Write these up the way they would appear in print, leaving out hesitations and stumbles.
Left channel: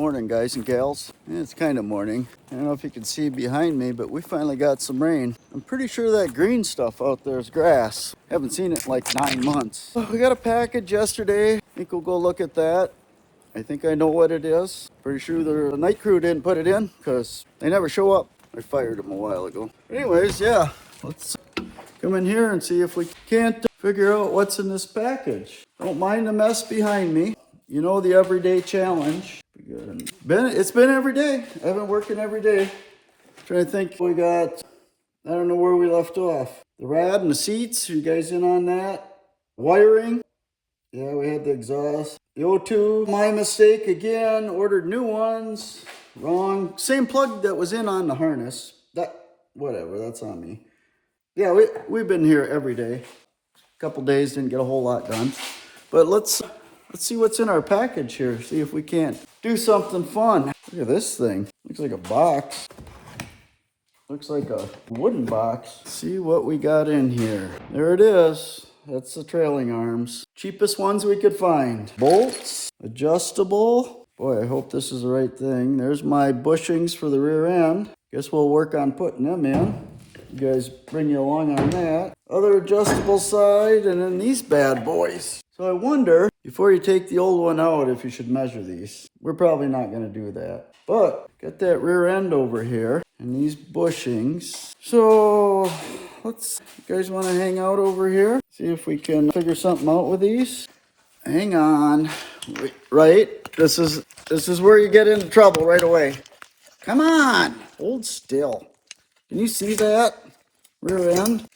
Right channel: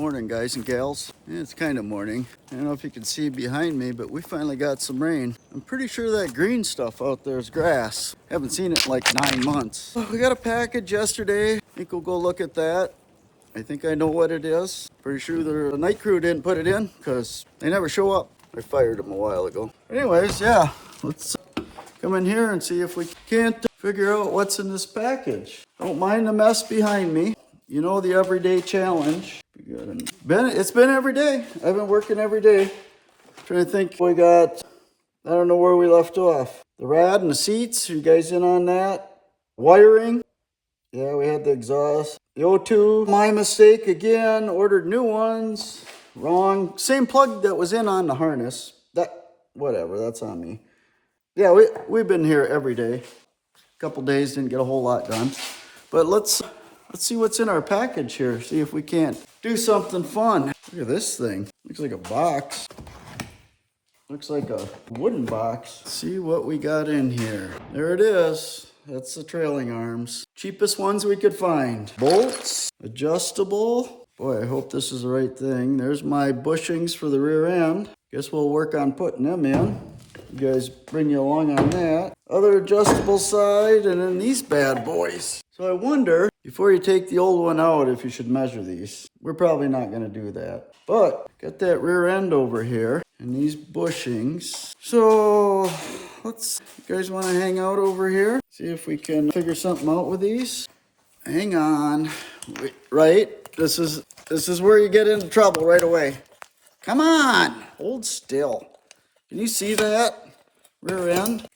Morning, guys and gals. It's kind of morning. I don't know if you can see behind me, but we finally got some rain. I'm pretty sure that green stuff out there is grass. Haven't seen it in like 9 months. We got a package yesterday. I think we'll go look at that. I think I know what it is. Pretty sure the night crew didn't put it in because they never show up. I fired them a while ago. Anyways, yeah, let's come in here and see if we can't figure out what's in this package. Don't mind the mess behind me. You know, the everyday challenge. It's been every day. I've been working every day. Trying to think. We got, I don't know where we left off. The rad and the seats. You guys in on that? Wiring. Yeah, we had the exhaust. The O2. My mistake again. Ordered new ones. Wrong. Same plug that was in on the harness. Whatever. That's on me. Yeah, we've been here every day. A couple days, didn't get a whole lot done. But let's see what's in our package here. See if we can't do something fun. Look at this thing. Looks like a box. Looks like a wooden box. Let's see what we got in here. There it is. That's the trailing arms. Cheapest ones we could find. Bolts. Adjustable. Boy, I hope this is the right thing. There's my bushings for the rear end. Guess we'll work on putting them in. You guys bring you along on that. Other adjustable side, and then these bad boys. So I wonder, before you take the old one out, if you should measure these. We're probably not going to do that. But, got that rear end over here, and these bushings. So, you guys want to hang out over here? See if we can figure something out with these. Hang on. Wait, right? This is where you get into trouble right away. Come on! Hold still. Can you see that? Rear end.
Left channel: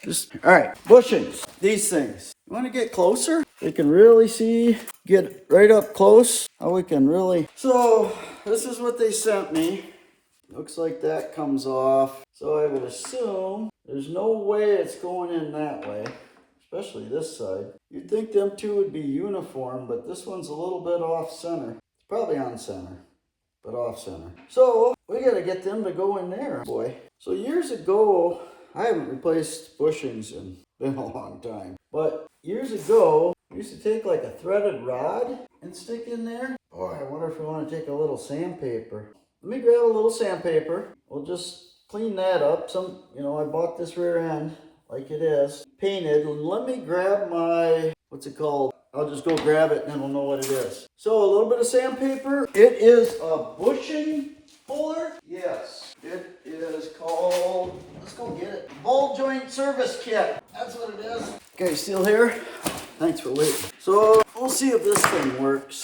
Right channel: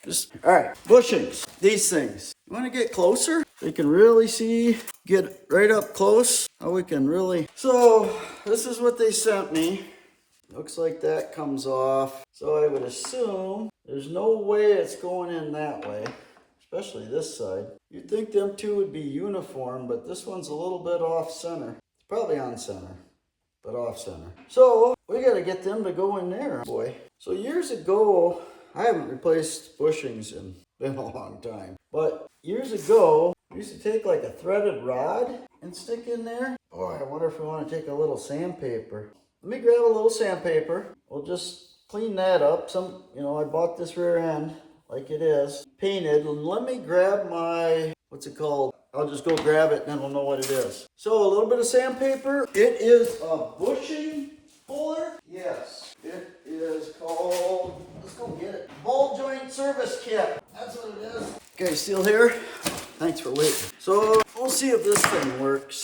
All right, bushings. These things. You want to get closer? They can really see, get right up close. How we can really. So, this is what they sent me. Looks like that comes off. So I would assume there's no way it's going in that way, especially this side. You'd think them two would be uniform, but this one's a little bit off center. It's probably on center, but off center. So, we got to get them to go in there, boy. So years ago, I haven't replaced bushings in been a long time. But years ago, we used to take like a threaded rod and stick in there. Boy, I wonder if we want to take a little sandpaper. Let me grab a little sandpaper. We'll just clean that up. I bought this rear end like it is, painted. Let me grab my, what's it called? I'll just go grab it and then we'll know what it is. So a little bit of sandpaper. It is a bushing puller. Yes, it is called, let's go get it. Ball joint service kit. That's what it is. Okay, still here? Thanks for waiting. So we'll see if this thing works.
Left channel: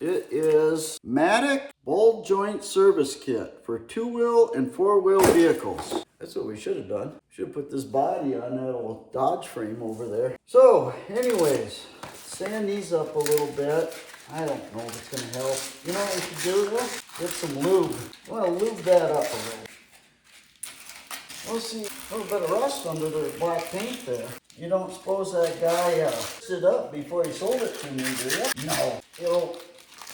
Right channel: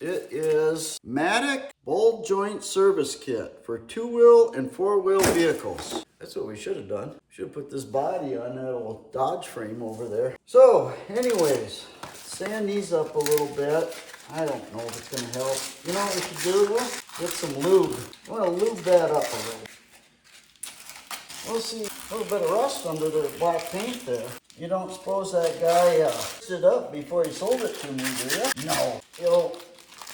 It is Matic ball joint service kit for 2-wheel and 4-wheel vehicles. That's what we should have done. Should have put this body on that little Dodge frame over there. So anyways, sand these up a little bit. I don't know if it's going to help. You know what we should do though? Get some lube. I want to lube that up a little. We'll see a little bit of rust under the black paint there. You don't suppose that guy stood up before he sold it to me, do you? No. It'll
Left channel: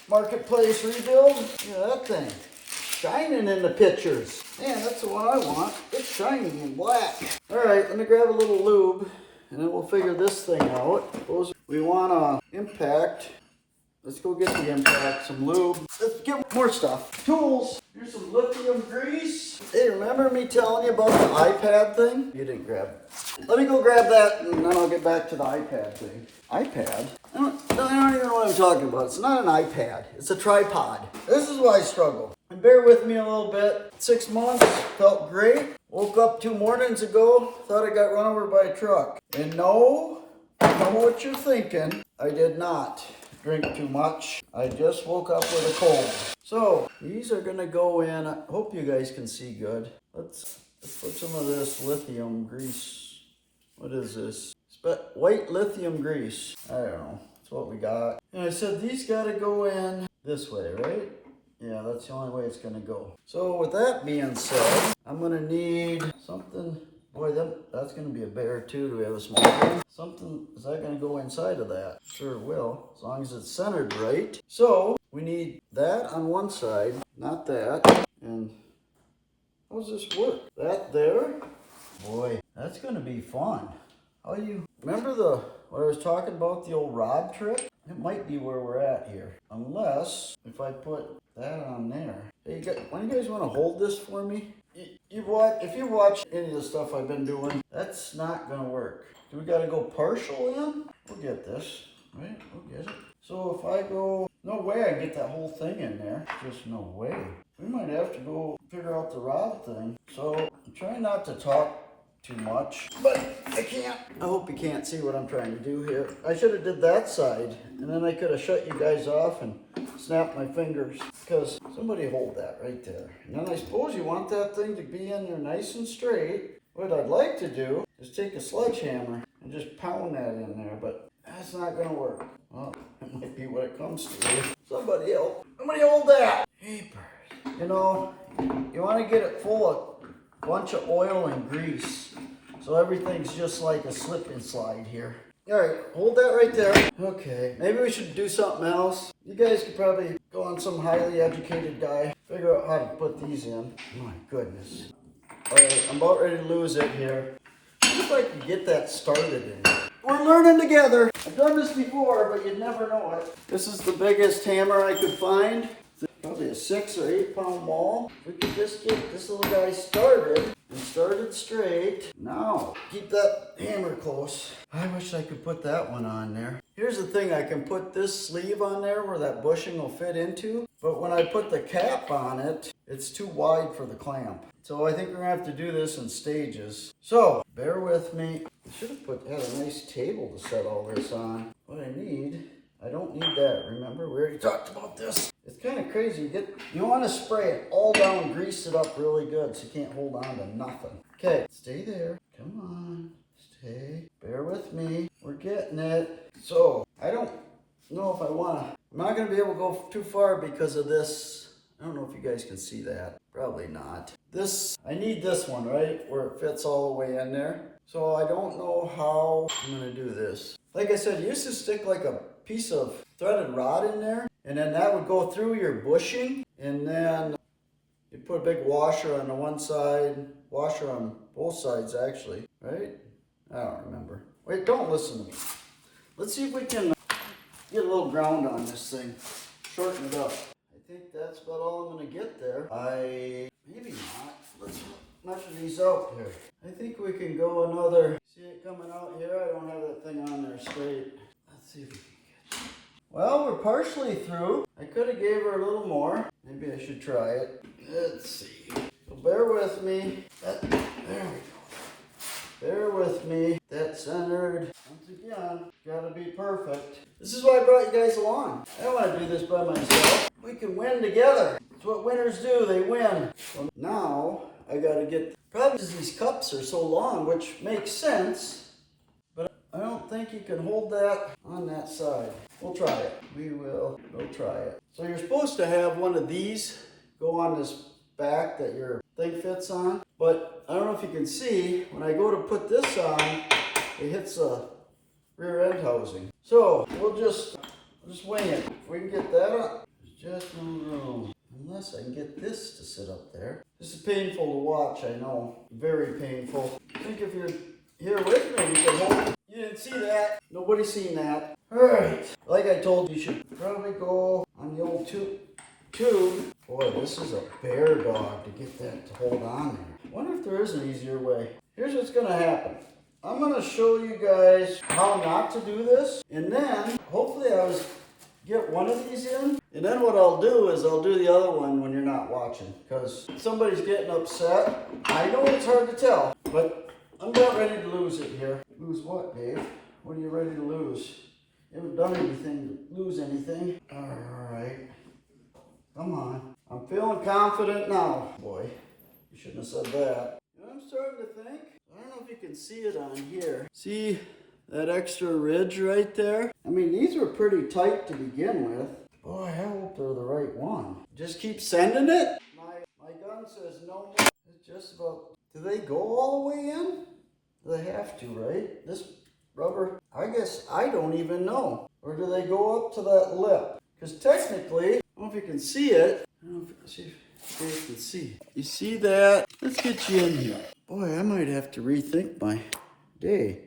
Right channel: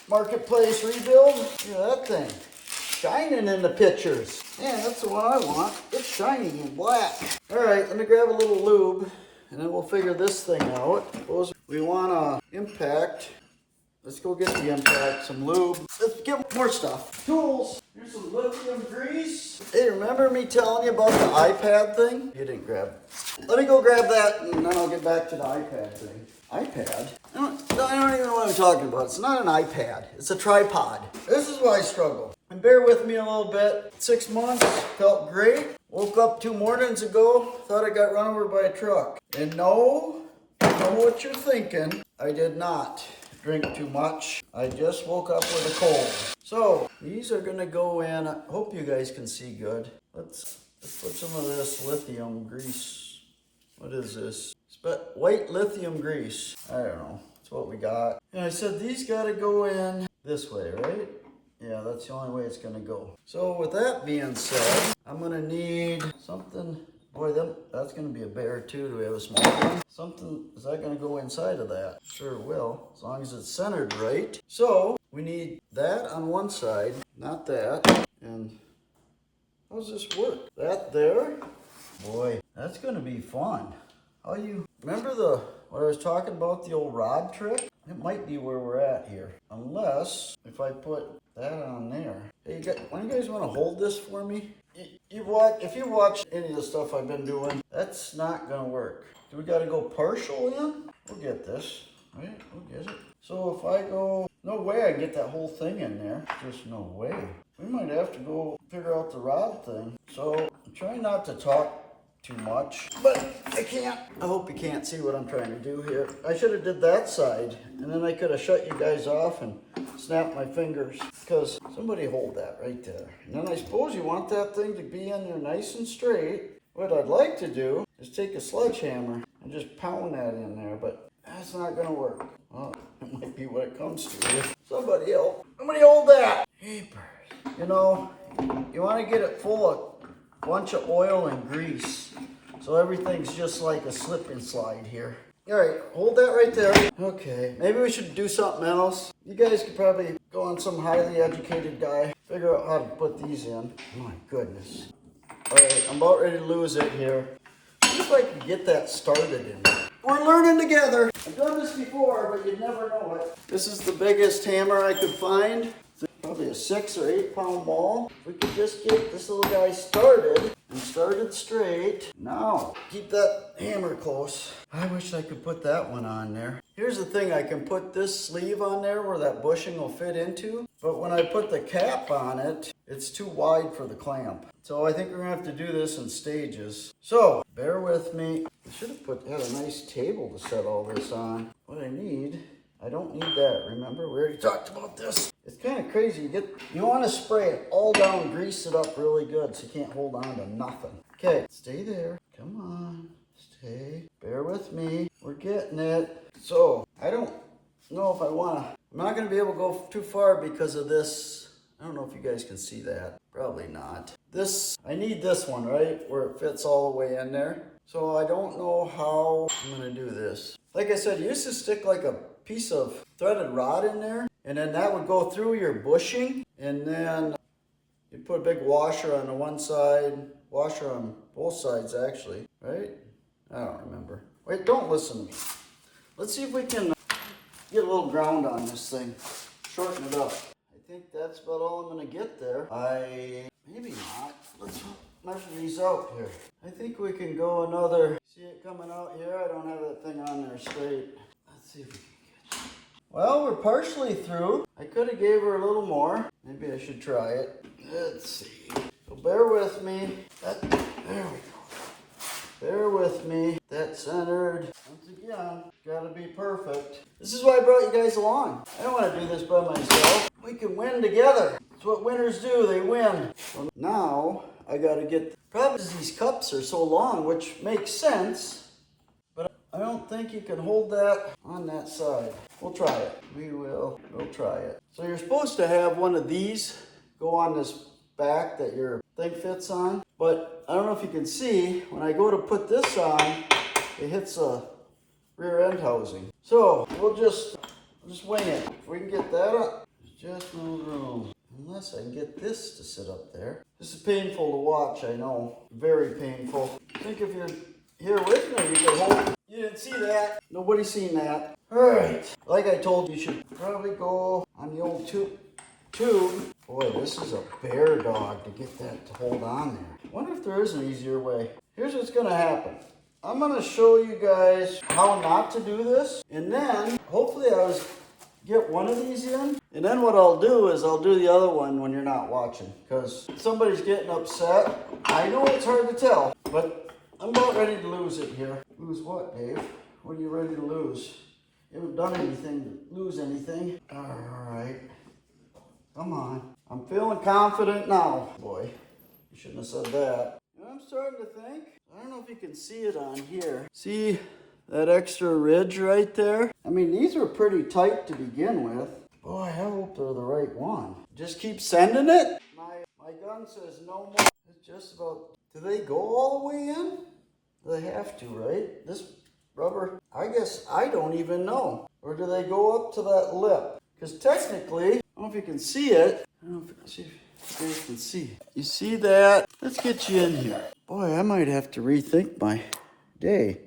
marketplace rebuild. Yeah, that thing. Shining in the pictures. Man, that's the one I want. It's shining in black. All right, let me grab a little lube and then we'll figure this thing out. Suppose we want to impact. Let's go get the impact, some lube. Let's get more stuff. Tools. Here's some lithium grease. Hey, remember me telling you about the iPad thing? You didn't grab it. Let me go grab that and then I'll get back to the iPad thing. iPad? I don't even know what I'm talking about. It's not an iPad. It's a tripod. This is why I struggle. And bear with me a little bit. 6 months, felt great. Woke up 2 mornings ago, thought I got run over by a truck. And no, I know what you're thinking. I did not drink too much. I just woke up with a cold. So these are gonna go in. I hope you guys can see good. Let's put some of this lithium grease. What is this? White lithium grease. I don't know. That's what we got. And I said these gotta go in this way, right? Yeah, that's the only way it's gonna go. So with that being said, I'm gonna need something. Boy, that's gonna be a bear too. Do we have a small one? Something, is that gonna go inside of that? Sure will, as long as it's centered right. So we need that on one side, not that. And how does this work? That there? Boy, that's gonna be fun. How you remember what I was talking about, the old rod trick? It might be where we're at here. Unless, if I put that on there. Hey, why do you guys want to hold this for me? If you watch any of the stuff I've been doing, that's not going to work. Do we got to go partial in? We'll get this, right? We'll get it. So if I go, no way I can get that whole thing in there. Just no way. We might have to go figure out the rod thing. So I'm trying not to talk too much, but I can't. I hope you can't see what I'm trying to do here. I should have did that side, and then I could have shut you guys off and snapped my fingers, because somebody hold that right there. And then I suppose you want that thing to be in there nice and straight. What I'd like to do is take a sledgehammer and just pound that in there, but that's not gonna work. Well, it might be what it comes to. Somebody hold that. Papers. You know, you want to get it full of a bunch of oil and grease, so everything's just like a slip and slide here. All right, hold that right there. Okay, maybe we should do something else. You guys could probably go on some highly educated guy, figure out how to put these in. My goodness. All right, I'm about ready to lose it here. See if I can get that started in there. We're learning together. I've done this before, but you'd never know it. This is the biggest hammer I could find. Probably a 6 or 8 pound ball. If we could just get this little guy started and started straight. Now, keep that hammer close. I wish I could put that one on there. Here's the thing, I can put this sleeve on there where that bushing will fit into, but when I put the cap on it, it's too wide for the clamp. So I think we're gonna have to do this in stages. So, bear with me. I should have had a nice table to set all this on. What I don't need that, remember? We already talked about this. It's kind of crazy. You want to spray it all down, grease it up really good so you can't hold on to nothing. Okay, stay there. Come on, stay. Bear with me. We're getting it. So, I don't know if I want to. I'm not going to be able to go too far because of this. I don't know if you guys can see that. Probably not. I need this one, right? Where it fits all the way in there. So I don't know how I'm going to do this. Like I said, you used to stick like a piece of threaded rod in there, and then that would go through your bushing, and then you put a big washer on the one side, washer on both sides actually, right? I don't remember. Wait, don't listen to me. Let's see if we can get a little ground on this thing, shorten it up. I think that's about all I'm gonna get there. Maybe not. Let's measure these out here. I think we can go another, see it coming out here? I don't have that thing on there straight. Let's see if we can get it. Well, we're partially through. I could have gave her a little more. Maybe I should try it. Let's see. So bear with me. There we go. Bear with me. That's centered. Once again, gotta be perfect. This is why I brought you guys along. I don't want to do this by myself. We can win together. That's what winners do. They win. Well, now I gotta get. Probably these cups are so long, which makes sense. But I don't think you can hold that on that side. We'll try it. We'll try it. So you're supposed to have one of these go on this back that your thing fits on. But I don't know if you can see, when I go to put this on, it hits a rear end housing. So we'll just wing it. If we can get that up, there's just no room. Unless I can get this to sit up there. This is painful to watch, I know. Very painful. I think if you're here with me, you can hold it. You didn't see that. Nobody's seen that. Alright. Like I told you, you should probably go on the old tube. Boy, this is a bear dog to get that to hold on there. I wonder if there is an easier way. Here's what's going to happen. I'm going to show you guys how not to do this. And then, hopefully I get one of these in. And then what I'll do is I'll do the other one when you're not watching. Because somebody's getting upset. I know it's hard to tell. But I'm about ready to lose it here. Lose what, Dave? What are you ready to lose? You haven't done anything to lose anything. Alright. Come on. I'm feeling confident now. Boy, you shouldn't have said that. I'm starting to think. I don't know if you can see it on here. See that extra ridge right there? I mean, these were pretty tight to begin with. Boy, I hope they're the right one. Just keep sending it. My gun says no more. It's just about... Do they go all the way in? They have to, right? This rubber, I guess I don't even know. Or do they go up to that lip? Because technically, I don't know if you can see it. I don't know if you guys can see. You see that? Let's get you in here. Boy, I might have to rethink my day.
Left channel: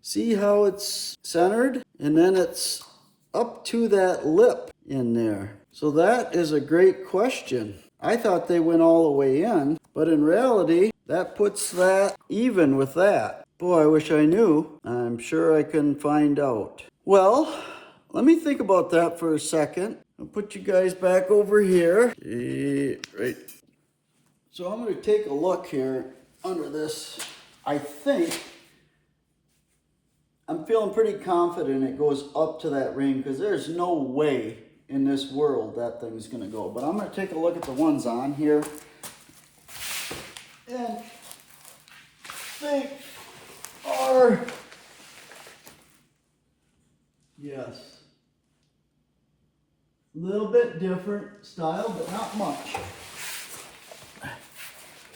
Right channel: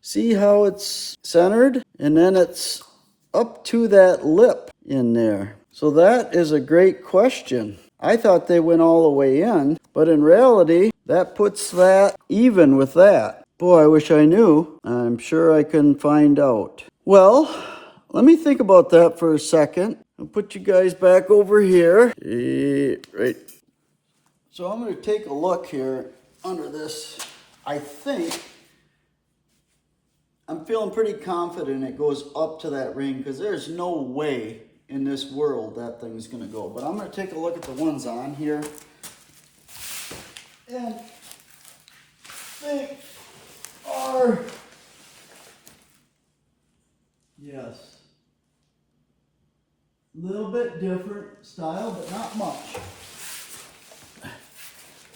See how it's centered? And then it's up to that lip in there? So that is a great question. I thought they went all the way in, but in reality, that puts that even with that. Boy, I wish I knew. I'm sure I can find out. Well, let me think about that for a second. I'll put you guys back over here. Right. So I'm going to take a look here under this. I think I'm feeling pretty confident it goes up to that ring because there's no way in this world that thing's going to go. But I'm going to take a look at the ones on here and think are, yes, a little bit different style, but not much.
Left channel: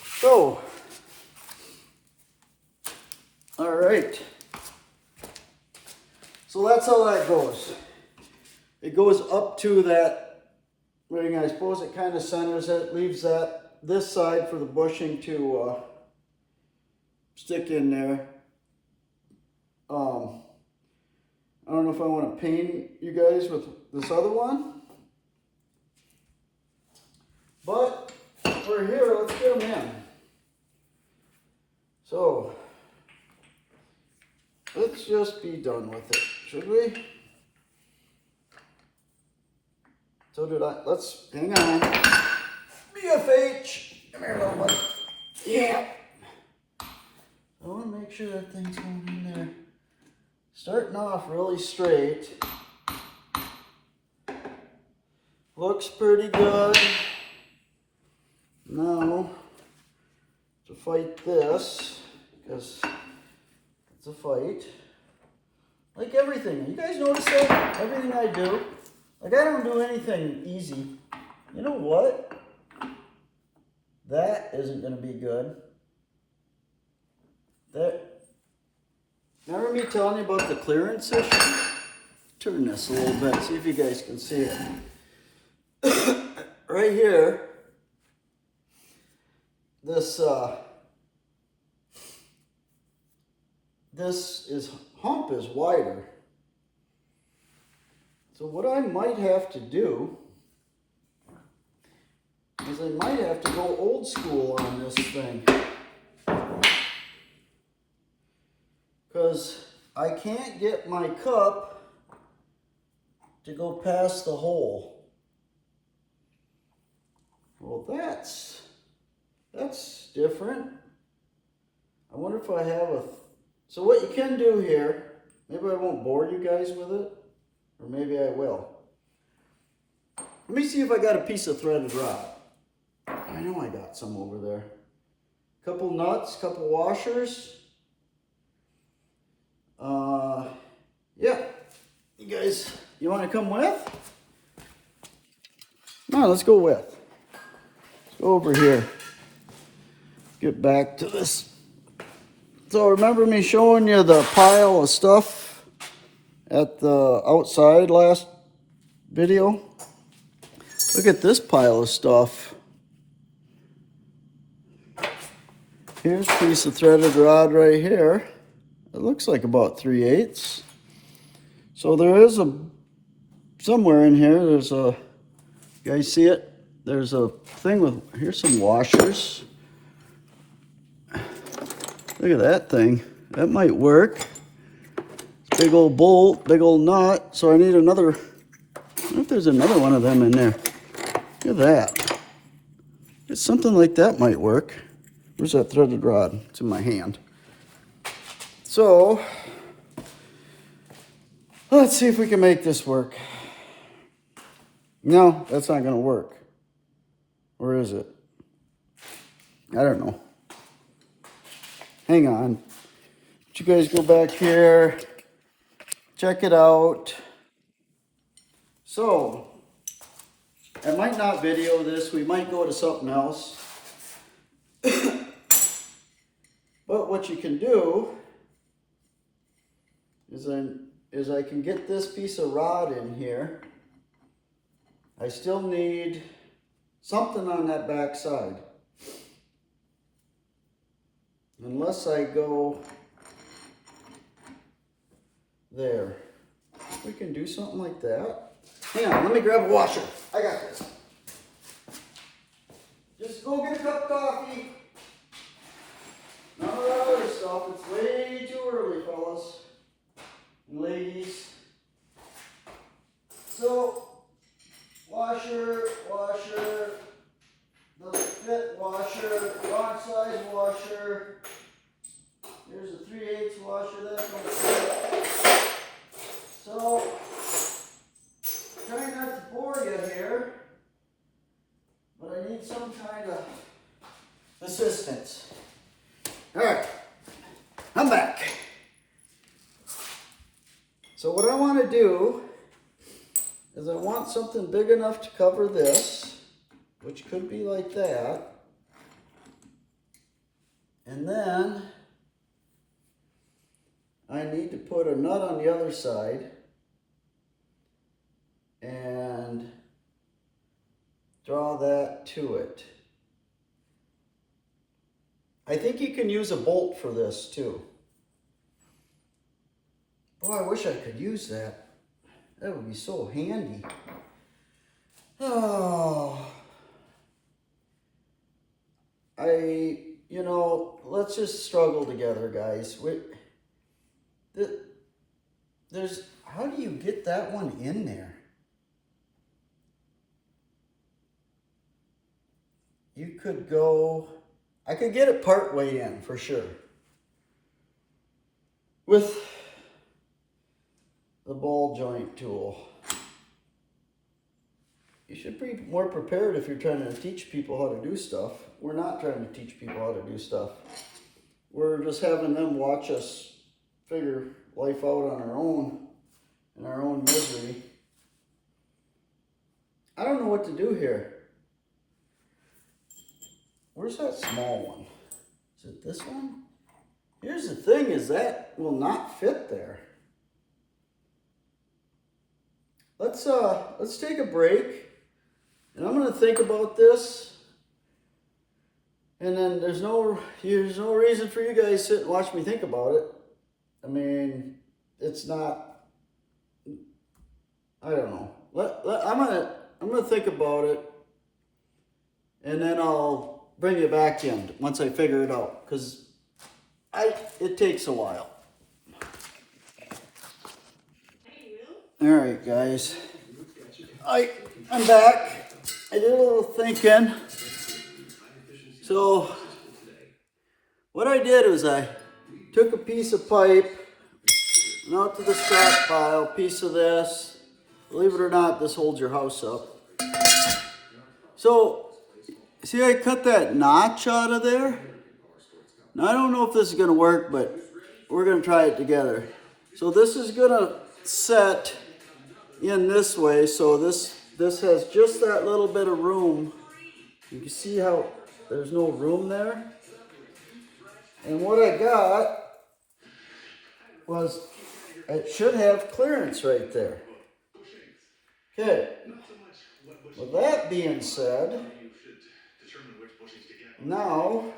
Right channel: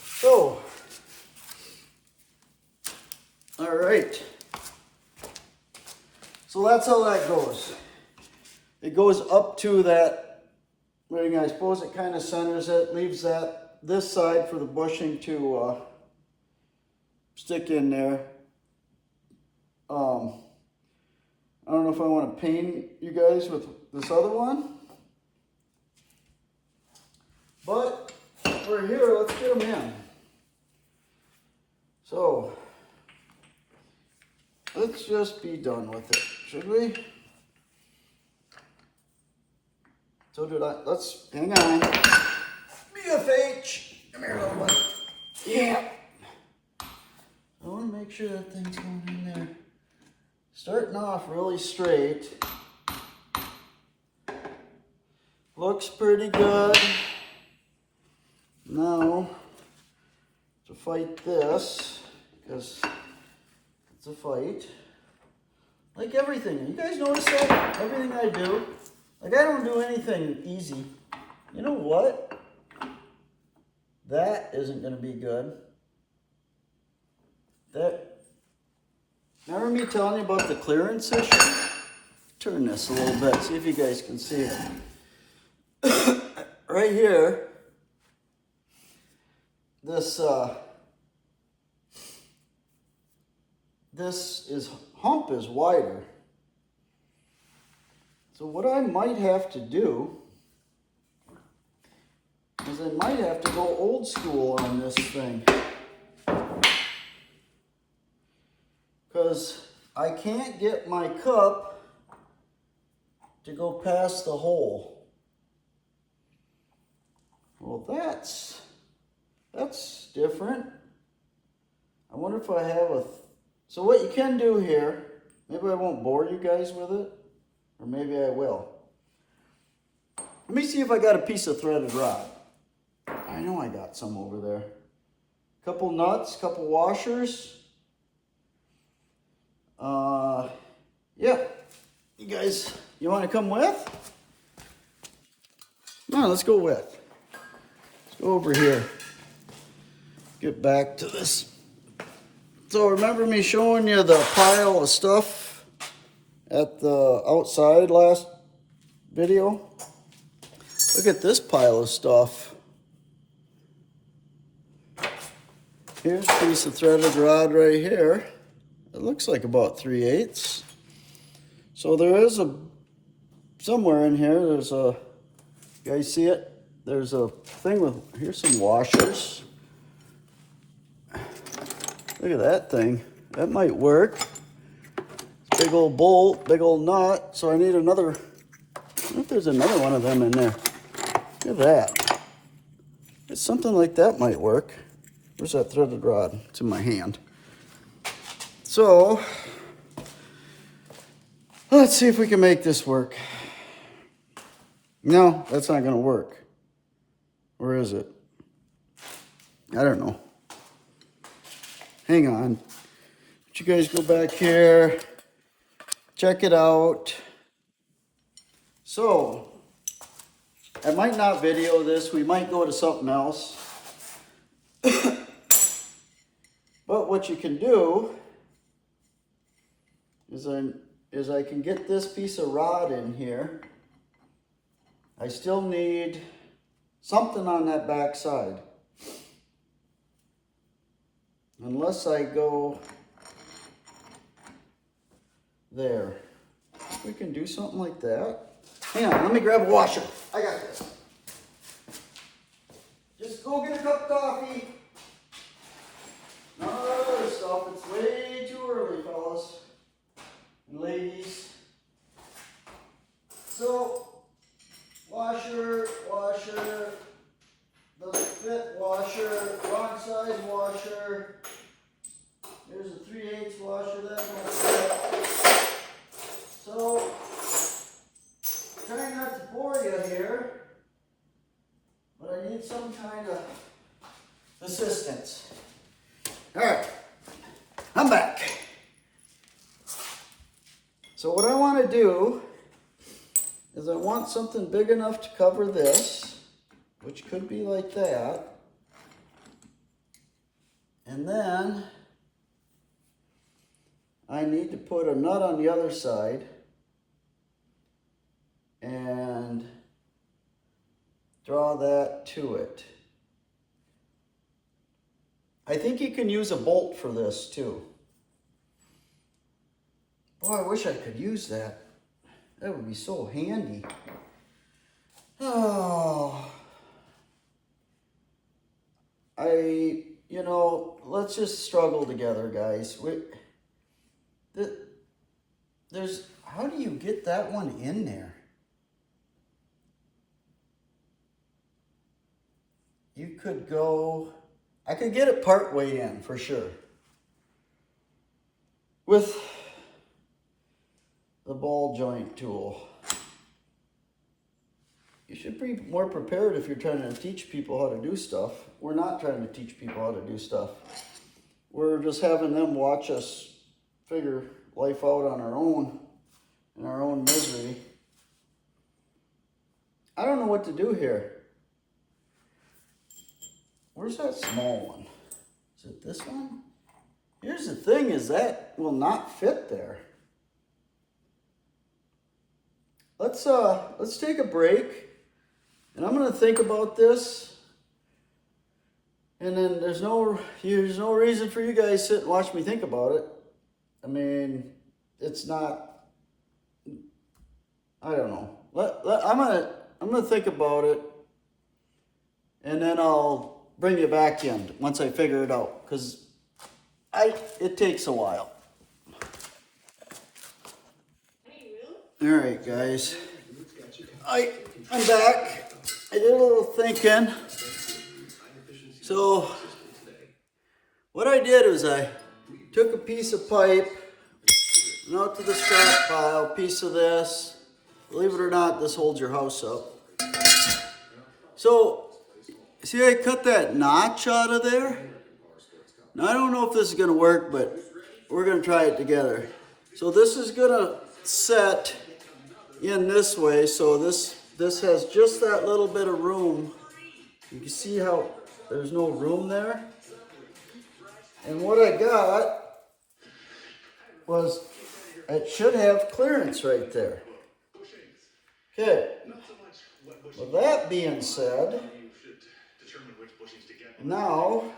So, all right. So that's how that goes. It goes up to that ring. I suppose it kind of centers it, leaves that this side for the bushing to stick in there. I don't know if I want to paint you guys with this other one, but we're here. Let's get them in. So let's just be done with it, should we? So let's hang on. BFH, come here, little one. Yeah. I want to make sure that thing's going in there. Starting off really straight. Looks pretty good. Now, to fight this, because it's a fight. Like everything. You guys notice that? Everything I do. Like I don't do anything easy. You know what? That isn't going to be good. Remember me telling you about the clearance issue? Turn this a little bit, see if you guys can see it. Right here, this hump is wider. So what I might have to do is I might have to go old school on this thing. Because I can't get my cup to go past the hole. Well, that's different. I wonder if I have so what you can do here, maybe I won't bore you guys with it, or maybe I will. Let me see if I got a piece of threaded rod. I know I got some over there. Couple nuts, couple washers. Yeah, you guys, you want to come with? No, let's go with. Let's go over here. Get back to this. So remember me showing you the pile of stuff at the outside last video? Look at this pile of stuff. Here's a piece of threaded rod right here. It looks like about 3/8. So there is somewhere in here, there's a, you guys see it? There's a thing with, here's some washers. Look at that thing. That might work. Big old bolt, big old nut. So I need another, I wonder if there's another one of them in there. Look at that. Something like that might work. Where's that threaded rod? It's in my hand. So, let's see if we can make this work. No, that's not going to work. Or is it? I don't know. Hang on. Let you guys go back here. Check it out. So, I might not video this. We might go to something else. But what you can do is I can get this piece of rod in here. I still need something on that back side. Unless I go there. we can do something like that. Hang on, let me grab a washer. I got this. Just go get a cup of coffee. None of that other stuff. It's way too early, fellas and ladies. So, washer, doesn't fit, washer, wrong size washer. Here's a 3/8 washer, that don't fit. So, trying not to bore you here, but I need some kind of assistance. All right, I'm back. So what I want to do is I want something big enough to cover this, which could be like that. And then I need to put a nut on the other side and draw that to it. I think you can use a bolt for this too. Boy, I wish I could use that. That would be so handy. Oh. Let's just struggle together, guys. How do you get that one in there? You could go, I could get it part way in for sure. With the ball joint tool. You should be more prepared if you're trying to teach people how to do stuff. We're not trying to teach people how to do stuff. We're just having them watch us figure life out on our own, in our own misery. I don't know what to do here. Where's that small one? Is it this one? Here's the thing, is that will not fit there. Let's take a break. And I'm going to think about this. And then there's no reason for you guys to sit and watch me think about it. I mean, it's not, I don't know. I'm gonna think about it. And then I'll bring you back in once I figure it out. Because it takes a while. All right, guys. I'm back. I did a little thinking. So, what I did was I took a piece of pipe, went out to the scrap pile, piece of this. Believe it or not, this holds your house up. So, see I cut that notch out of there? Now, I don't know if this is going to work, but we're going to try it together. So, this is going to set in this way, so this has just that little bit of room. You can see how there's no room there. And what I got was, it should have clearance right there. Okay. With that being said, now,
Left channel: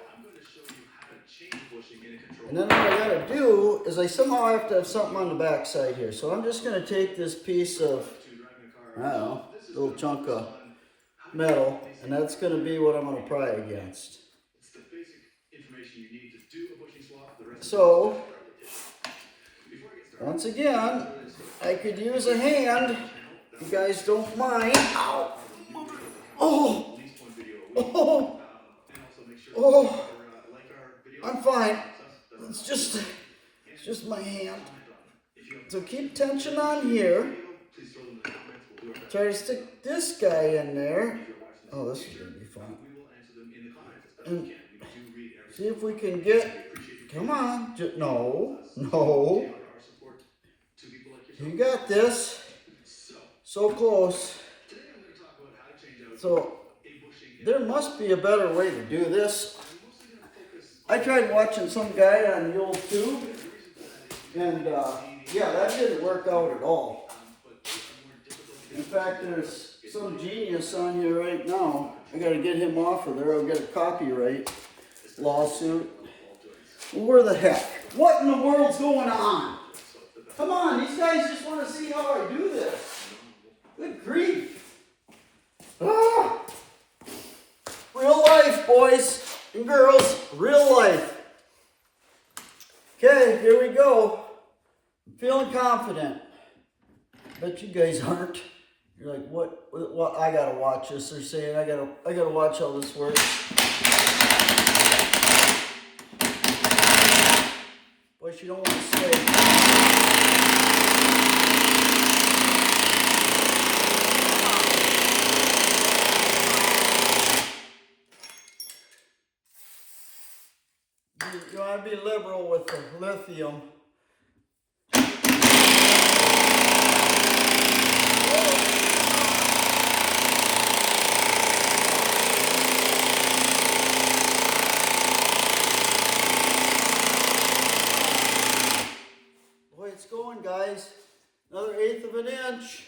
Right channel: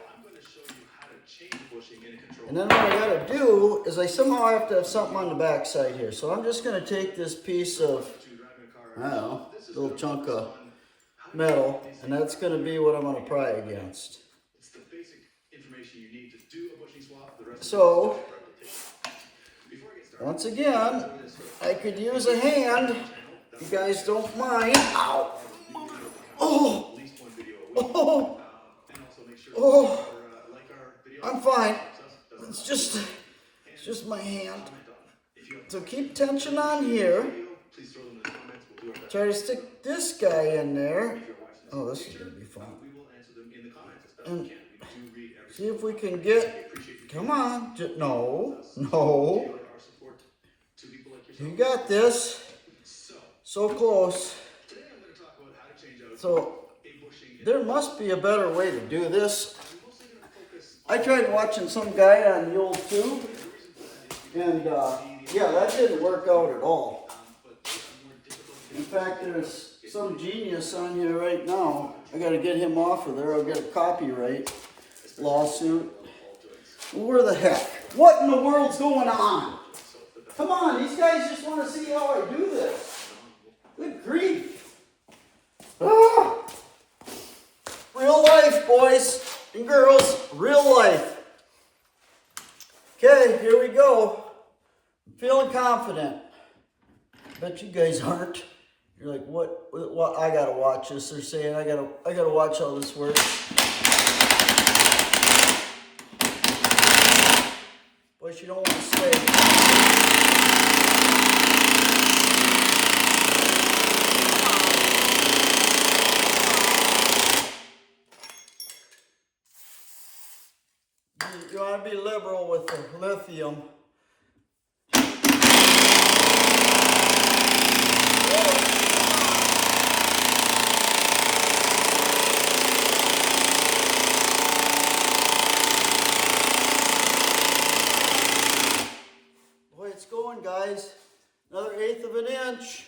and then what I gotta do is I somehow have to have something on the back side here. So I'm just gonna take this piece of, I don't know, little chunk of metal, and that's going to be what I'm going to pry against. So, once again, I could use a hand, if you guys don't mind. Ow! Oh! Oh! Oh! I'm fine. It's just my hand. So keep tension on here. Try to stick this guy in there. Oh, this is going to be fun. And see if we can get, come on. No. You got this. So close. So there must be a better way to do this. I tried watching some guy on the old tube. And yeah, that didn't work out at all. In fact, there's some genius on here right now. I got to get him off of there. I'll get a copyright lawsuit. Where the heck? What in the world's going on? Come on, these guys just want to see how I do this. Good grief. Ah! Real life, boys and girls. Real life. Okay, here we go. I'm feeling confident. Bet you guys aren't. You're like, what? I gotta watch this. They're saying I gotta watch how this works. Boys, you don't want to stay. You want to be liberal with the lithium. Boy, it's going, guys. Another 1/8 of an inch.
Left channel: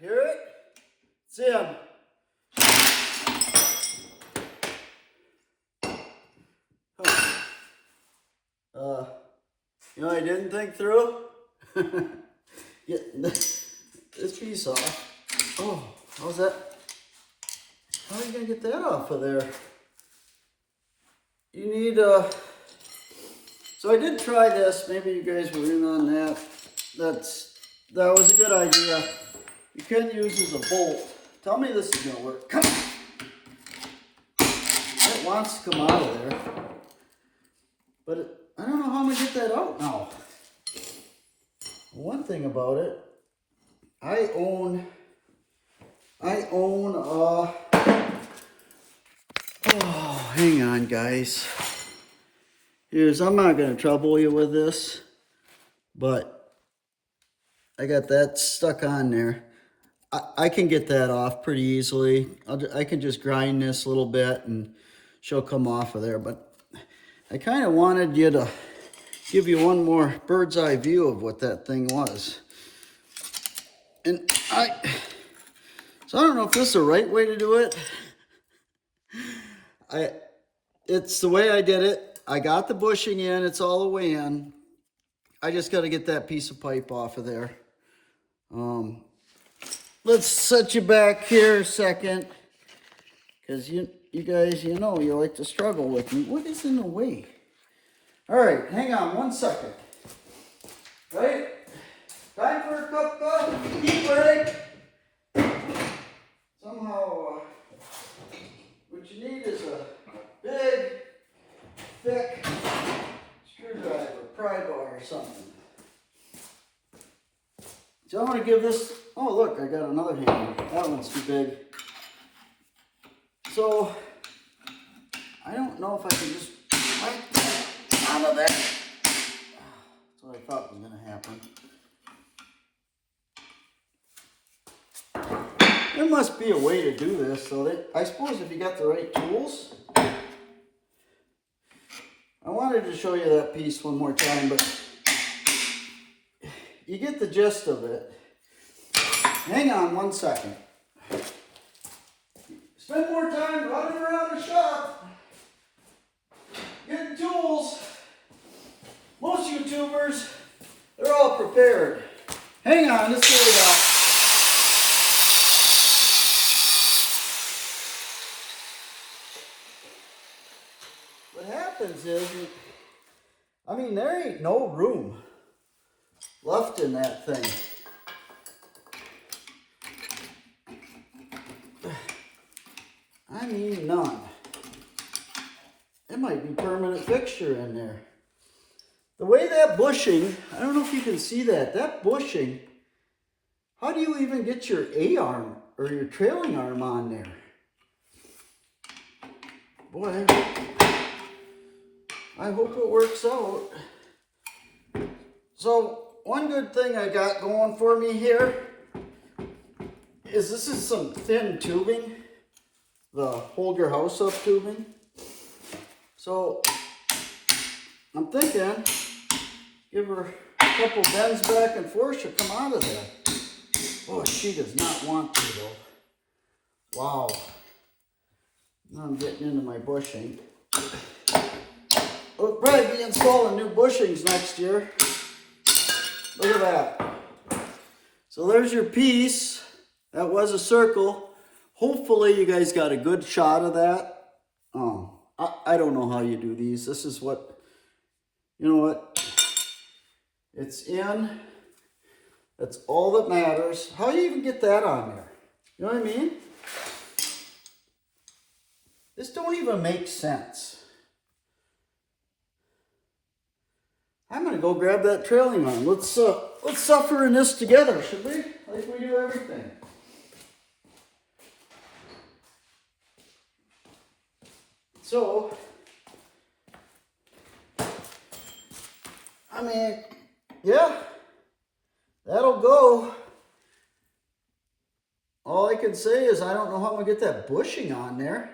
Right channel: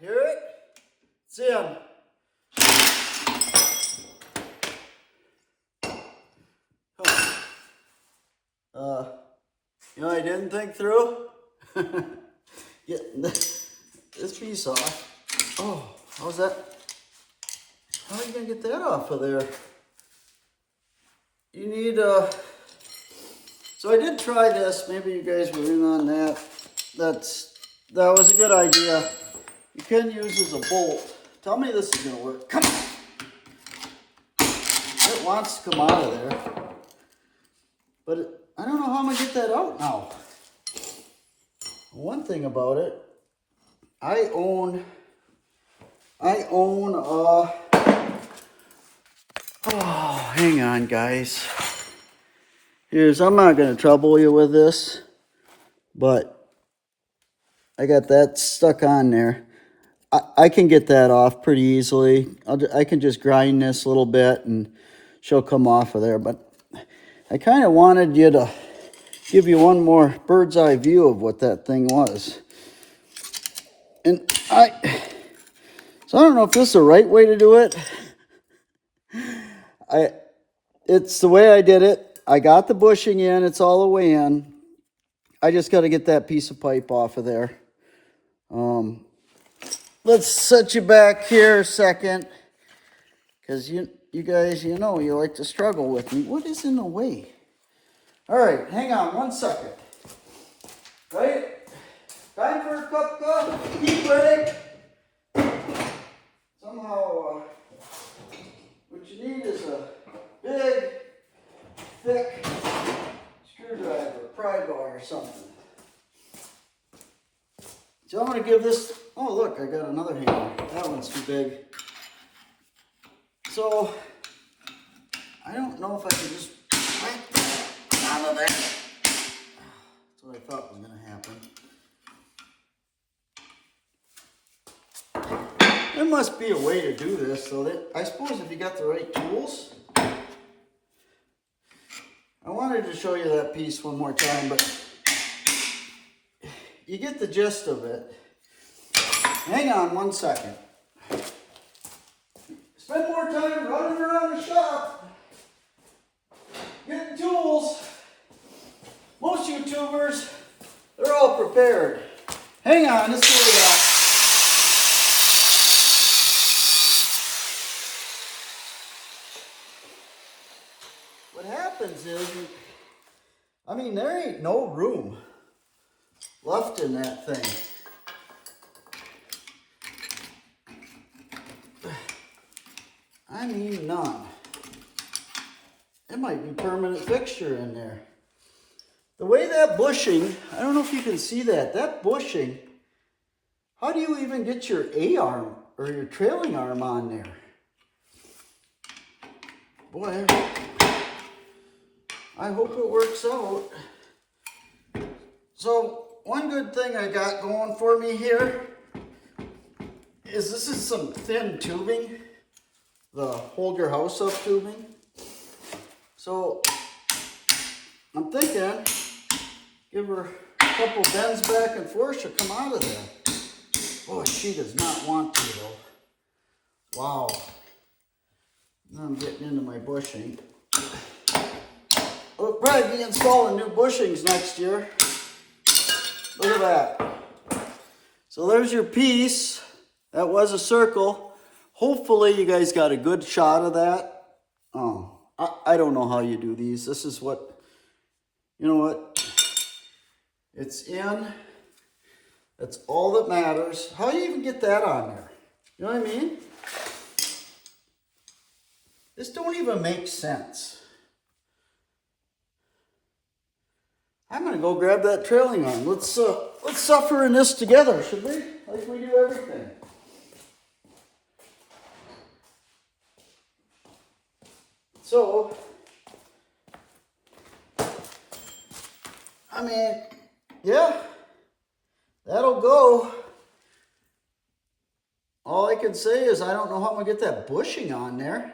Hear it? It's in. You know I didn't think through? Get this piece off. Oh, how's that? How are you gonna get that off of there? You need so I did try this. Maybe you guys were in on that. That was a good idea. You can use as a bolt. Tell me this is gonna work. Come on. It wants to come out of there. But I don't know how I'm gonna get that out now. One thing about it, I own oh, hang on guys. I'm not gonna trouble you with this, but I got that stuck on there. I can get that off pretty easily. I can just grind this a little bit and she'll come off of there. But I kind of wanted you to give you one more bird's eye view of what that thing was. And so I don't know if this is the right way to do it. It's the way I did it. I got the bushing in. It's all the way in. I just got to get that piece of pipe off of there. Let's set you back here a second, because you guys, you know, you like to struggle with me. What is in the way? All right, hang on 1 second. Right? Time for a cup of heat break. Somehow, what you need is a big, thick screwdriver, pry bar or something. So I'm going to give this, oh look, I got another hammer. That one's too big. So, I don't know if I can just wipe that out of there. That's what I thought was going to happen. There must be a way to do this, so that, I suppose if you got the right tools. I wanted to show you that piece one more time, but you get the gist of it. Hang on 1 second. Spend more time running around the shop, getting tools. Most YouTubers, they're all prepared. Hang on, let's see what we got. What happens is, I mean, there ain't no room left in that thing. I mean, none. It might be permanent fixture in there. The way that bushing, I don't know if you can see that, that bushing, how do you even get your A-arm or your trailing arm on there? Boy, I hope it works out. So, one good thing I got going for me here is this is some thin tubing, the hold your house up tubing. So, I'm thinking, give her a couple bends back and forth, she'll come out of there. Oh, she does not want to though. Wow. Now I'm getting into my bushing. We'll probably be installing new bushings next year. Look at that. So there's your piece. That was a circle. Hopefully you guys got a good shot of that. I don't know how you do these. This is what, you know what? It's in. That's all that matters. How do you even get that on there? You know what I mean? This don't even make sense. I'm gonna go grab that trailing arm. Let's suffer in this together, should we? Like we do everything. So, I mean, yeah, that'll go. All I can say is I don't know how I'm gonna get that bushing on there.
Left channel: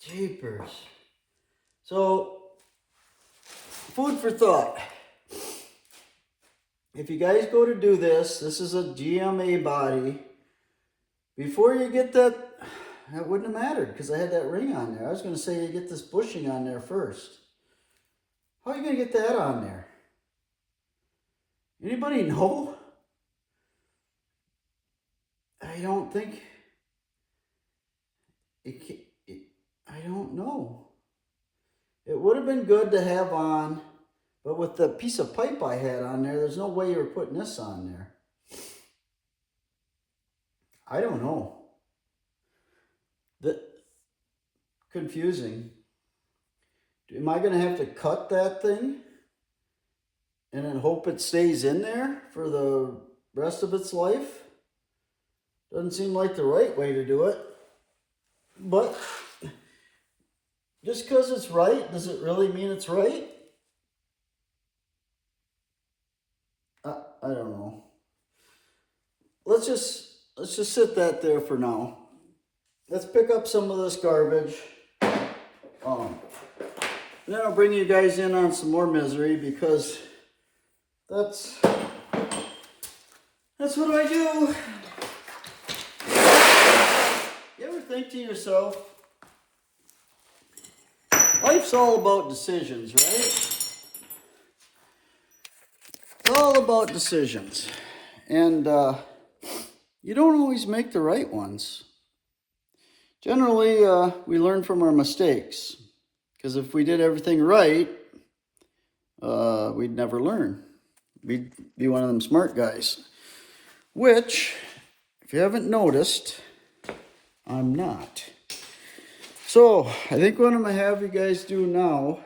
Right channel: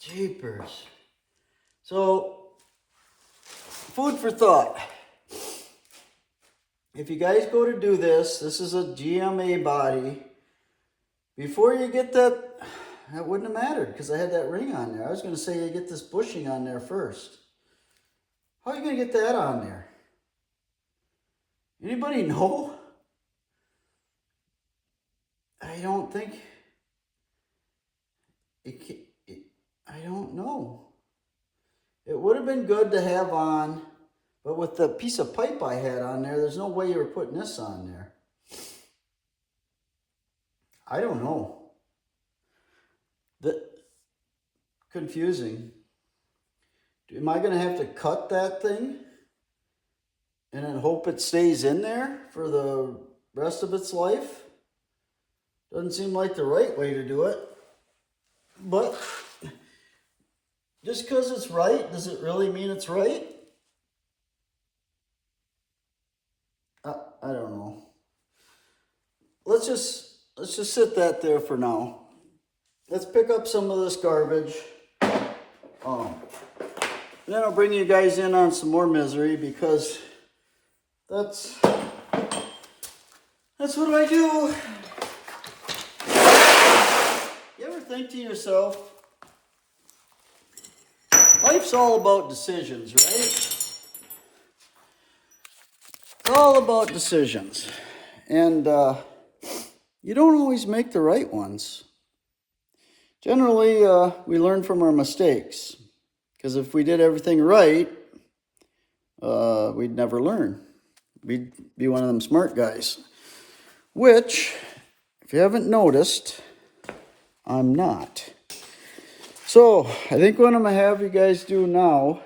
Jeepers. So, food for thought. If you guys go to do this, this is a GMA body. Before you get that wouldn't have mattered because I had that ring on there. I was going to say you get this bushing on there first. How are you going to get that on there? Anybody know? I don't think I don't know. It would have been good to have on, but with the piece of pipe I had on there, there's no way you were putting this on there. I don't know. Confusing. Am I going to have to cut that thing and then hope it stays in there for the rest of its life? Doesn't seem like the right way to do it. But just because it's right, does it really mean it's right? I don't know. Let's just sit that there for now. Let's pick up some of this garbage. And then I'll bring you guys in on some more misery because that's what I do. You ever think to yourself, life's all about decisions, right? It's all about decisions. And you don't always make the right ones. Generally, we learn from our mistakes. Because if we did everything right, we'd never learn. We'd be one of them smart guys. Which, if you haven't noticed, I'm not. So, I think what I'm going to have you guys do now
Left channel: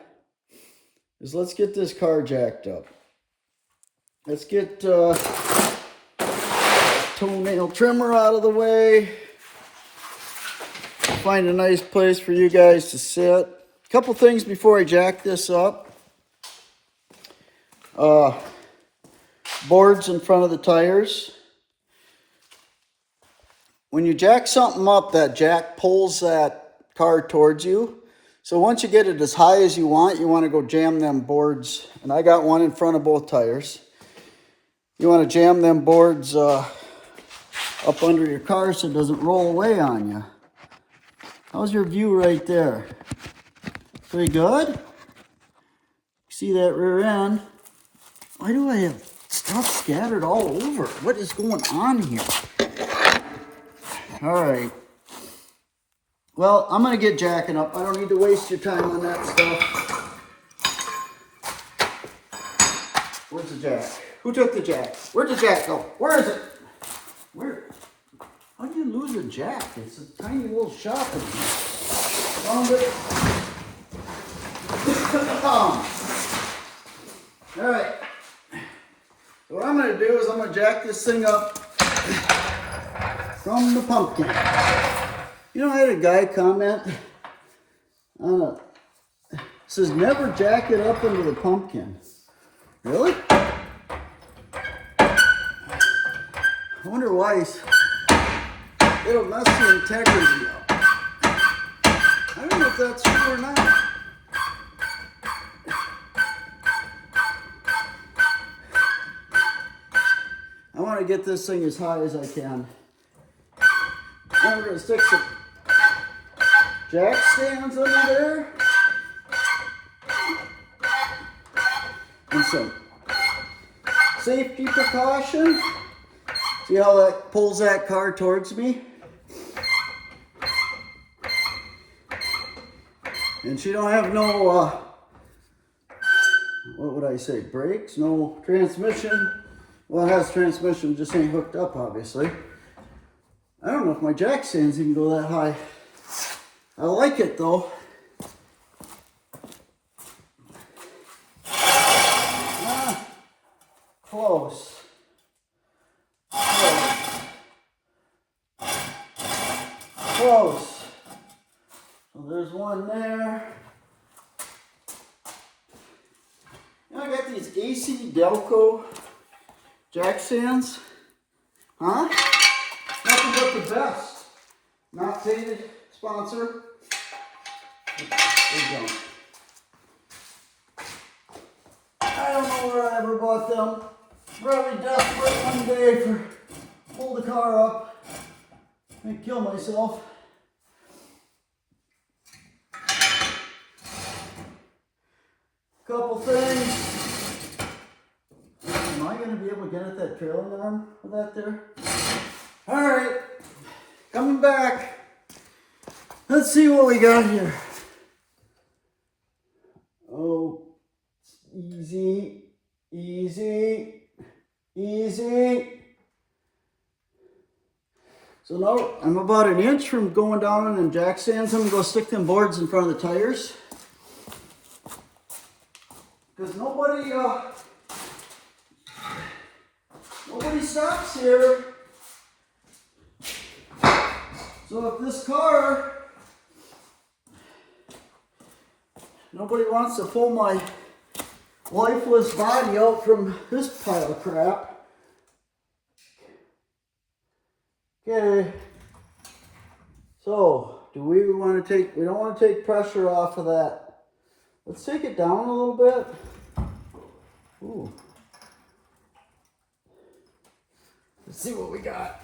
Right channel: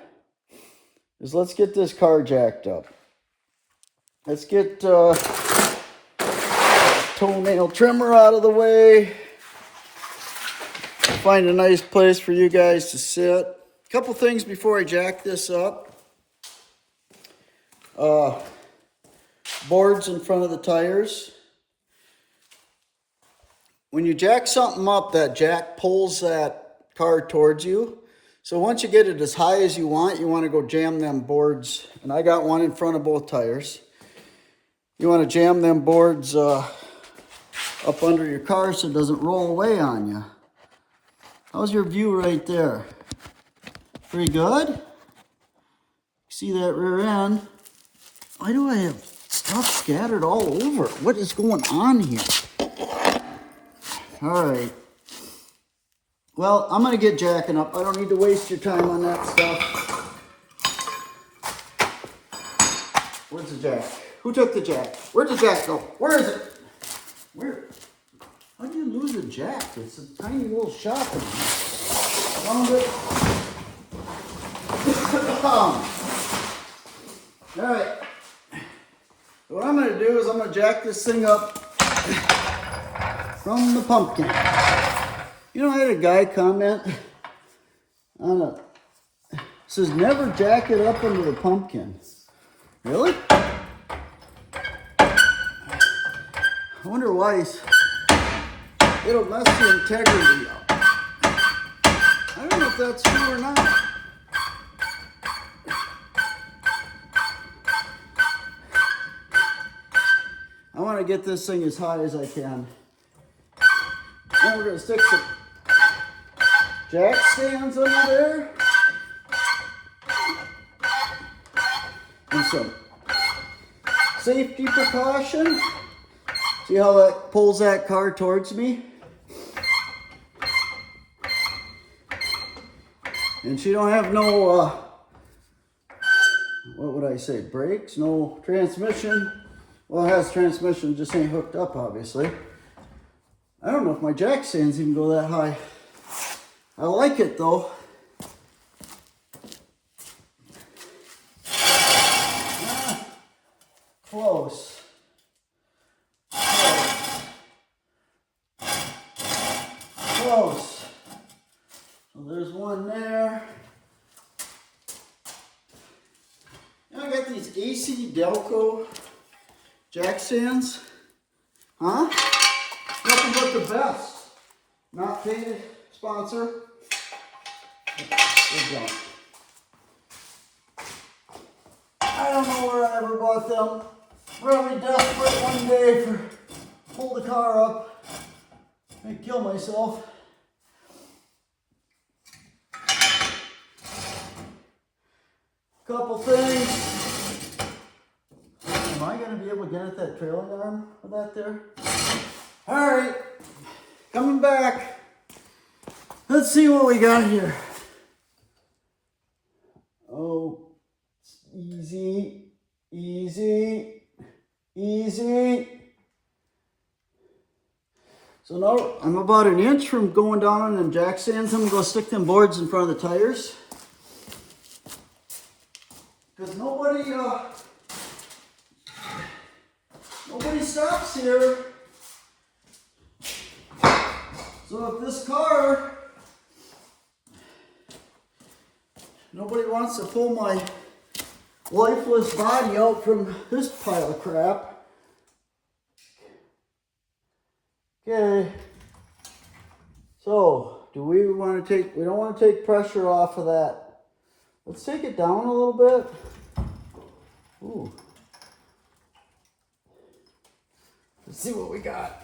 is let's get this car jacked up. Let's get toenail trimmer out of the way. Find a nice place for you guys to sit. A couple things before I jack this up. Boards in front of the tires. When you jack something up, that jack pulls that car towards you. So once you get it as high as you want to go jam them boards. And I got one in front of both tires. You want to jam them boards up under your car so it doesn't roll away on you. How's your view right there? Pretty good? See that rear end? Why do I have stuff scattered all over? What is going on here? All right. Well, I'm going to get jacking up. I don't need to waste your time on that stuff. Where's the jack? Who took the jack? Where'd the jack go? Where is it? Where? How do you lose a jack? It's a tiny little shop in here. Found it. All right. So what I'm going to do is I'm going to jack this thing up from the pumpkin. You know, I had a guy comment on it. Says never jack it up into the pumpkin. Really? I wonder why. It'll mess the integrity up. I don't know if that's true or not. I want to get this thing as high as I can. I'm going to stick some jack stands under there. And some safety precaution. See how that pulls that car towards me? And she don't have no, what would I say, brakes? No transmission. Well, it has transmission, just ain't hooked up, obviously. I don't know if my jack stands even go that high. I like it, though. Ah, close. Close. Close. So there's one there. And I got these AC Delco jack stands. Huh? Nothing but the best. Not paid sponsor. I don't know where I ever bought them. Really desperate one day for pull the car up and kill myself. Couple things. Am I going to be able to get at that trailing arm with that there? Alright, coming back. Let's see what we got here. Oh, easy, easy, easy. So now I'm about an inch from going down on them jack stands. I'm going to go stick them boards in front of the tires. Because nobody stops here. So if this car, nobody wants to pull my lifeless body out from this pile of crap. Okay. So, do we want to take, we don't want to take pressure off of that. Let's take it down a little bit. Ooh. Let's see what we got.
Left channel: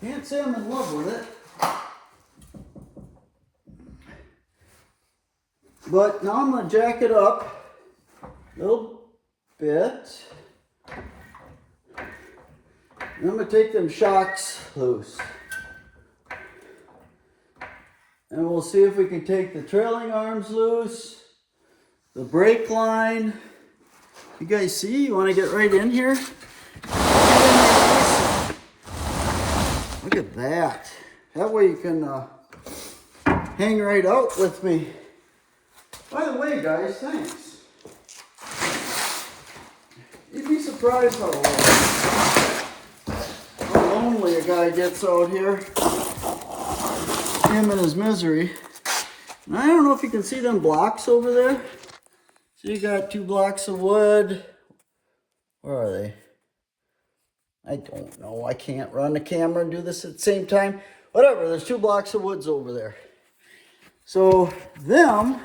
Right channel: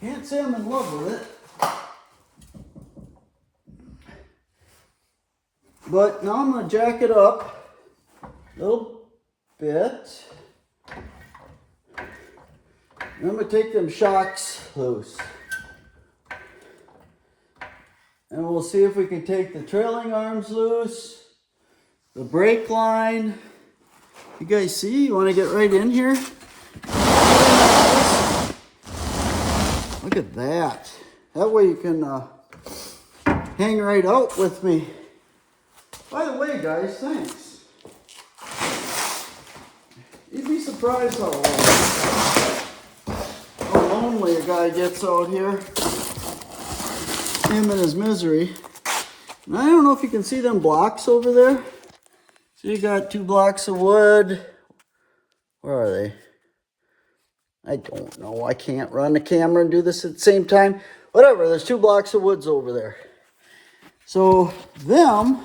Can't say I'm in love with it. But now I'm going to jack it up a little bit. And I'm going to take them shocks loose. And we'll see if we can take the trailing arms loose, the brake line. You guys see? You want to get right in here? Look at that. That way you can hang right out with me. By the way, guys, thanks. You'd be surprised how lonely a guy gets out here. Him and his misery. And I don't know if you can see them blocks over there. So you got 2 blocks of wood. Where are they? I don't know. I can't run the camera and do this at the same time. Whatever, there's 2 blocks of woods over there. So them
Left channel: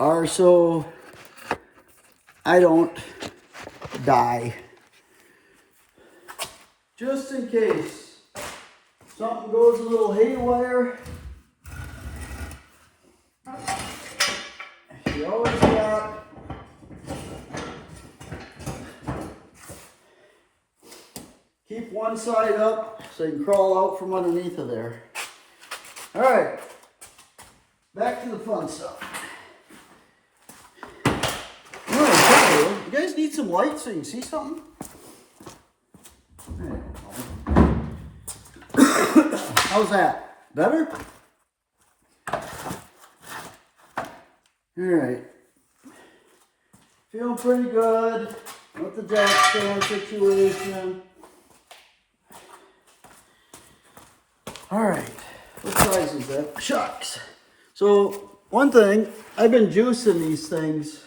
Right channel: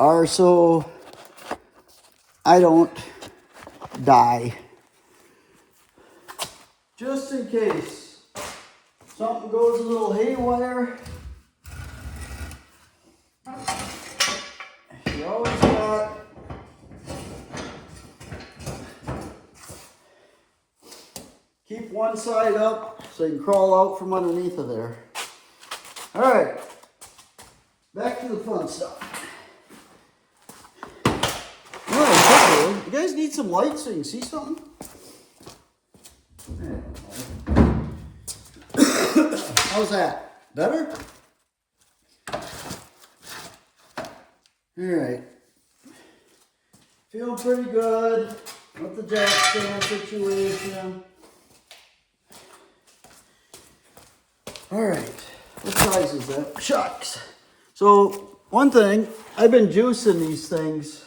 are so I don't die. Just in case something goes a little haywire. You always got keep one side up so you can crawl out from underneath of there. All right, back to the fun stuff. You guys need some light so you can see something? How's that? Better? Alright. Feel pretty good with the jack stand situation. Alright. What size is that? Shucks. So, one thing, I've been juicing these things,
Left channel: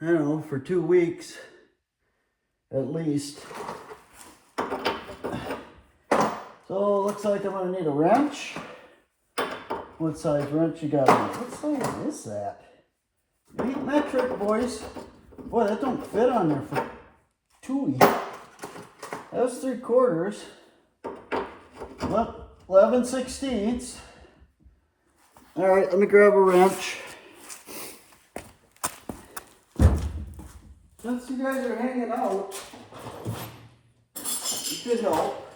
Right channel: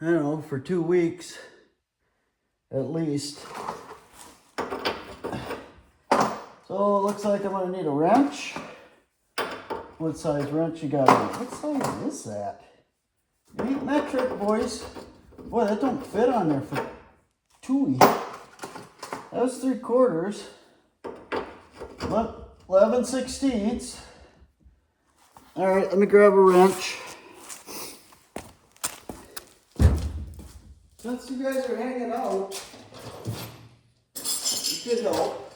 I don't know, for 2 weeks at least. So it looks like I'm going to need a wrench. What size wrench you got on it? What size is that? 8 metric, boys. Boy, that don't fit on there for 2. That's 3/4. 11/16. All right, let me grab a wrench. Since you guys are hanging out, you could help.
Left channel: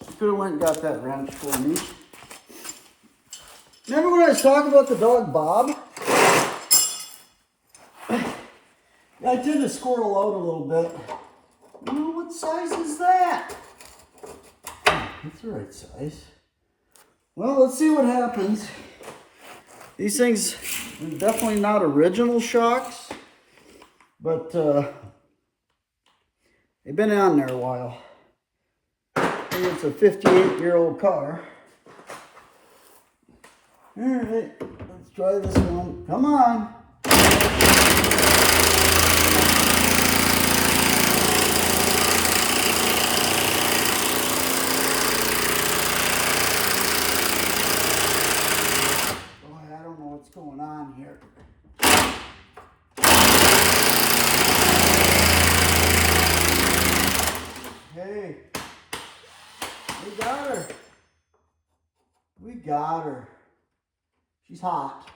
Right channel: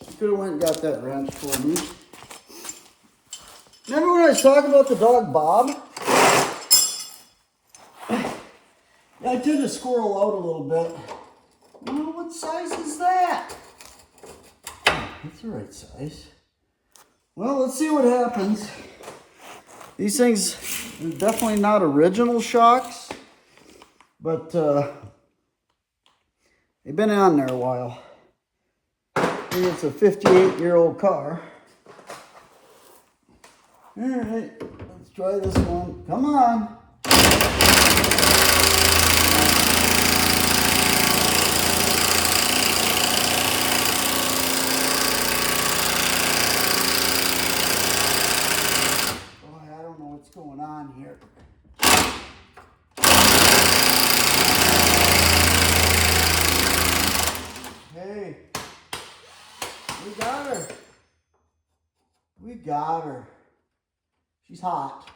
You could have went and got that wrench for me. Remember when I was talking about the dog Bob? I did the squirrel out a little bit. Well, what size is that? That's the right size. Well, let's see what happens. These things are definitely not original shocks, but they've been on there a while. I think it's a 58-year-old car. All right, let's try this one. Come on. What's going on here? Hey, we got her. We got her. She's hot.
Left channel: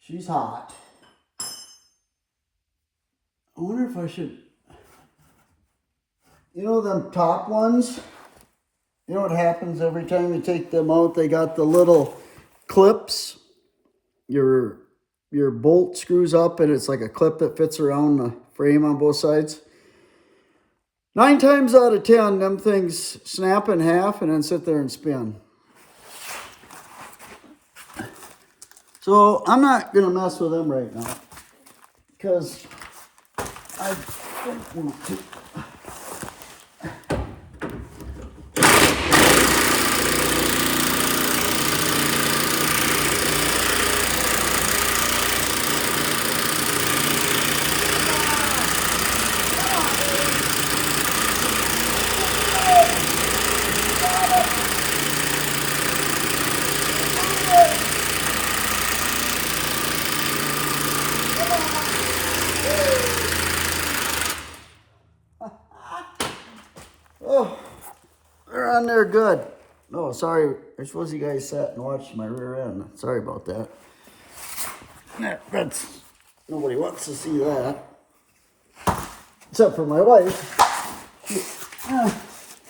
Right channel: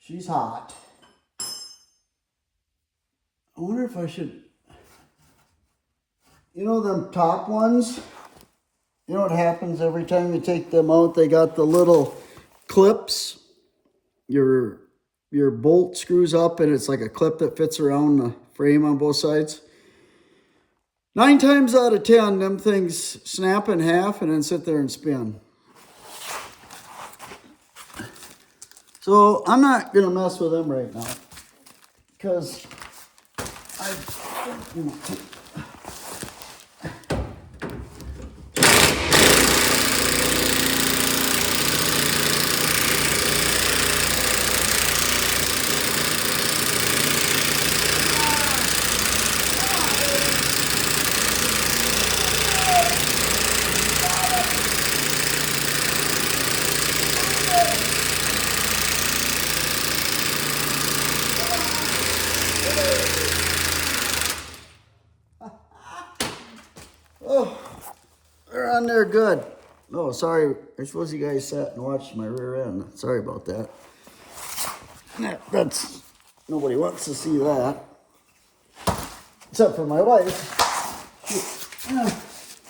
She's hot. I wonder if I should, you know them top ones? You know what happens every time you take them out? They got the little clips. Your bolt screws up and it's like a clip that fits around the frame on both sides. 9 times out of 10, them things snap in half and then sit there and spin. So I'm not going to mess with them right now because I don't want to. Oh, they're on there good. Oh, sorry. I suppose you guys sat and watched my rear end. Sorry about that. That's, nobody wants to see that. Except for my wife.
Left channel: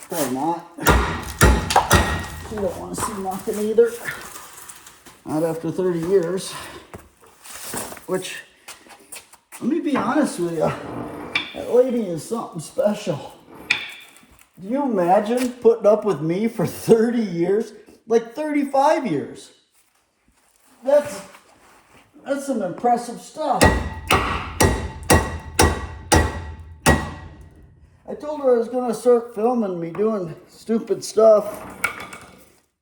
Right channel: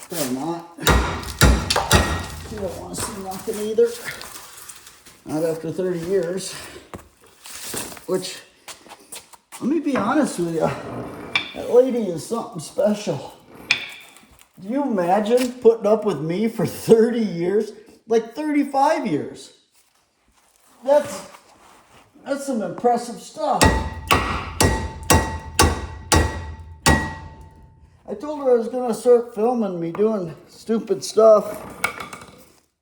Probably not. She don't want to see nothing either. Not after 30 years. Which, let me be honest with you. That lady is something special. Do you imagine putting up with me for 30 years? Like 35 years. That's some impressive stuff. I told her I was going to start filming me doing stupid stuff.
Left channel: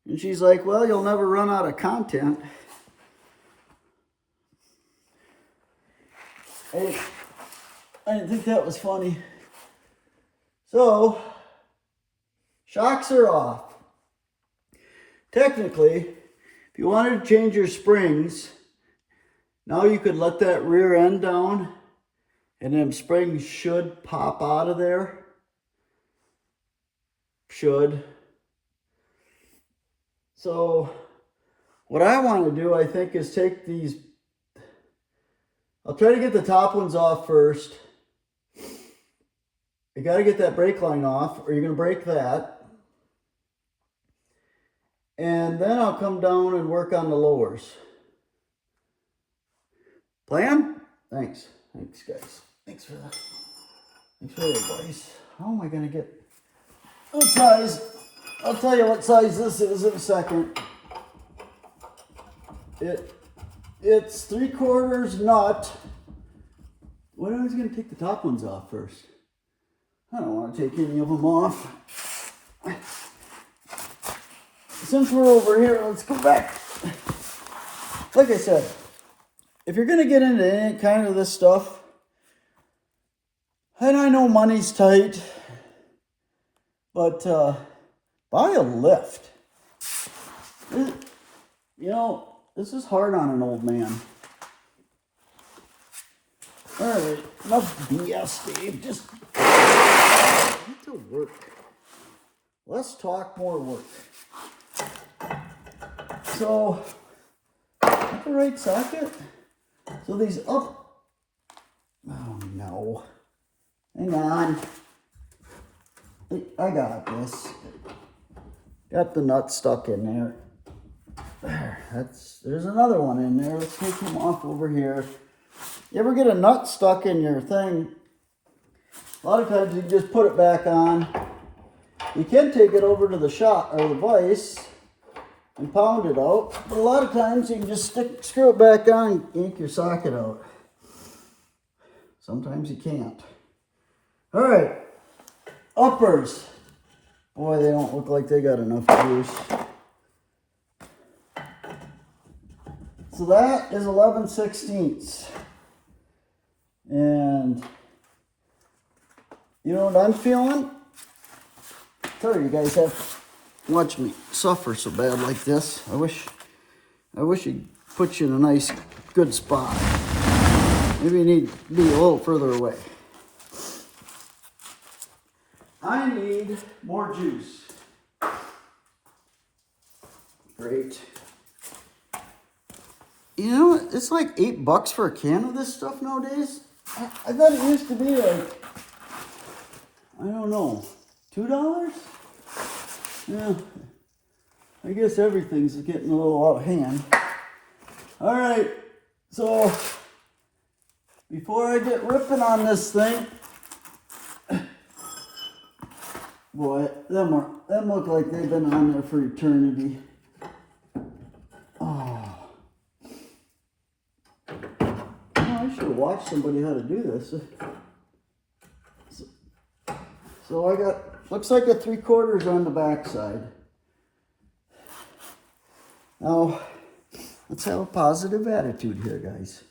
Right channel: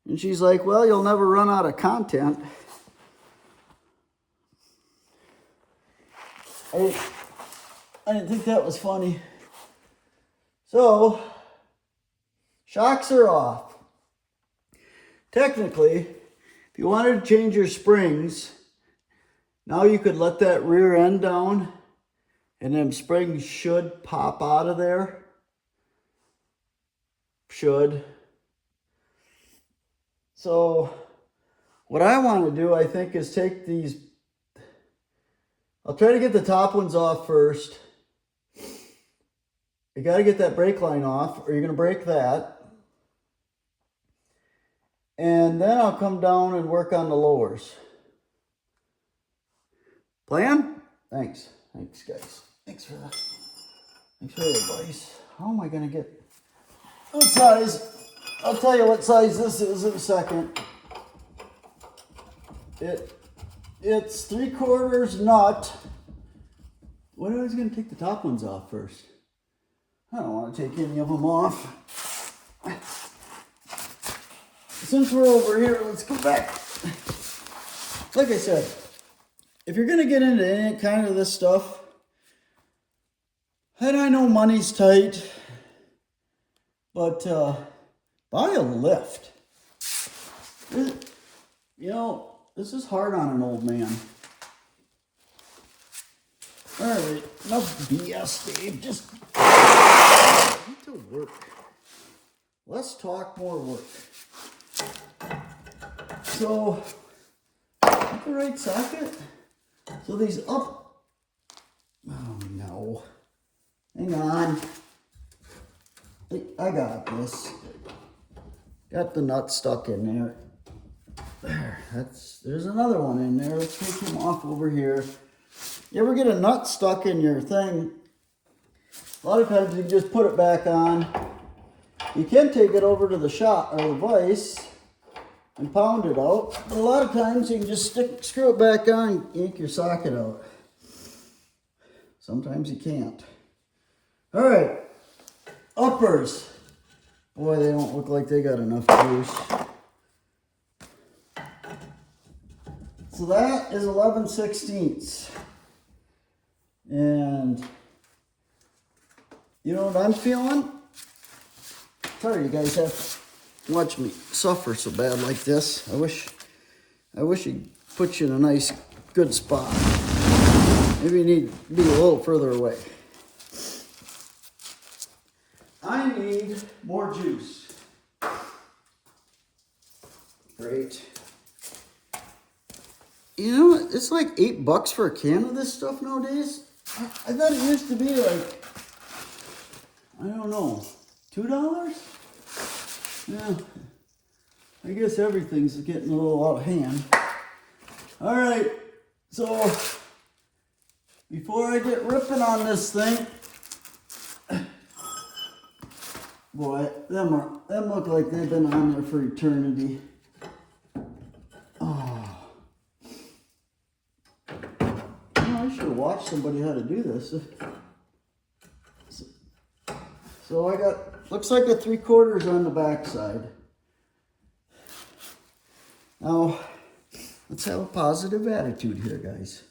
And she's like, well, you'll never run out of content. I didn't think that was funny. So, shocks are off. Technically, if you wanted to change your springs, now you could let that rear end down and them springs should pop out of there. Should. So, what I want to do, I think, is take these. I'll try to get the top ones off first. You got to get that brake line off, or you're going to break that. And then I'll come down and work on the lowers. Plan? Thanks. Thanks, guys. Thanks for that. Thanks for the advice. How am I going to get what size? I'll tell you what size this is in a second. It's 3/4 nut. What I was going to take the top ones off first. I don't want to take any of them off. Since we're over here, let's go back. Like I said, if you're going to get into any kind of this stuff, and I know money's tight, but buy a lift. You know, this is hard on an old man. All right, enough BS, Dave. Just Get to work. Less talk, more work. So, at the right socket. So these up. Oh no. Hang on. I got this. Got the nut stuck in there. There. There's another one in there. Let's take him off over here. You ever get a nut stuck in your thing? A lot of times you just put it back on. You can take it over to the shop or the vise and pound it out. But a lot of times you can just screw it back on and yank your socket out. Sometimes you can't. All right, uppers. Boy, they don't look like they got enough juice. So that is 11/16. And you know what I'm feeling? Sorry you guys have to watch me suffer so bad like this. I wish he'd put you in a nice, good spot. Maybe you need to be a little further away. I need more juice. Great. You know, it's like $8 for a can of this stuff nowadays. I thought it used to be like, I don't know, $2? Yeah, I guess everything's getting a little out of hand. All right, so before I get ripping on this thing, boy, them look like they've been on there for eternity. Oh, I should have watched somebody how to do this. So I got, looks like a 3/4 on the back side. Now, let's have a positive attitude here, guys.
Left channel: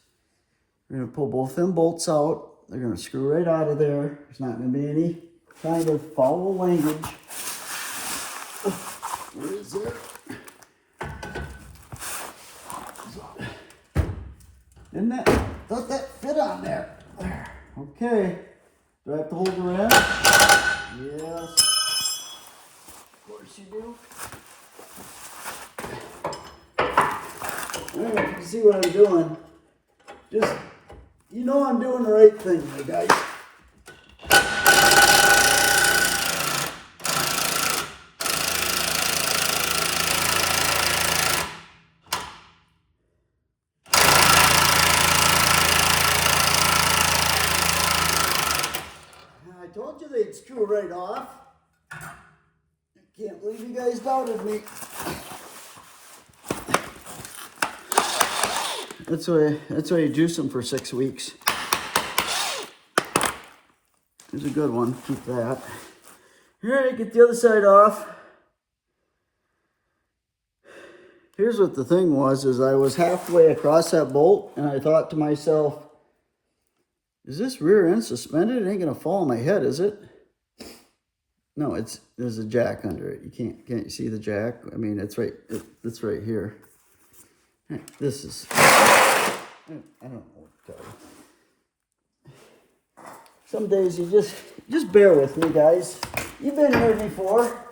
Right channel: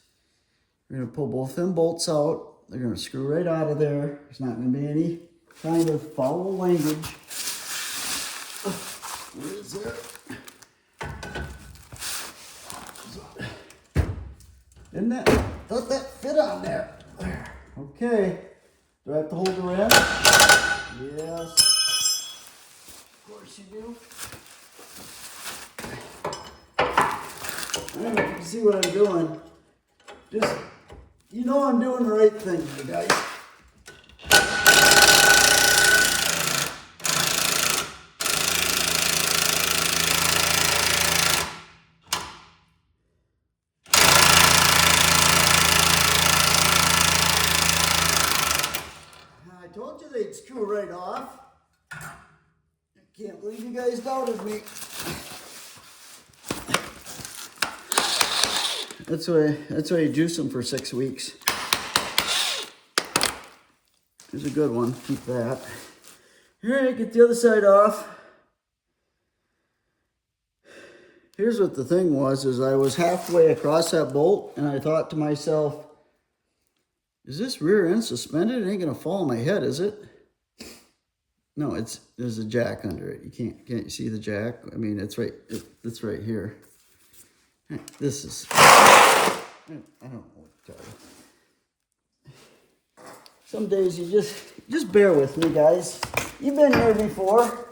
We're gonna pull both them bolts out. They're gonna screw right out of there. There's not gonna be any kind of foul language. Where is it? Didn't that, does that fit on there? There. Okay. Do I have to hold the wrench? Yes. Of course you do. I don't know if you can see what I'm doing. Just, you know I'm doing the right thing, you guys. I told you they'd screw right off. I can't believe you guys doubted me. That's why you juice them for 6 weeks. There's a good one. Keep that. All right, get the other side off. Here's what the thing was, is I was halfway across that bolt, and I thought to myself, is this rear end suspended? It ain't gonna fall on my head, is it? No, there's a jack under it. Can't you see the jack? I mean, it's right here. This is, I don't know what to tell you. Some days you just bear with me, guys. You've been here before.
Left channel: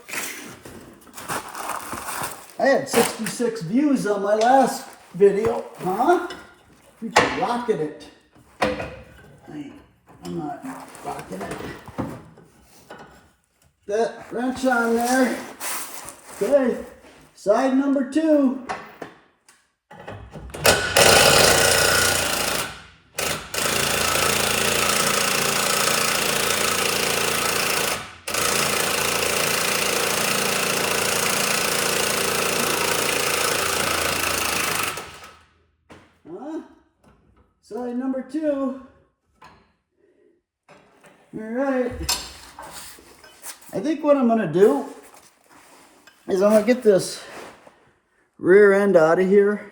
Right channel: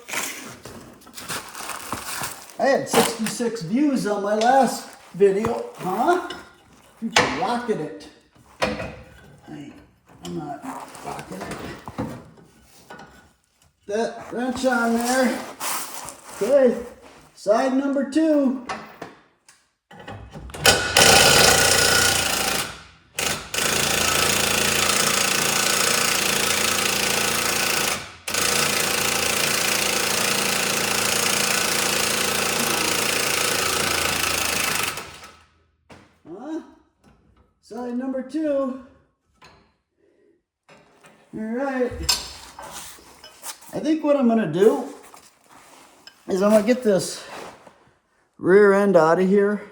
I had 66 views on my last video, huh? Freaking rocking it. I'm not rocking it. That wrench on there. Okay, side number 2. Side number 2. All right. I think what I'm gonna do is I'm gonna get this rear end out of here.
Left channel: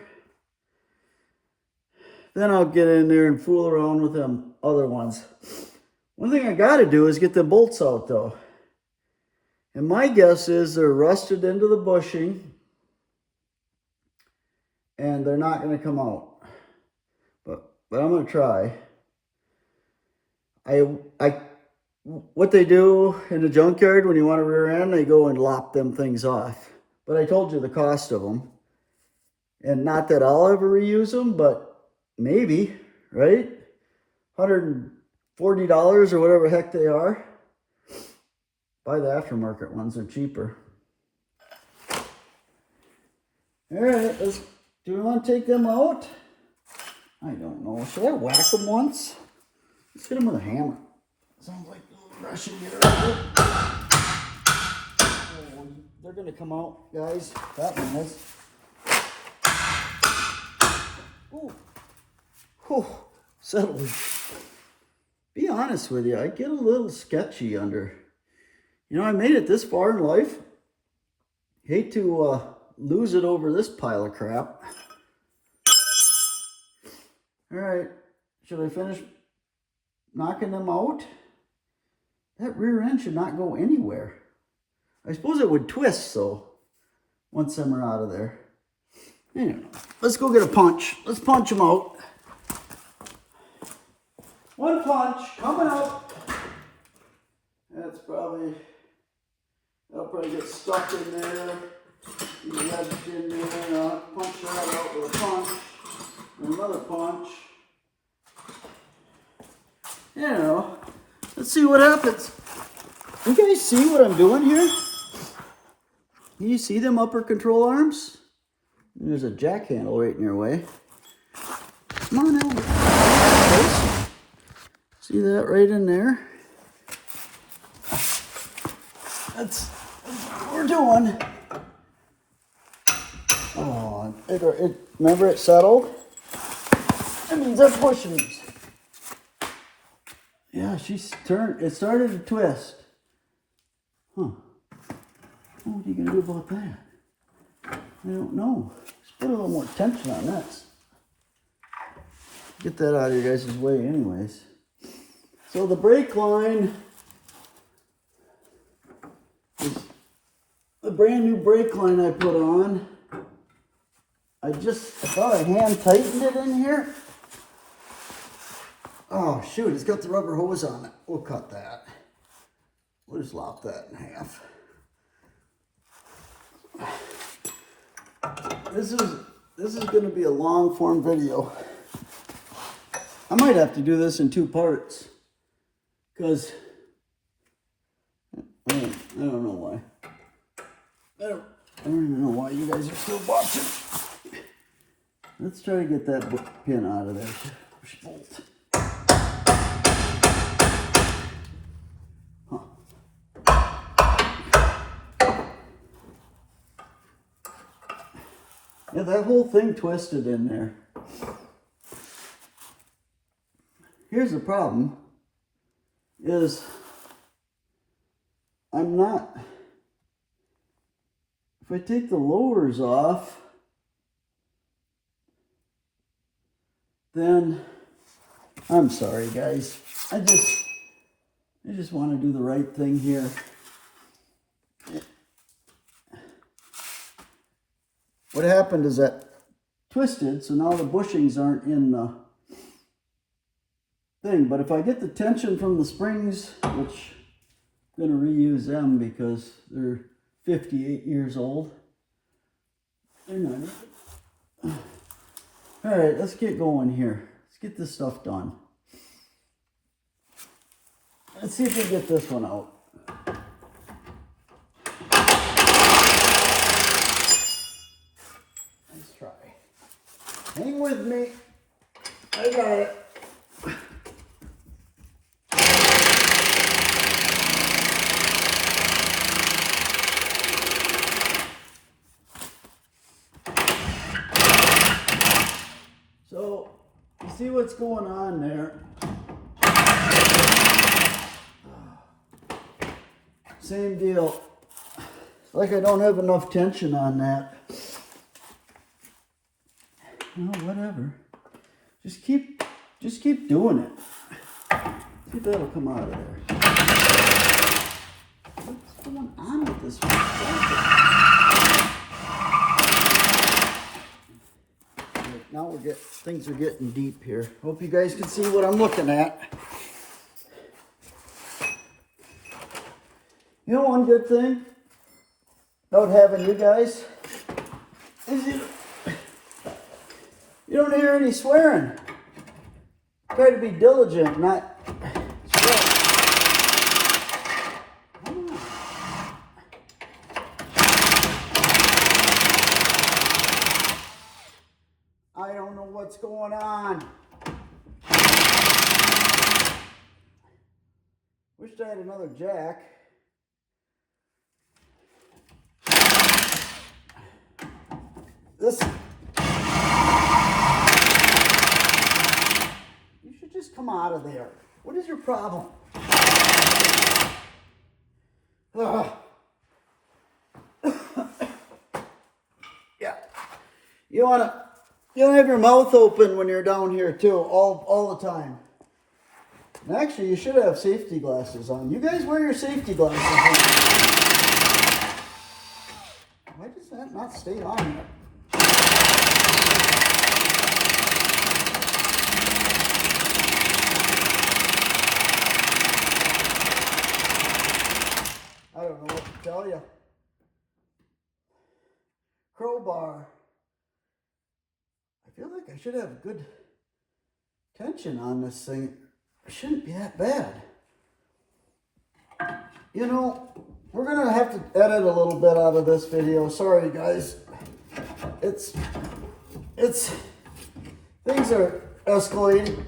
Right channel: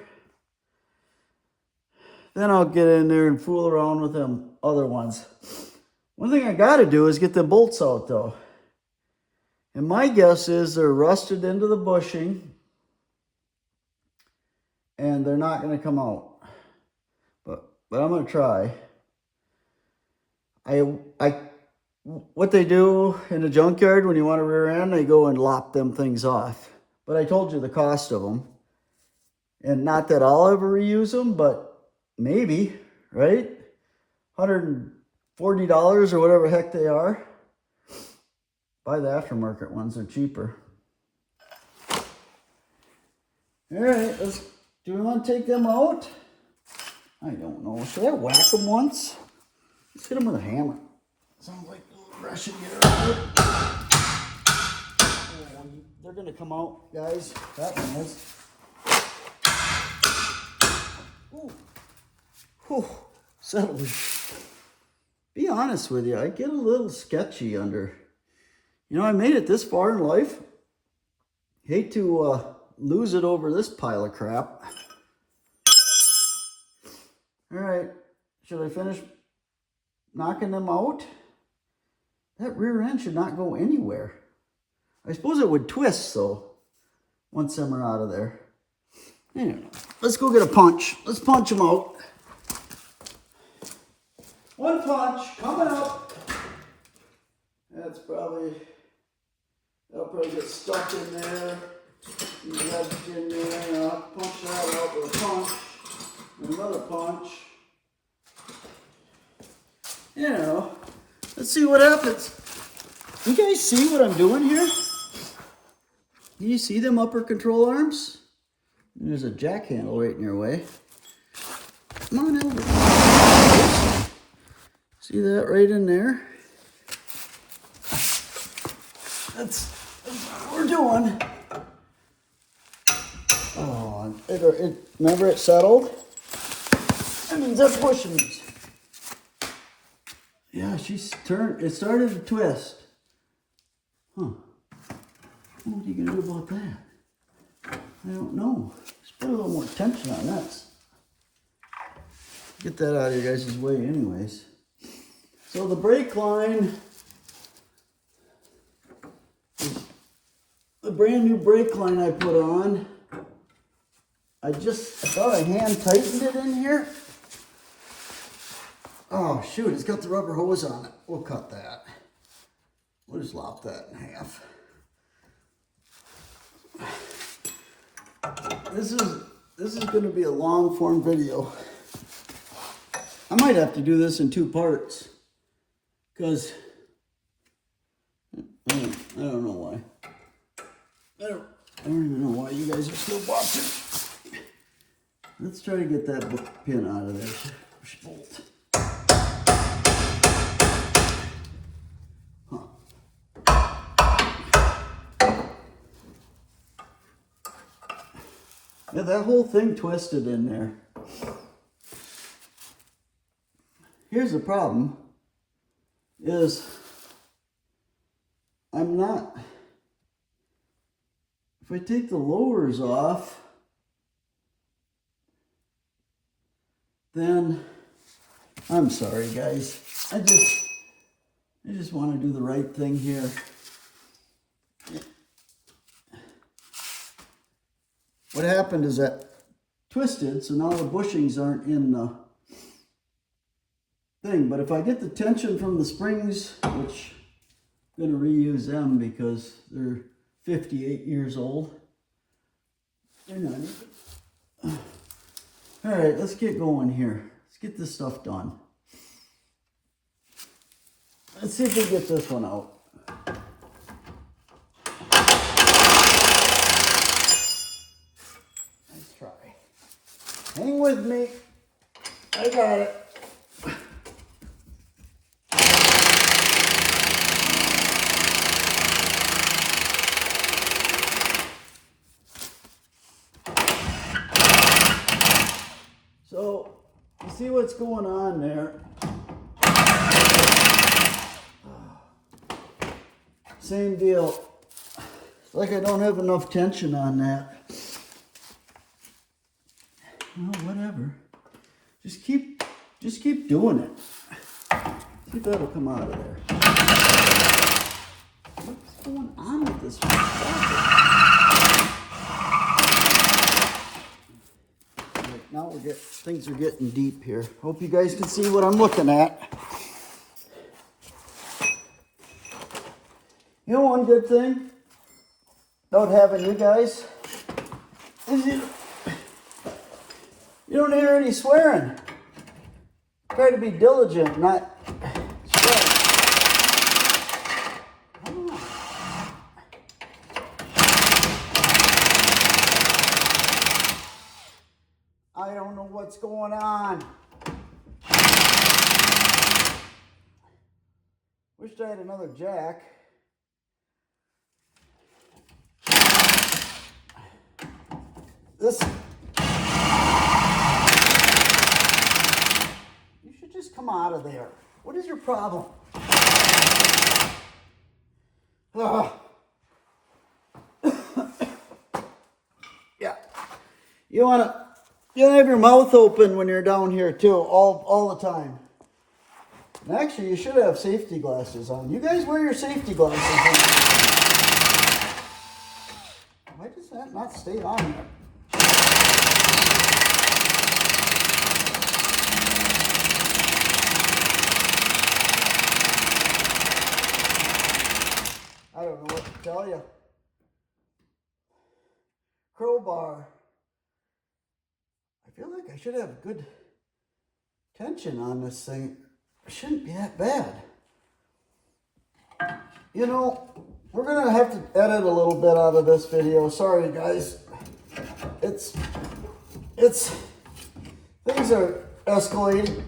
Then I'll get in there and fool around with them other ones. One thing I gotta do is get the bolts out though. And my guess is they're rusted into the bushing and they're not gonna come out. But I'm gonna try. what they do in the junkyard when you want a rear end, they go and lop them things off. But I told you the cost of them. And not that I'll ever reuse them, but maybe, right? $140 or whatever heck they are. Buy the aftermarket ones, they're cheaper. All right, do we want to take them out? I don't know. Should I whack them once? Let's hit them with a hammer. Sounds like a little Russian gear. Oh, they're going to come out, guys. That one is. Ooh. Whew. Settled. Be honest with you, I get a little sketchy under. You know, I made it this far in life. Hate to lose it over this pile of crap. All right, should I finish knocking them out? That rear end should not go anywhere. I suppose it would twist, though, once them are out of there. Anyway, let's go get a punch. Let's punch them out. One punch, coming up. That'll probably get stuck in there. Wedged in there, and I'll punch that out with a punch. Another punch. You know, let's see what happens. You guys see what I'm doing here? Can you see them upper control arms? And there's a jack handle right in your way. Come on over. See that right in there? That's what we're doing. Oh, remember it settled? That means that's bushings. Yeah, she's turned. It started to twist. Huh. What are you going to do about that? I don't know. Just put a little more tension on that. Get that out of your guys' way anyways. So the brake line is a brand new brake line I put on. I thought I hand tightened it in here. Oh shoot, it's got the rubber hose on it. We'll cut that. We'll just lop that in half. This is going to be a long form video. I might have to do this in 2 parts. Because I don't know why. I don't even know why you guys are still watching. Let's try to get that pin out of there. Push bolt. Yeah, that whole thing twisted in there. Here's the problem, is if I take the lowers off, then, I'm sorry guys, I just want to do the right thing here. What happened is that twisted, so now the bushings aren't in the thing. But if I get the tension from the springs, which I'm going to reuse them because they're 58 years old. They're not even. All right, let's get going here. Let's get this stuff done. Let's see if we can get this one out. Hang with me. I got it. So, you see what's going on there? Same deal. It's like I don't have enough tension on that. Well, whatever. Just keep doing it. See if that'll come out of there. What's going on with this one? Right, now things are getting deep here. Hope you guys can see what I'm looking at. You know, one good thing about having you guys is you don't hear any swearing. Try to be diligent, not swear. I don't know what's going on. Wish I had another jack. This. You should just come out of there. What is your problem? Ugh. Yeah. You wanna have your mouth open when you're down here too, all the time. And actually, you should have safety glasses on. You guys wear your safety glasses on. Why does that not stay on there? I don't know what to tell you. Crowbar. I feel like I should have good tension on this thing. It shouldn't be that bad. You know, we're gonna have to edit a little bit out of this video. Sorry guys. It's things are escalating.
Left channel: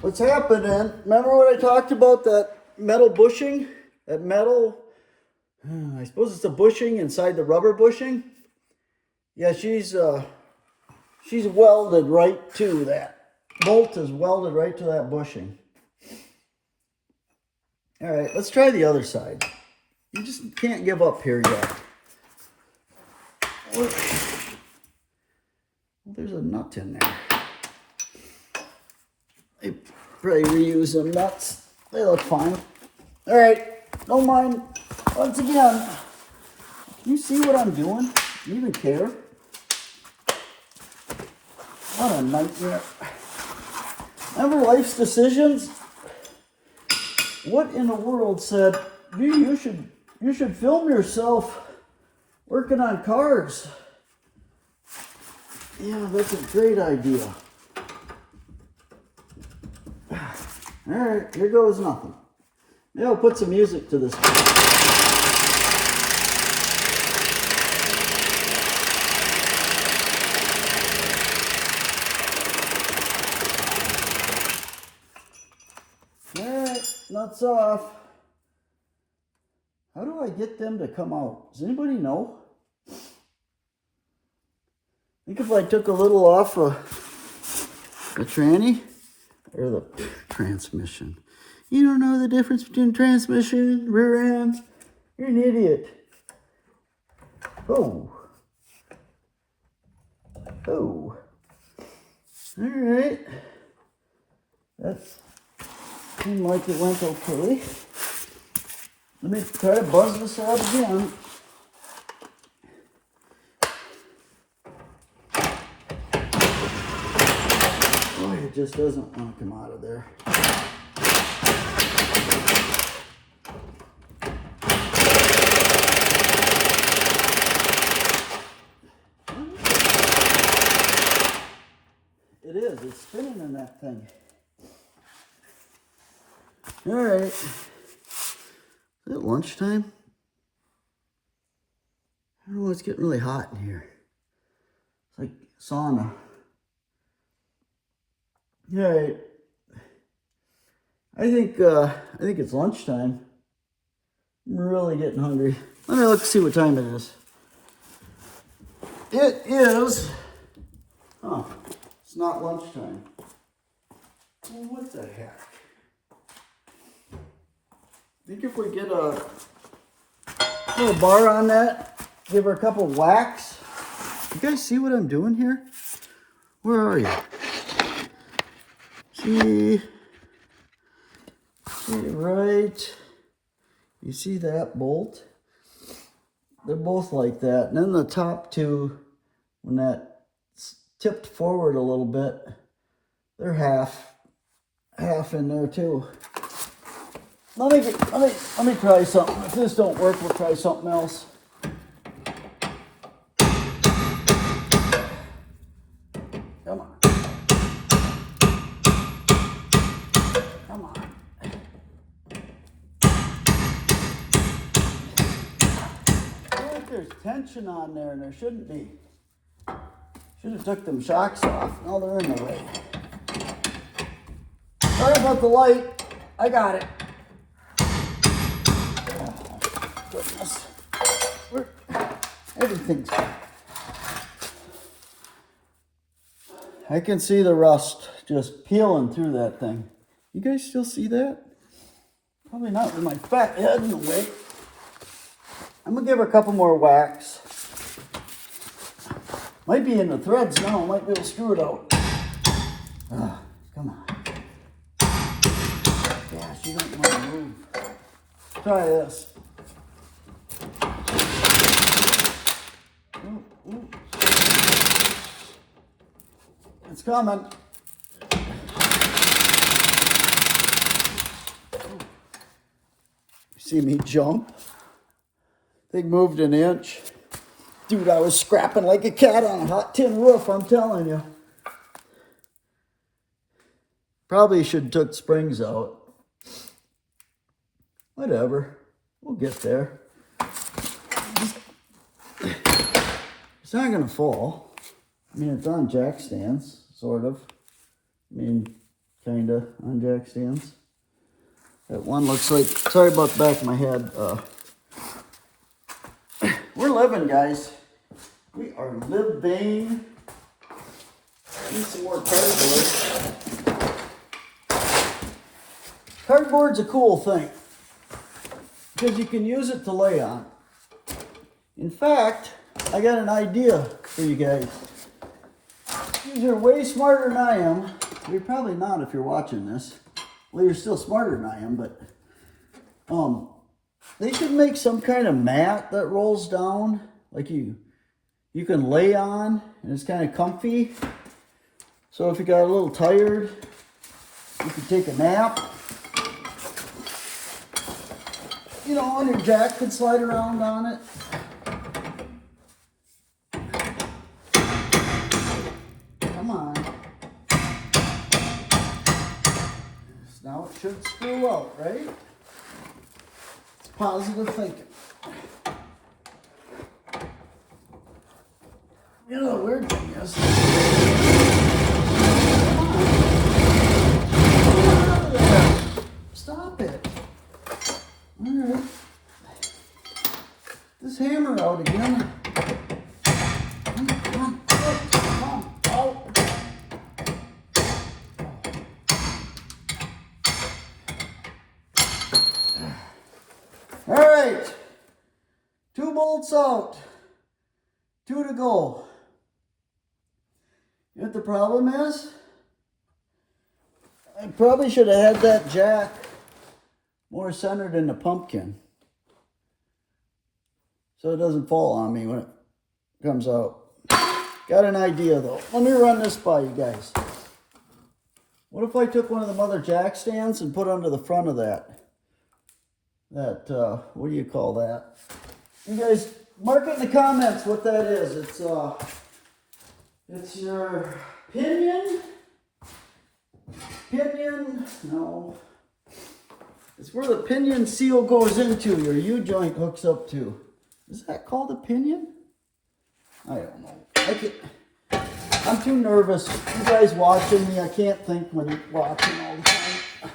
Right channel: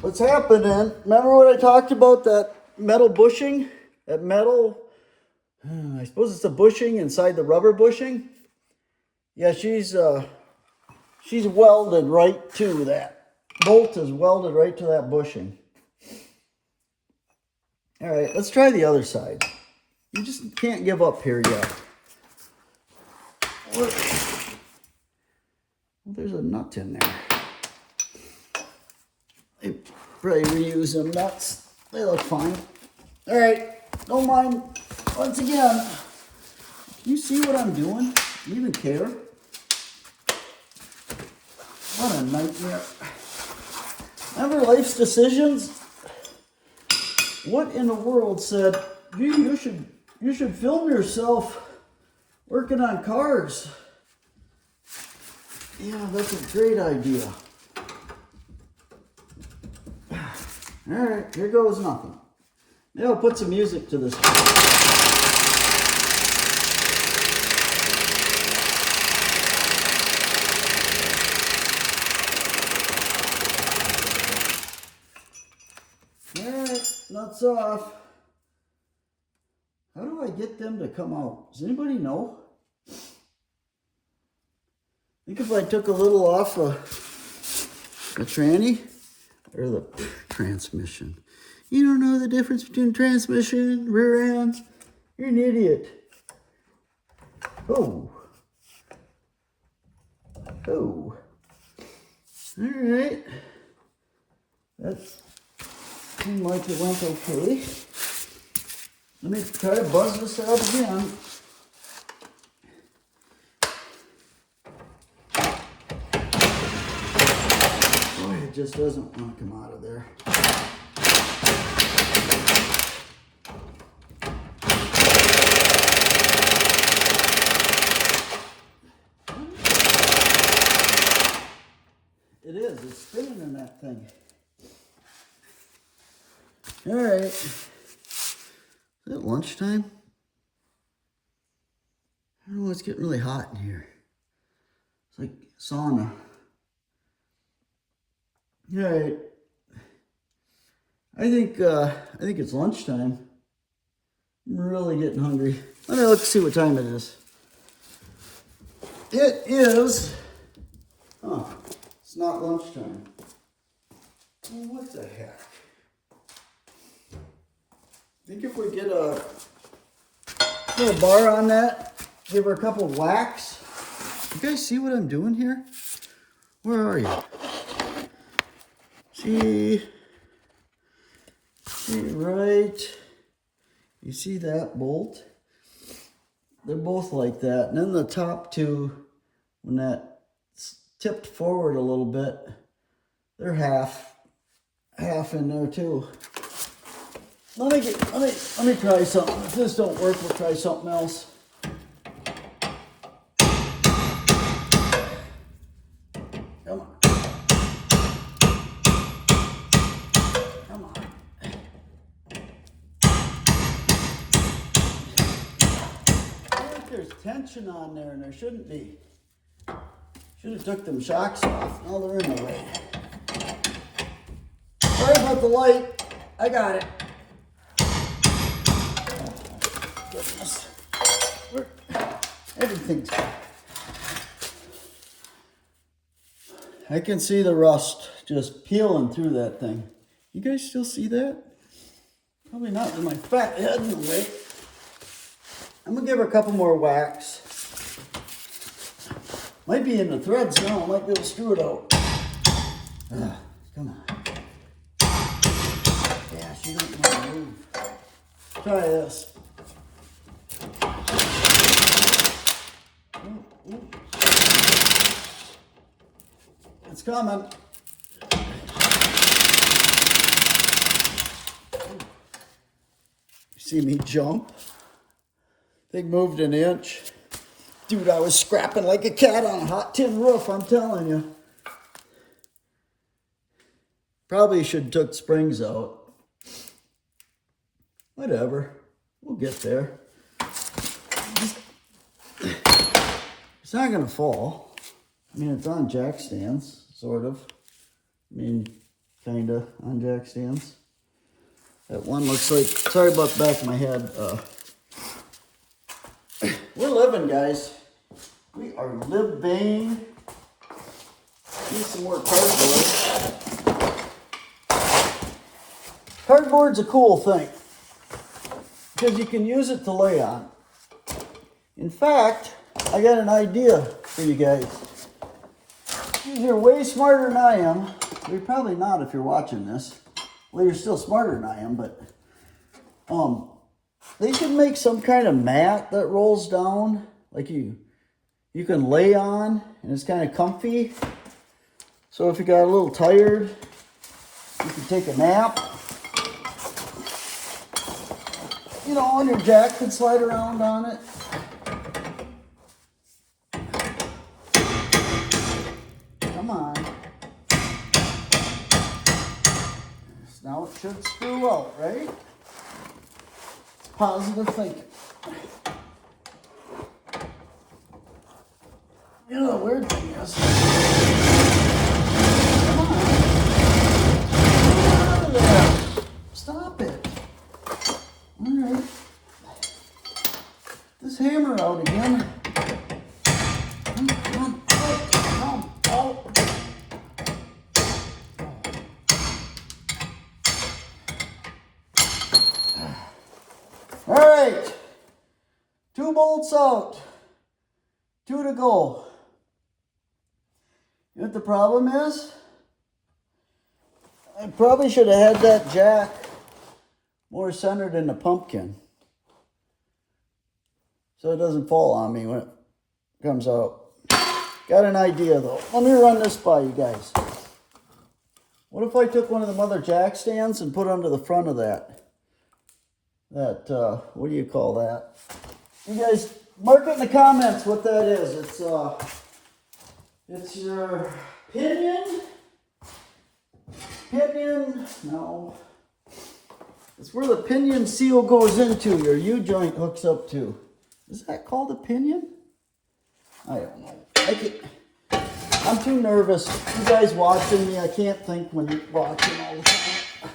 What's happening? Remember what I talked about, that metal bushing? That metal, I suppose it's a bushing inside the rubber bushing. Yeah, she's welded right to that. Bolt is welded right to that bushing. All right, let's try the other side. You just can't give up here yet. There's a nut in there. I probably reuse them nuts. They look fine. All right, don't mind. Once again, can you see what I'm doing? Do you even care? What a nightmare. Remember Life's Decisions? What in the world said, you should film yourself working on cars? Yeah, that's a great idea. All right, here goes nothing. Maybe I'll put some music to this. Nuts off. How do I get them to come out? Does anybody know? I think if I took a little off the tranny or the transmission. You don't know the difference between transmission, rear ends? You're an idiot. Oh. Oh. All right. That's seemed like it went okay. Let me try to buzz this out again. Boy, it just doesn't want to come out of there. It is. It's spinning in that thing. All right. Is it lunchtime? I don't know. It's getting really hot in here. It's like sauna. All right. I think it's lunchtime. I'm really getting hungry. Let's see what time it is. It is. Oh, it's not lunchtime. Well, what the heck? I think if we get a little bar on that, give her a couple whacks. You guys see what I'm doing here? Where are you? See right? You see that bolt? They're both like that. And then the top two, when that's tipped forward a little bit, they're half in there too. Let me try something. If this don't work, we'll try something else. Come on. Come on. I feel like there's tension on there and there shouldn't be. Should have took them shocks off. Now they're in the way. Sorry about the light. I got it. Oh, goodness. Everything's... I can see the rust just peeling through that thing. You guys still see that? Probably not with my fat head in the way. I'm gonna give her a couple more whacks. Might be in the threads now. Might be able to screw it out. Come on. Yeah, she don't want to move. Try this. Ooh, ooh. It's coming. See me jump? Thing moved an inch. Dude, I was scrapping like a cat on a hot tin roof, I'm telling you. Probably should have took springs out. Whatever. We'll get there. It's not going to fall. I mean, it's on jack stands, sort of. I mean, kind of on jack stands. That one looks like... Sorry about the back of my head. We're living, guys. We are living. Need some more cardboard. Cardboard's a cool thing because you can use it to lay on. In fact, I got an idea for you guys. You're way smarter than I am. You're probably not if you're watching this. Well, you're still smarter than I am, but they can make some kind of mat that rolls down, like you can lay on, and it's kind of comfy. So if you got a little tired, you can take a nap. You know, and your jack can slide around on it. Come on. Now it should screw out, right? It's positive thinking. You know, the weird thing is, come on. Stop it. All right. This hammer out again. Come on. Oh. All right. 2 bolts out. 2 to go. You know what the problem is? I probably should have had that jack more centered in the pumpkin, so it doesn't fall on me when it comes out. Got an idea though. Let me run this by you guys. What if I took one of the other jack stands and put under the front of that? What do you call that? You guys mark it in the comments what that is. It's your pinion. No. It's where the pinion seal goes into, your U-joint hooks up to. Is that called a pinion? I don't know. I'm too nervous. You guys watching me, I can't think when you're watching all the time.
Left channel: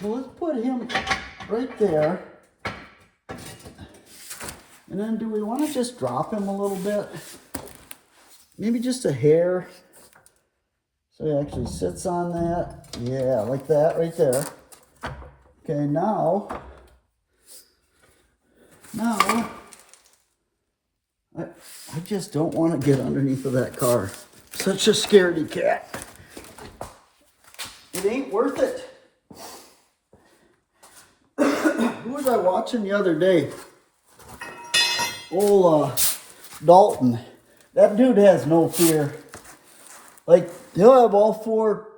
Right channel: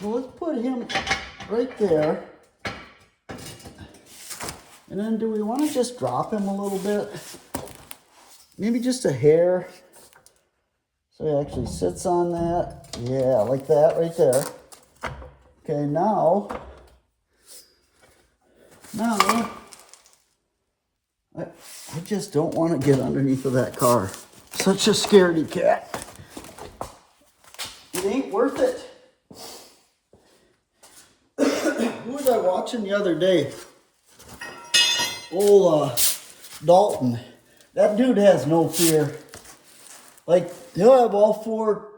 So let's put him right there. And then do we want to just drop him a little bit? Maybe just a hair. So he actually sits on that. Yeah, like that right there. Okay, now I just don't want to get underneath of that car. Such a scaredy cat. It ain't worth it. Who was I watching the other day? Old Dalton. That dude has no fear. Like, he'll have all 4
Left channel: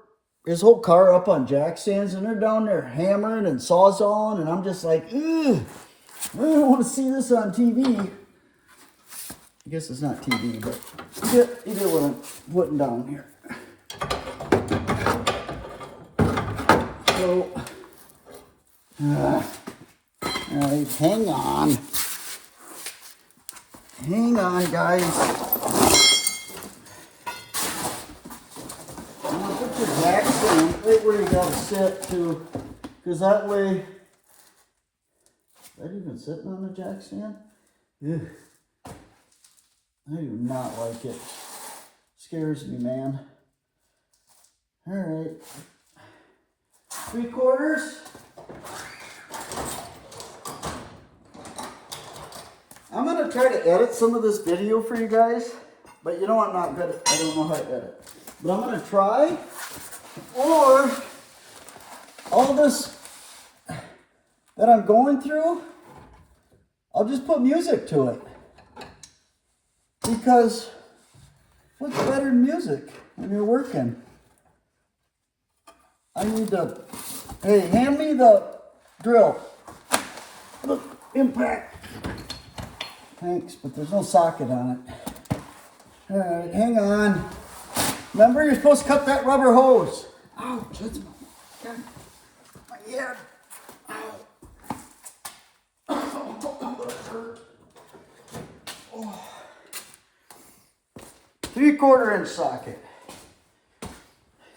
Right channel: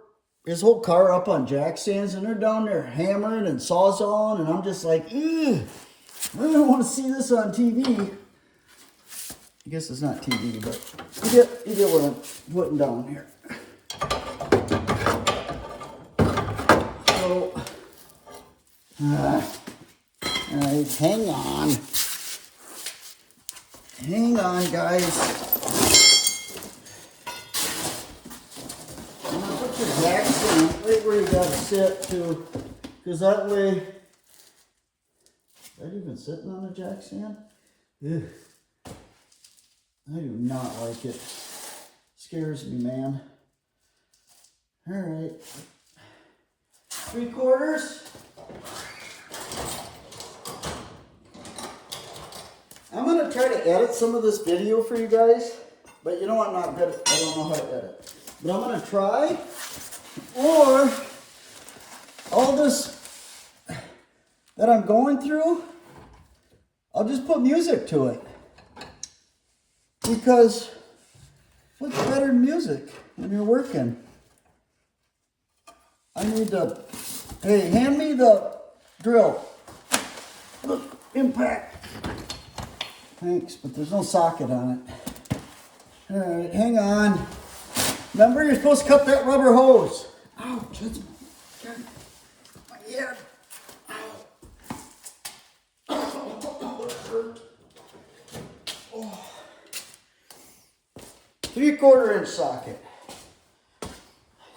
his whole car up on jack stands, and they're down there hammering and sawzalling, and I'm just like, ugh, I don't want to see this on TV. I guess it's not TV, but you get what I'm putting down here. So, all right, hang on. Hang on, guys. I'm gonna put the jack stand right where you gotta sit too, because that way. Is that even sitting on the jack stand? Ugh. I do not like it. Scares me, man. All right. 3/4. I'm gonna try to edit some of this video for you guys, but you know I'm not good at, I don't know how to edit. But I'm gonna try, or all this that I'm going through, I'll just put music to it. Because what's better than music when you're working? I need to, hey, hand me the drill. Look, impact. Thanks, but there's no socket on it. All right, hang on. Remember, you're supposed to cut that rubber hose. Ouch, that's my head. Ow. Oh, that hurt. Oh. 3/4 inch socket.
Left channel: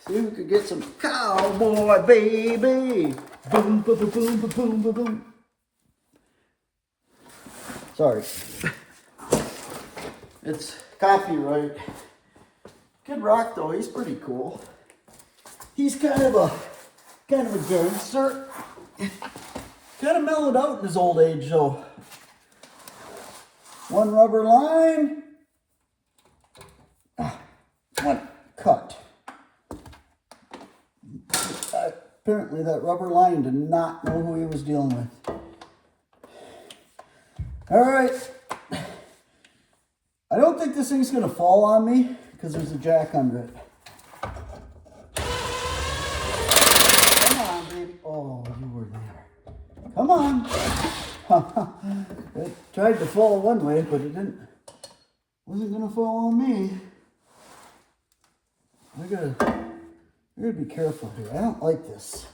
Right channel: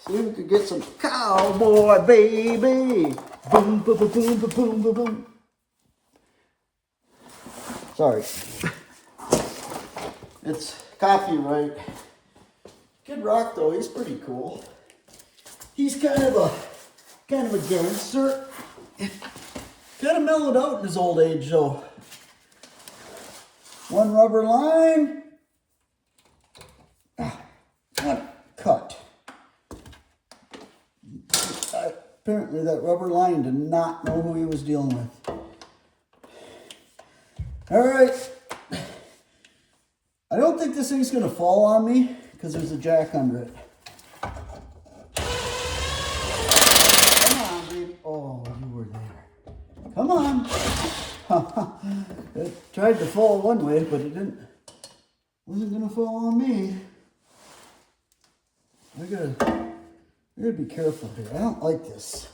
See if we could get some cowboy baby. Boom, boom, boom, boom, boom, boom, boom, boom. Sorry. It's copyright. Kid Rock though, he's pretty cool. He's kind of a gangster. Kind of mellowed out in his old age though. One rubber line. One cut. Apparently that rubber line did not know who he was dealing with. All right. I don't think this thing's gonna fall on me because there's a jack under it. Come on, baby. Oh, you were there. Come on. It tried to fall one way, but it wasn't gonna fall on me. I gotta be careful here. I don't like this.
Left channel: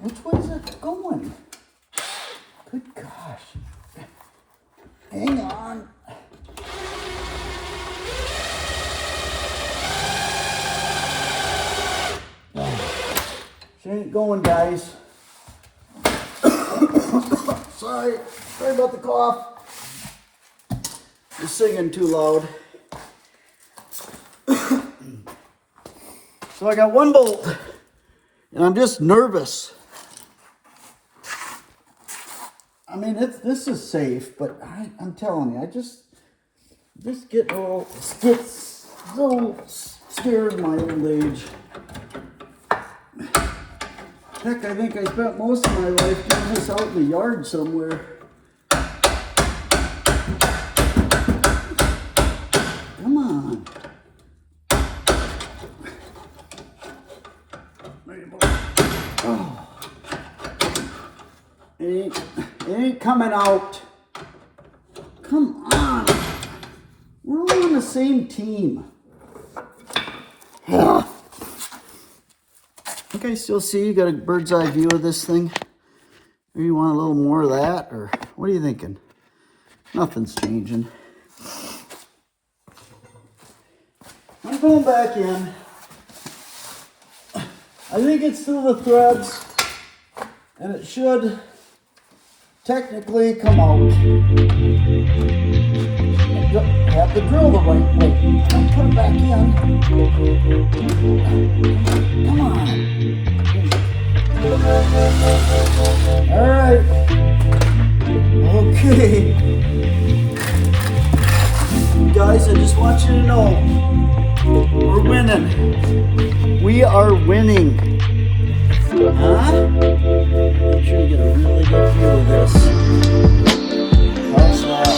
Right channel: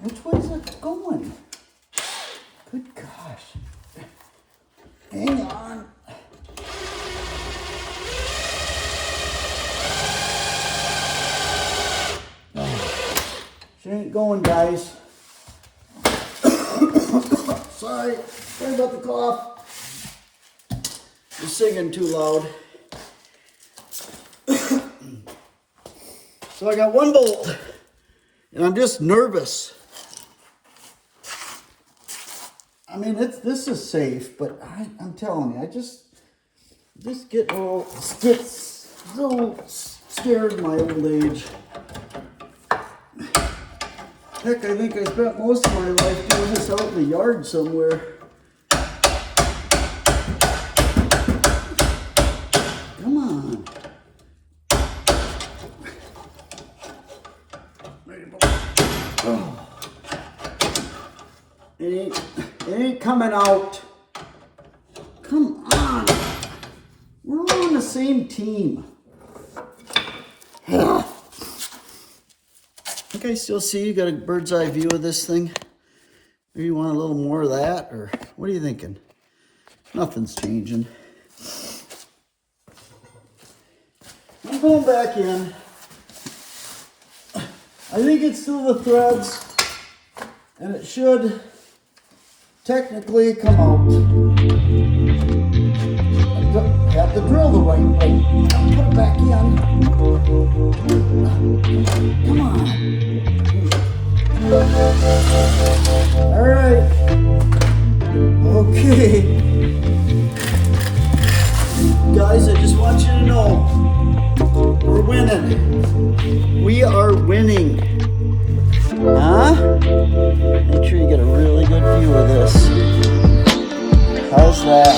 Which way is it going? Good gosh. Hang on. She ain't going, guys. Sorry about the cough. You're singing too loud. So I got one bolt, and I'm just nervous. I mean, this is safe, but I'm telling you, I just get so scared in my old age. Heck, I think I spent most of my life doing this out in the yard somewhere. Come on. Oh. It ain't coming out. Come on. We're all on the same team. You guys still see you got a bird's eye view of this thing? Maybe you want a little more of that, or what are you thinking? Nothing's changing. I'm going back in. I think it's still the threads, and it should technically come out. I have to drill the right way. I'll put it back in. Come on. All right. Okay. Guys, I just want you to know, we're winning. We are winning. Huh? Make sure you get a really good view of this. How's that?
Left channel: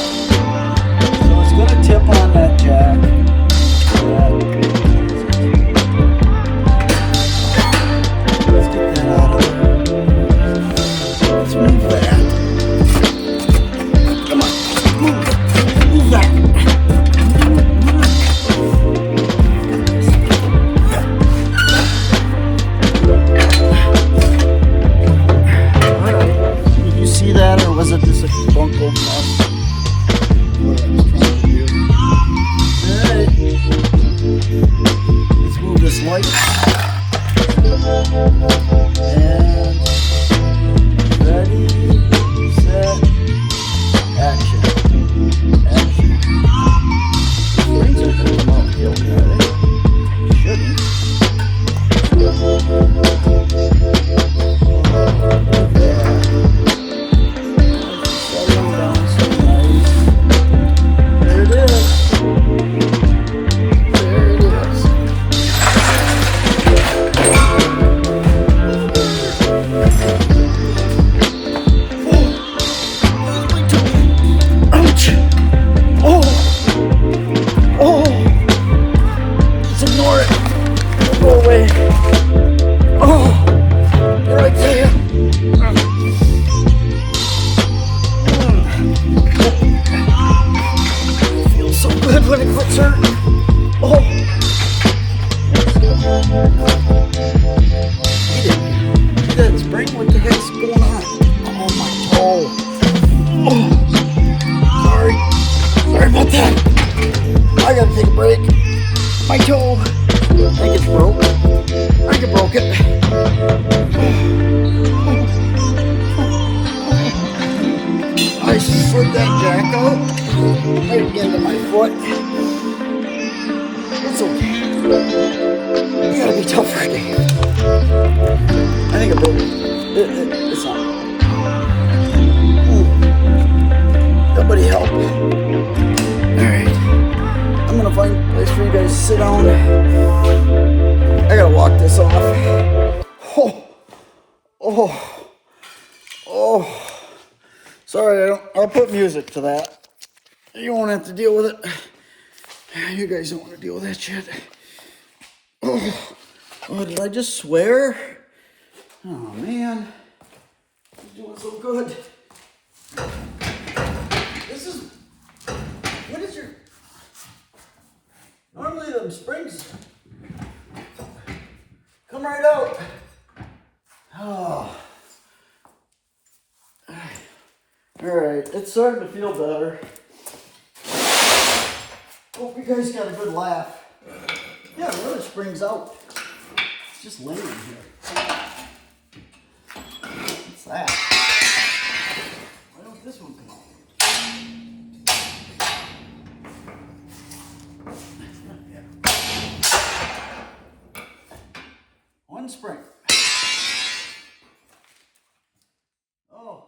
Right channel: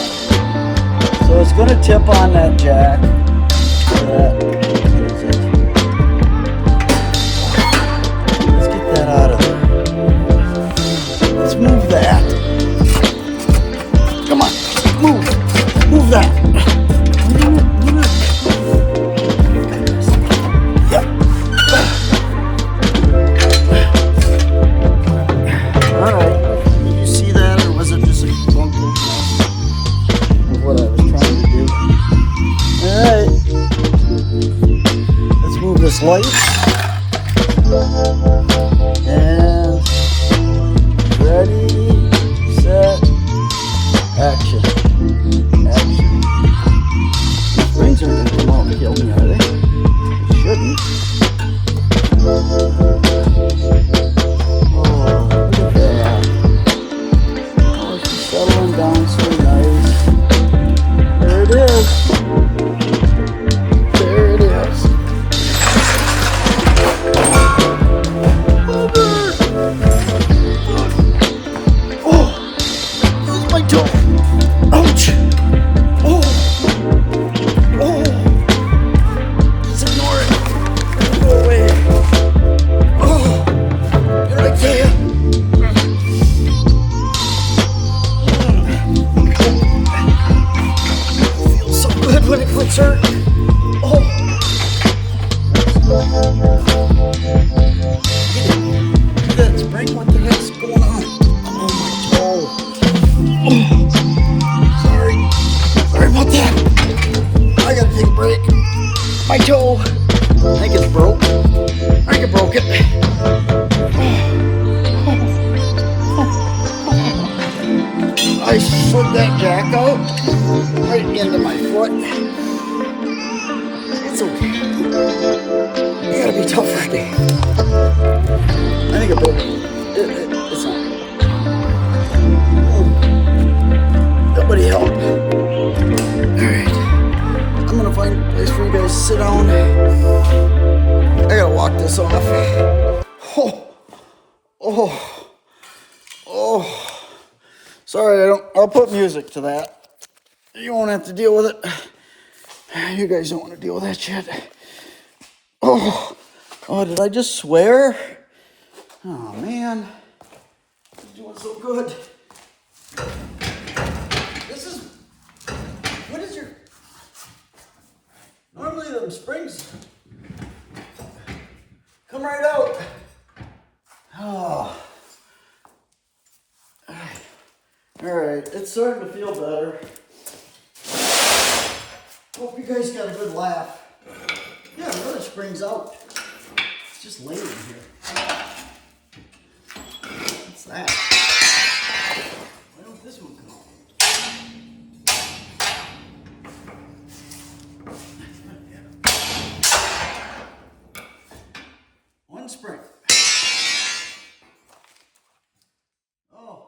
So it's going to tip on that jack. lights. And ready, set, action. Action. Springs are going to come off the hill today. Shouldn't. Settling down so nice. There it is. There it is. Oh, there's my toe. Ouch. Oh, oh. Just ignore it. Go away. Oh, here I tell you. Feels so good when it quits hurting. Oh. That's right. What the heck's going on? I'm on my toe. Oh. Sorry. Sorry about that. I gotta take a break. My toe. I think it's broke. I think it broke it. I slid that jack out right into my foot. It's okay. You gotta be tougher. I think it broke. It's not. Nobody help. Alright. I'm gonna find a place for you guys to sit down. I gotta walk this off. Oh. Oh. Oh. Sorry, I'll put music to that. You won't have to deal with it. You guys don't want to deal with that shit. Oh. Oh, did I just swear? Oh, man. He's doing so good. What is your... Normally them springs come right out. Oh. Alright, it's starting to feel better. Hope you guys got a good laugh. Yeah, the other spring's out. It's just laying here. What's that? Why don't this one come out? One spring. Oh,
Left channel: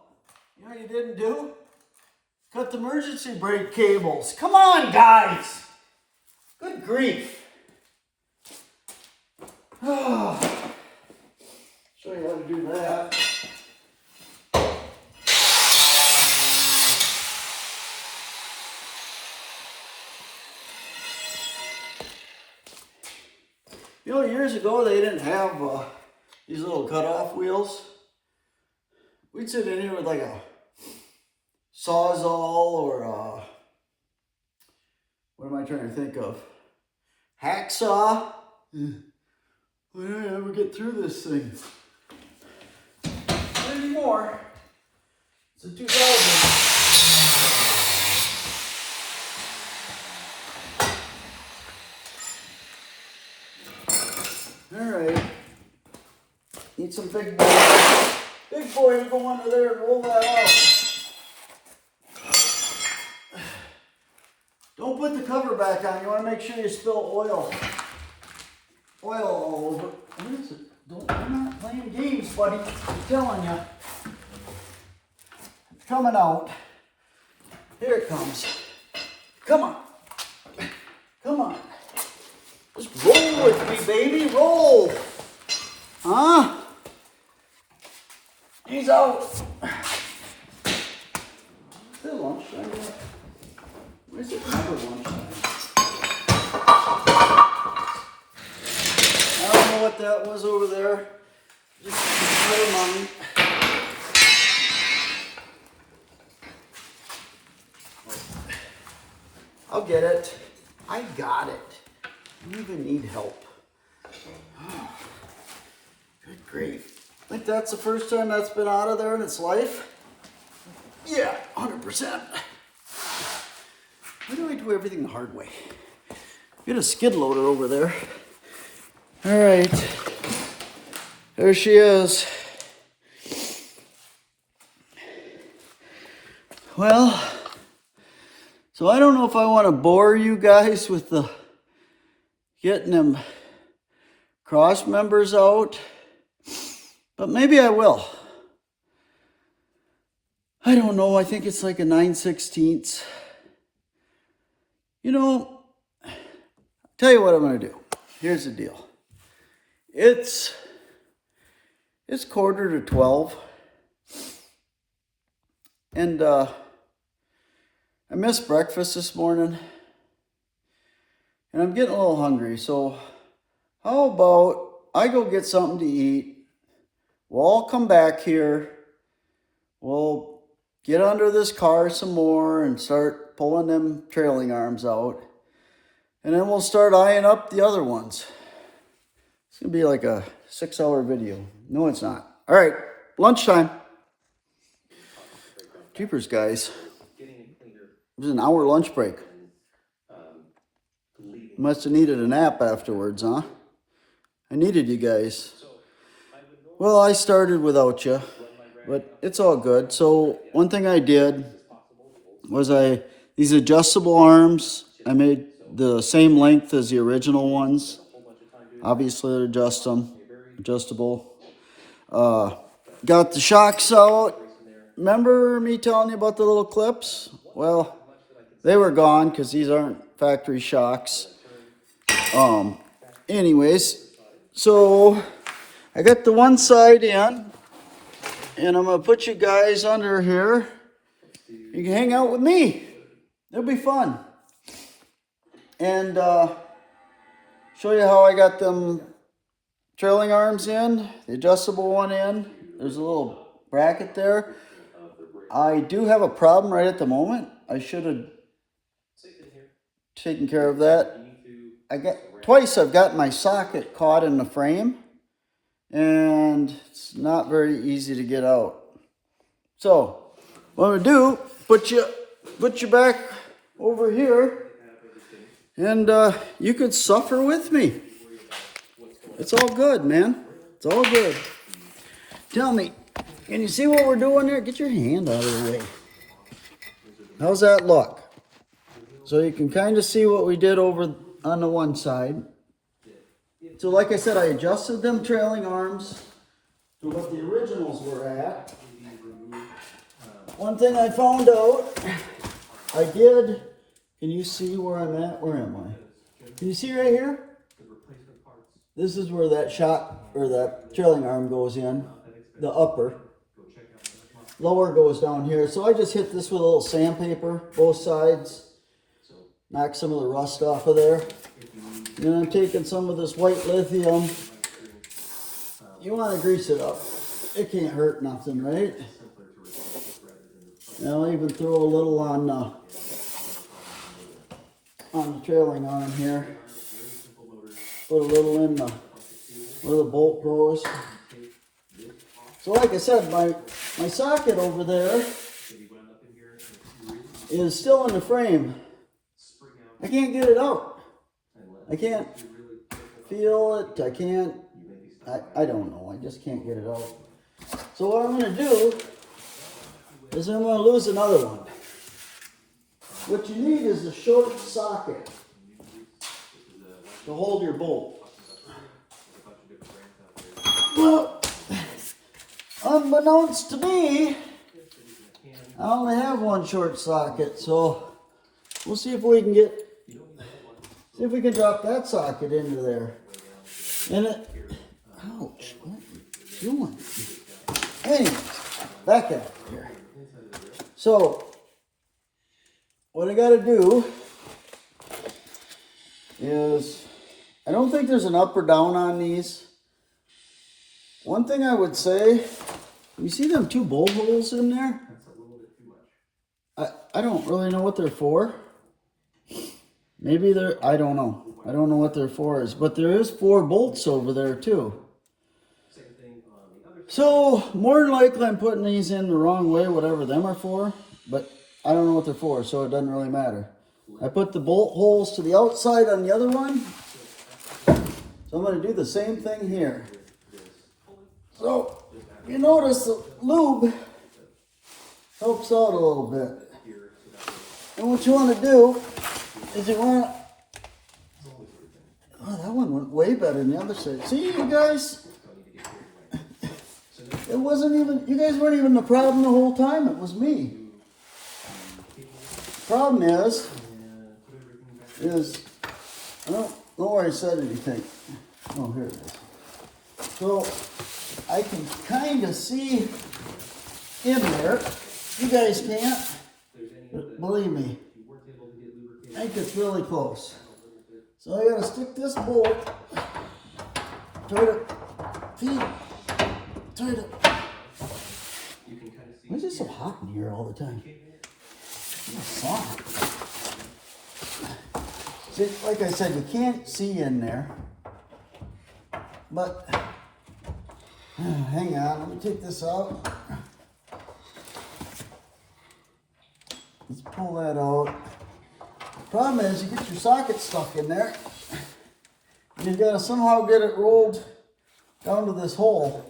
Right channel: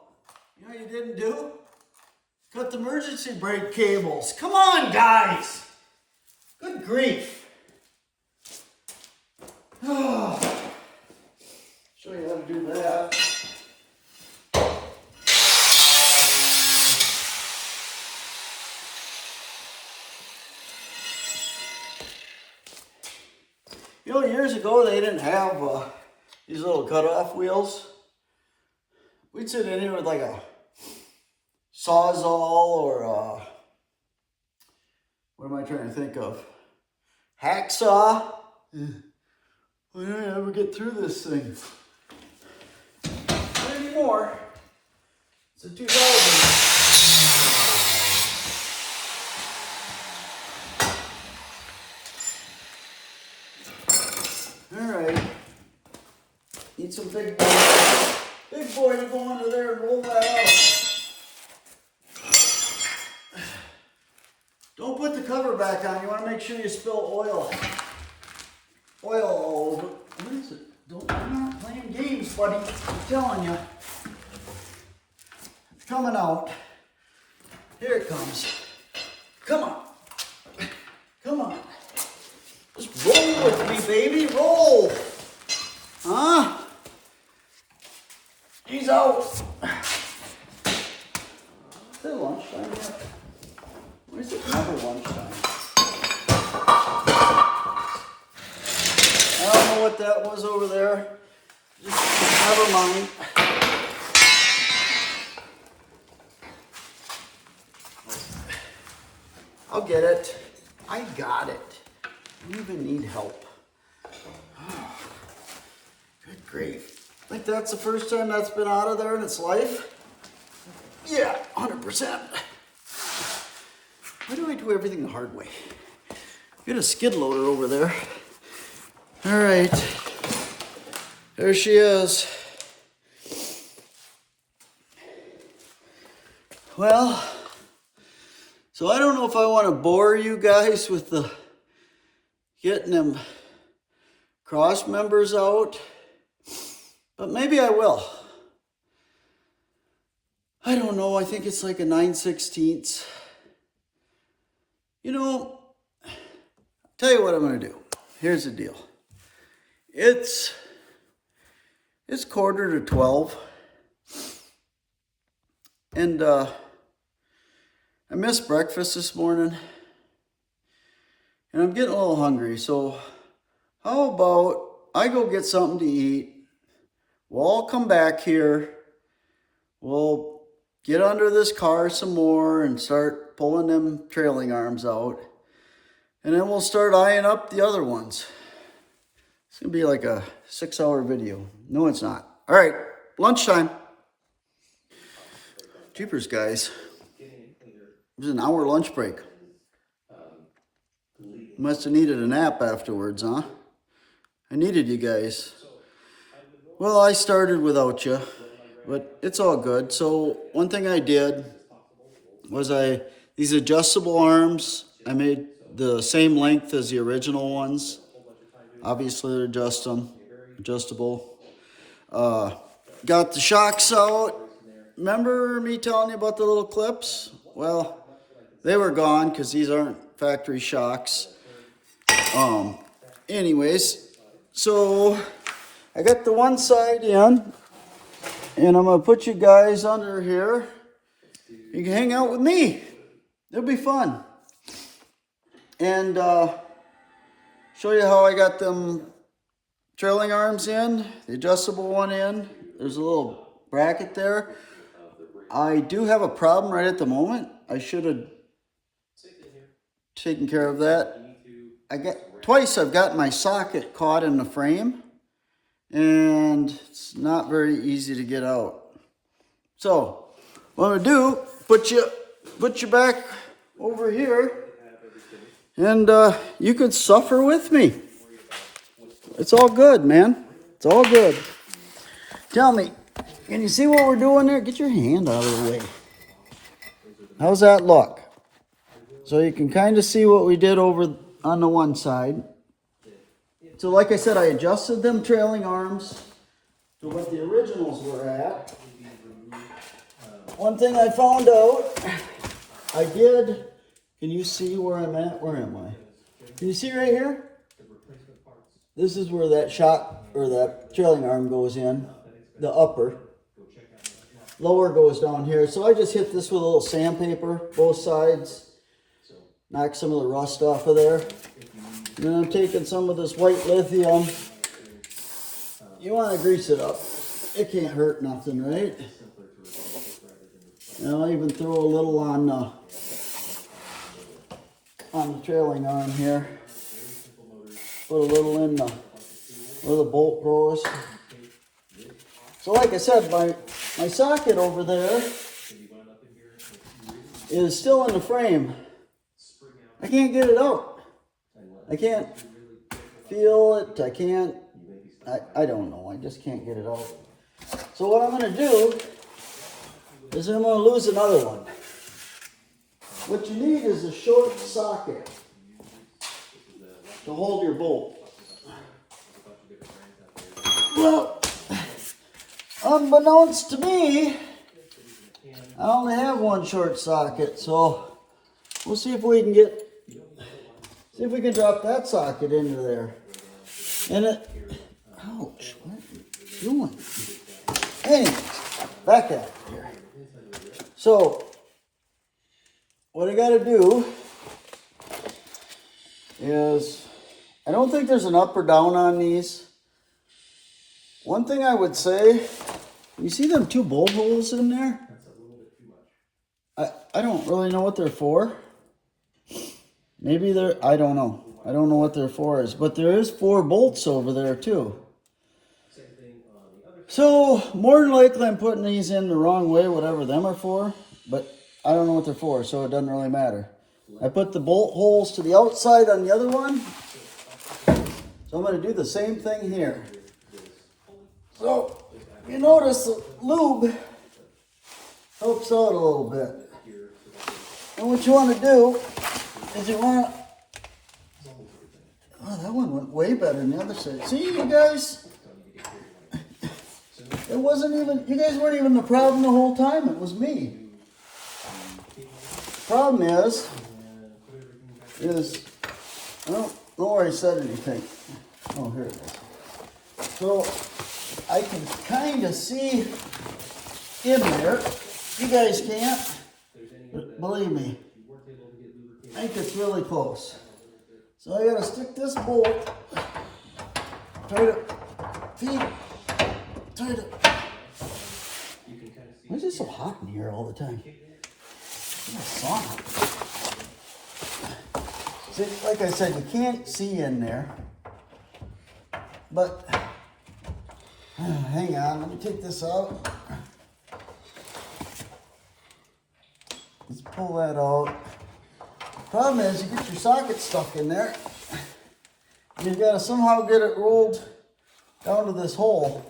you know what you didn't do? Cut the emergency brake cables. Come on, guys. Good grief. Oh. Show you how to do that. You know, years ago they didn't have these little cutoff wheels. We'd sit in here with like a Sawzall or what am I trying to think of? Hacksaw. We don't ever get through this thing. Not anymore. It's a 2000. All right. Need some big boy. Big boy to go under there and roll that out. Don't put the cover back on. You want to make sure you spill oil. Oil all over. What is it? I'm not playing games, buddy. I'm telling you. It's coming out. Here it comes. Come on. Come on. Just roll with me, baby. Roll. Huh? He's out. Is it lunchtime yet? Where's it never lunchtime? I don't know what that was over there. Just never mind. I'll get it. I got it. I don't even need help. Good grief. I think that's the first time that's been out of there in its life. Yeah, 100%. Why do I do everything the hard way? Get a skid loader over there. All right, there she is. Well, so I don't know if I want to bore you guys with the getting them cross members out, but maybe I will. I don't know, I think it's like a 9/16. You know, tell you what I'm going to do. Here's the deal. It's 11:45, and I missed breakfast this morning, and I'm getting a little hungry, so how about I go get something to eat, we'll all come back here, we'll get under this car some more and start pulling them trailing arms out, and then we'll start eyeing up the other ones. It's going to be like a 6-hour video. No, it's not. All right, lunchtime. Jeepers, guys. It was an hour lunch break. Must have needed a nap afterwards, huh? I needed you guys. Well, I started without you, but it's all good. So one thing I did was these adjustable arms, I made the same length as the original ones. Obviously, adjustable. Got the shocks out. Remember me telling you about the little clips? Well, they were gone because these aren't factory shocks. Anyways, so I got the one side in, and I'm going to put you guys under here. You can hang out with me. It'll be fun. And show you how I got them trailing arms in, the adjustable one in. There's a little bracket there. I do have a problem right at the moment. I should have taken care of that. Twice I've got my socket caught in the frame, and it's not very easy to get out. So what I'm gonna do, put you back over here, and you could suffer with me. It's all good, man. It's all good. Tell me, can you see what we're doing there? Get your hand out of the way. How's that look? So you can kind of see what we did over on the one side. So like I said, I adjusted them trailing arms to what the originals were at. One thing I found out, can you see where I'm at? Where am I? Can you see right here? This is where that shot, or that trailing arm goes in, the upper. Lower goes down here. So I just hit this with a little sandpaper, both sides. Knock some of the rust off of there. And then I'm taking some of this white lithium. You want to grease it up. It can't hurt nothing, right? And I'll even throw a little on the trailing arm here. Put a little in where the bolt goes. So like I said, my socket over there is still in the frame. I can't get it out. I can't feel it. I don't know. I just can't get it out. So what I'm going to do is I'm going to lose another one. What you need is a short socket to hold your bolt. Well, unbeknownst to me, I only have one short socket, so we'll see if we can drop that socket into there. And ouch, what are you doing? Anyway, back at it here. So, what I gotta do is, I don't think there's an up or down on these. One thing I would say, you see them two bolt holes in there? I don't really know what they're for. Maybe I don't know. I don't know what they're for is, but there is 4 bolts over there too. So more than likely I'm putting these in the wrong way, whatever them are for, but I don't know what they're for, so it doesn't really matter. I put the bolt holes to the outside on the other one. So So I'm going to do the same thing here. So you notice the lube helps out a little bit. And what you want to do is you want to, oh, that one went way better than the other side. See, you guys, it wasn't even, you guys weren't even the problem the whole time. It was me. Problem is, I don't know where I said anything. Oh, here it is. So I can kind of see in there. You guys can't, but believe me, I think it's really close. So I gotta stick this bolt, try to feed, try to. Why is it so hot in here all the time? It's sauna. See, like I said, you can't see in there, but hang on, let me take this out. Let's pull that out. Problem is, you get your socket stuck in there. You've got to somehow get it rolled down to this hole.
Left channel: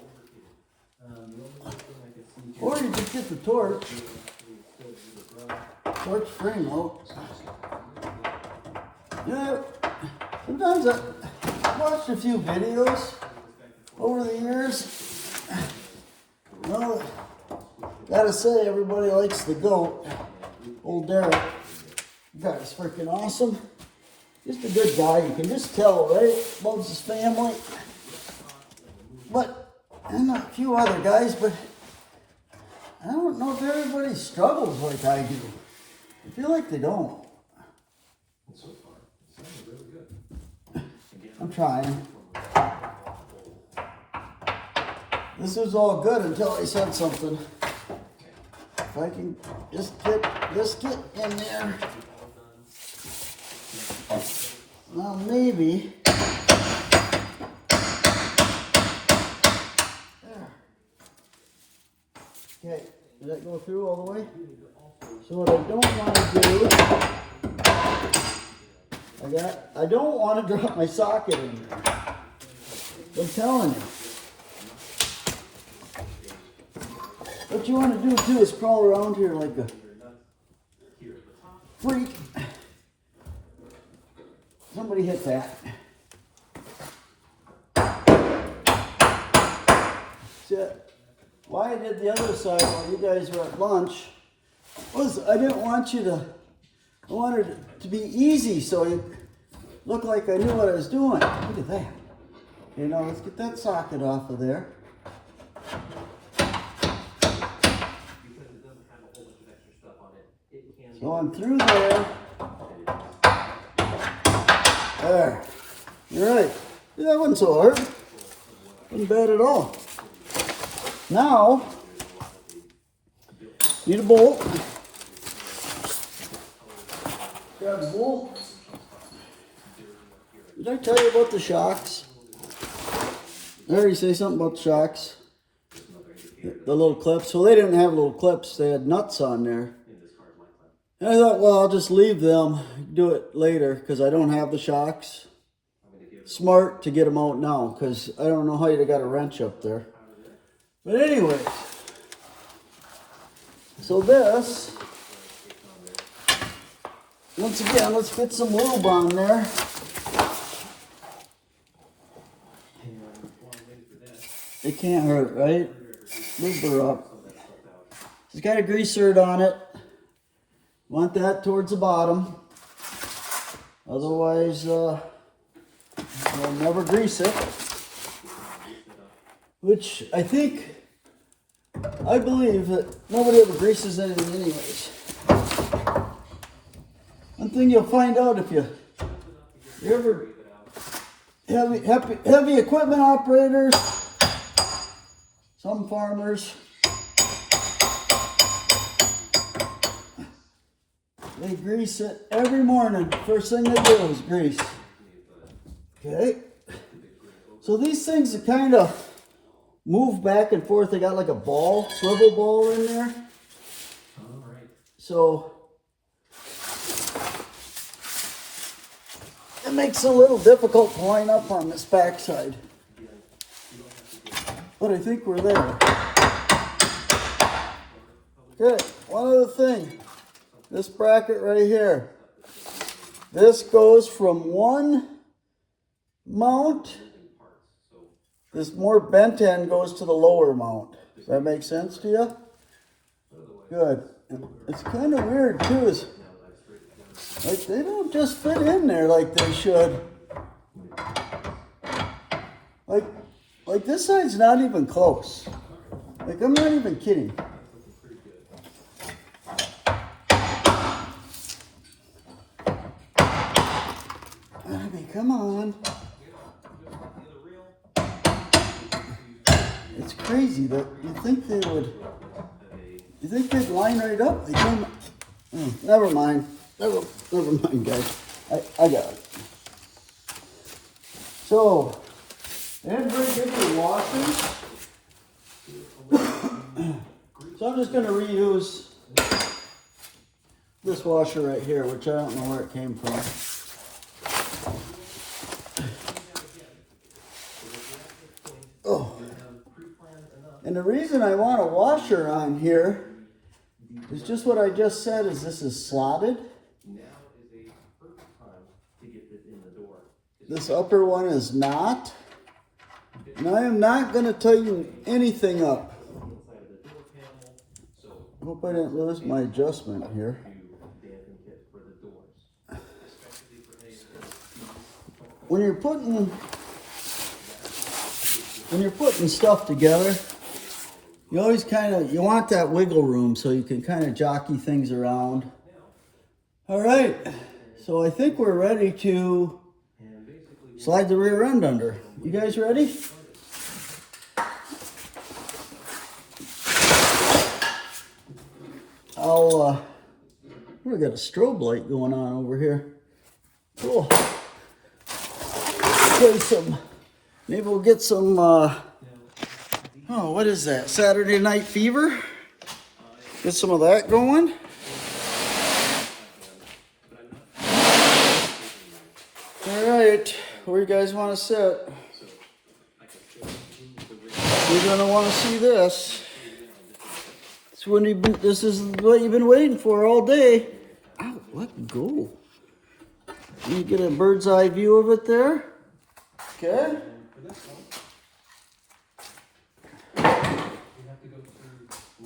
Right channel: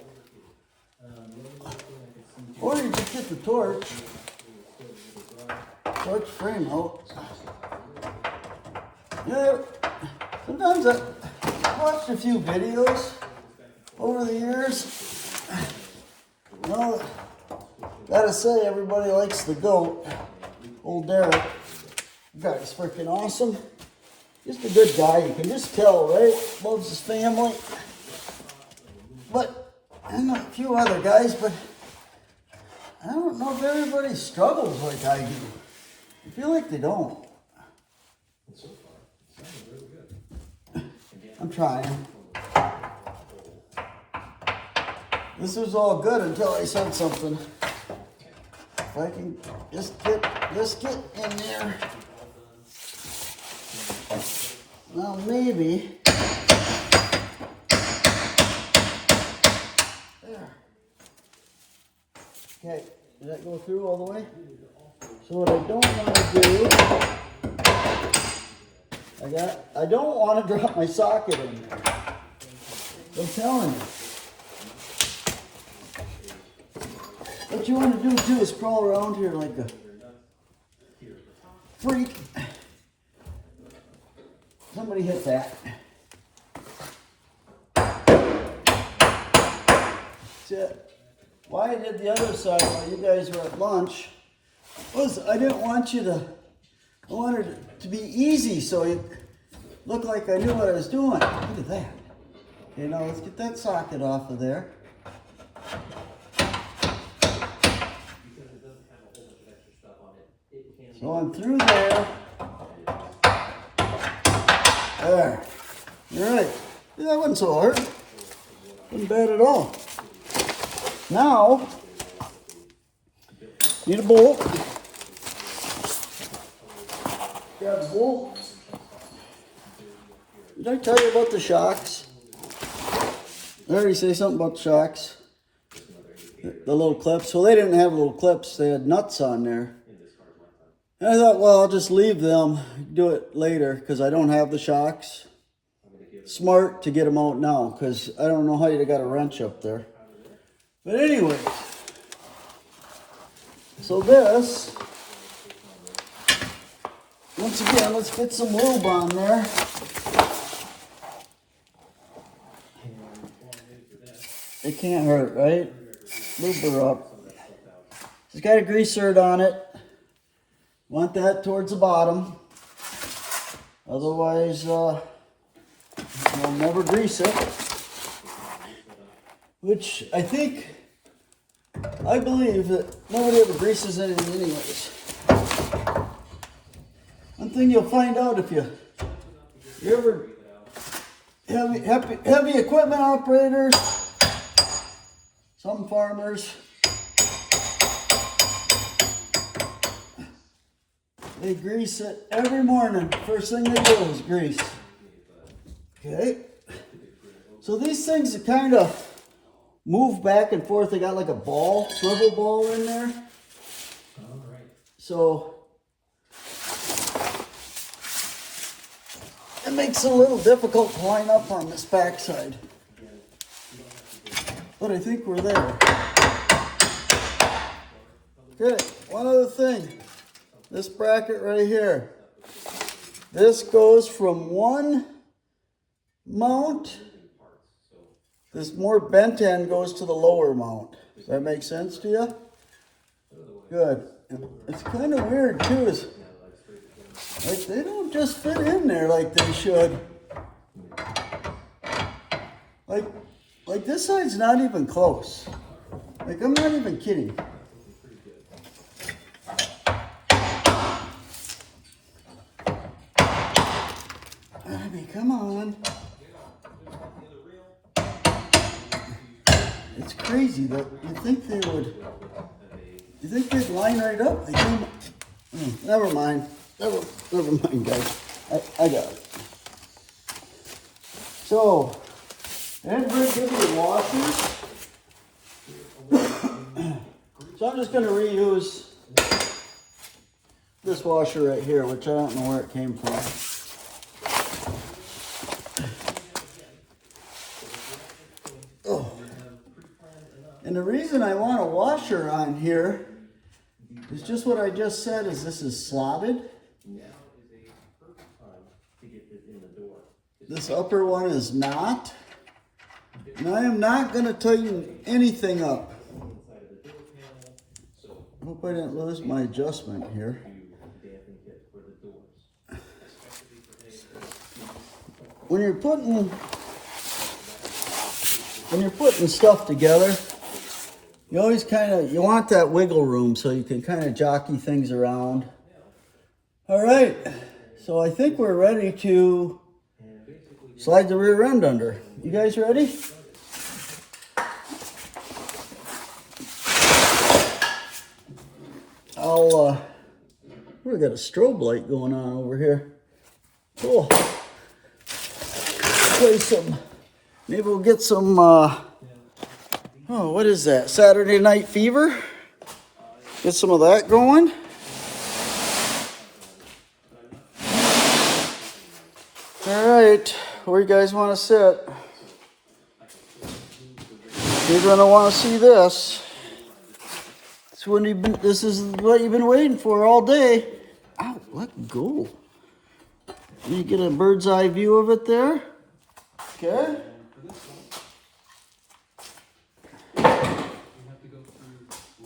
Or you just get the torch frame out. Yeah, sometimes I've watched a few videos over the years. You know, gotta say, everybody likes the goat. Old Derek. Guy's freaking awesome. Just a good guy. You can just tell, right? Loves his family. But, and a few other guys, but I don't know if everybody struggles like I do. I feel like they don't. I'm trying. This was all good until I said something. If I can just get in there. Now maybe. There. Okay, did that go through all the way? So what I don't want to do, I don't want to drop my socket in there. I'm telling you. What you want to do too is crawl around here like a freak. Somebody hit that. See, why I did the other side while you guys were at lunch was I didn't want you to, I wanted it to be easy so you look like I knew what I was doing. Look at that. Okay, now let's get that socket off of there. So I'm through there. There. All right. Yeah, that wasn't so hard. Wasn't bad at all. Now, need a bolt. Got a bolt. Did I tell you about the shocks? I already say something about the shocks. The little clips. Well, they didn't have little clips. They had nuts on there. And I thought, well, I'll just leave them, do it later, because I don't have the shocks. Smart to get them out now, because I don't know how you'd have got a wrench up there. But anyway, so this, once again, let's put some lube on there. It can't hurt, right? Lube her up. It's got a greaser on it. Want that towards the bottom. Otherwise, you'll never grease it. Which I believe that nobody ever greases anything anyways. One thing you'll find out if you ever heavy equipment operators, some farmers, they grease it every morning. First thing they do is grease. Okay. So these things are kind of move back and forth. They got like a ball, swivel ball in there. So it makes it a little difficult to line up on this backside. But I think we're there. Okay, one other thing. This bracket right here. This goes from one mount. This more bent end goes to the lower mount. Does that make sense to you? Good. It's kind of weird too. Is like they don't just fit in there like they should. Like this side's not even close. Like I'm not even kidding. I mean, come on. It's crazy that you think they would. You think they'd line right up? They came. Never mind. Never mind, guys. I got it. So, and bring the washers. So I'm just going to reuse this washer right here, which I don't know where it came from. Oh. And the reason I want a washer on here is just what I just said, is this is slotted. This upper one is not. And I am not going to tighten anything up. I hope I didn't lose my adjustment here. When you're putting stuff together, you always you want that wiggle room so you can kind of jockey things around. All right, so I think we're ready to slide the rear end under. You guys ready? We got a strobe light going on over here. Cool. Play some, maybe we'll get some, what is that? Saturday Night Fever? Get some of that going. All right, where you guys want to sit? You're going to want to see this. This is what you've been waiting for all day. Ow, let go. You get a bird's eye view of it there. Okay. All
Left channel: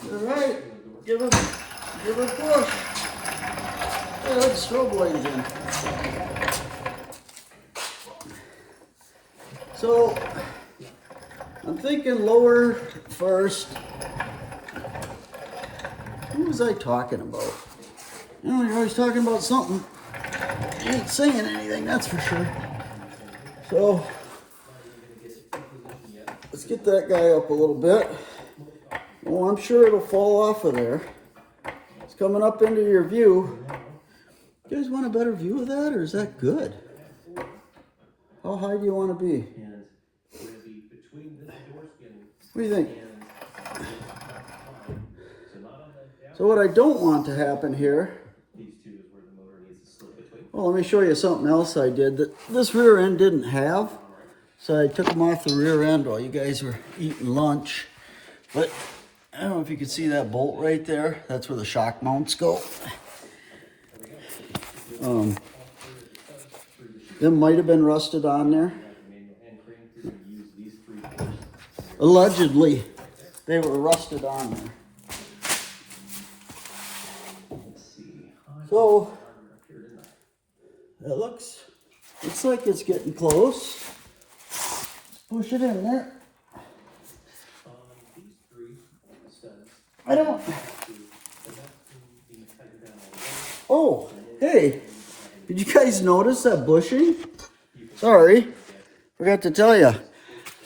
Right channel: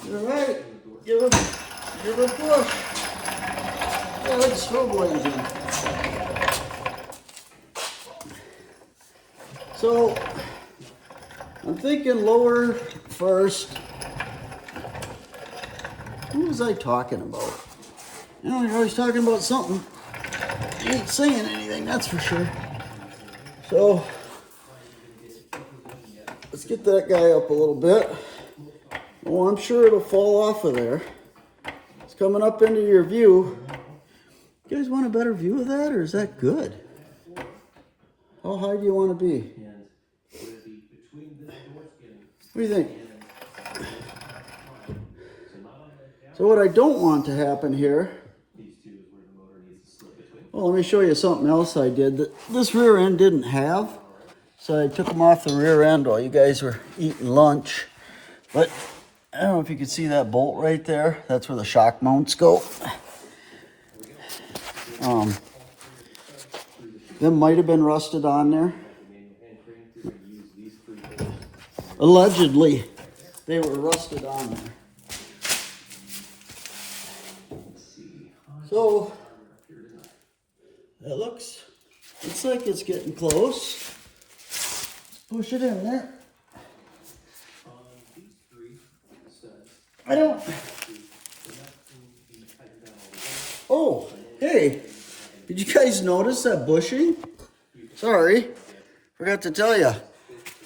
right. Give it a push. Yeah, that's strobe blazing. So I'm thinking lower first. What was I talking about? You know, you're always talking about something. You ain't saying anything, that's for sure. So, let's get that guy up a little bit. Well, I'm sure it'll fall off of there. It's coming up into your view. You guys want a better view of that, or is that good? How high do you want to be? What do you think? So what I don't want to happen here, well, let me show you something else I did that this rear end didn't have. So I took them off the rear end while you guys were eating lunch. But I don't know if you can see that bolt right there. That's where the shock mounts go. Them might have been rusted on there. Allegedly, they were rusted on there. So, that looks like it's getting close. Push it in there. Oh, hey, did you guys notice that bushing? Sorry, forgot to tell you.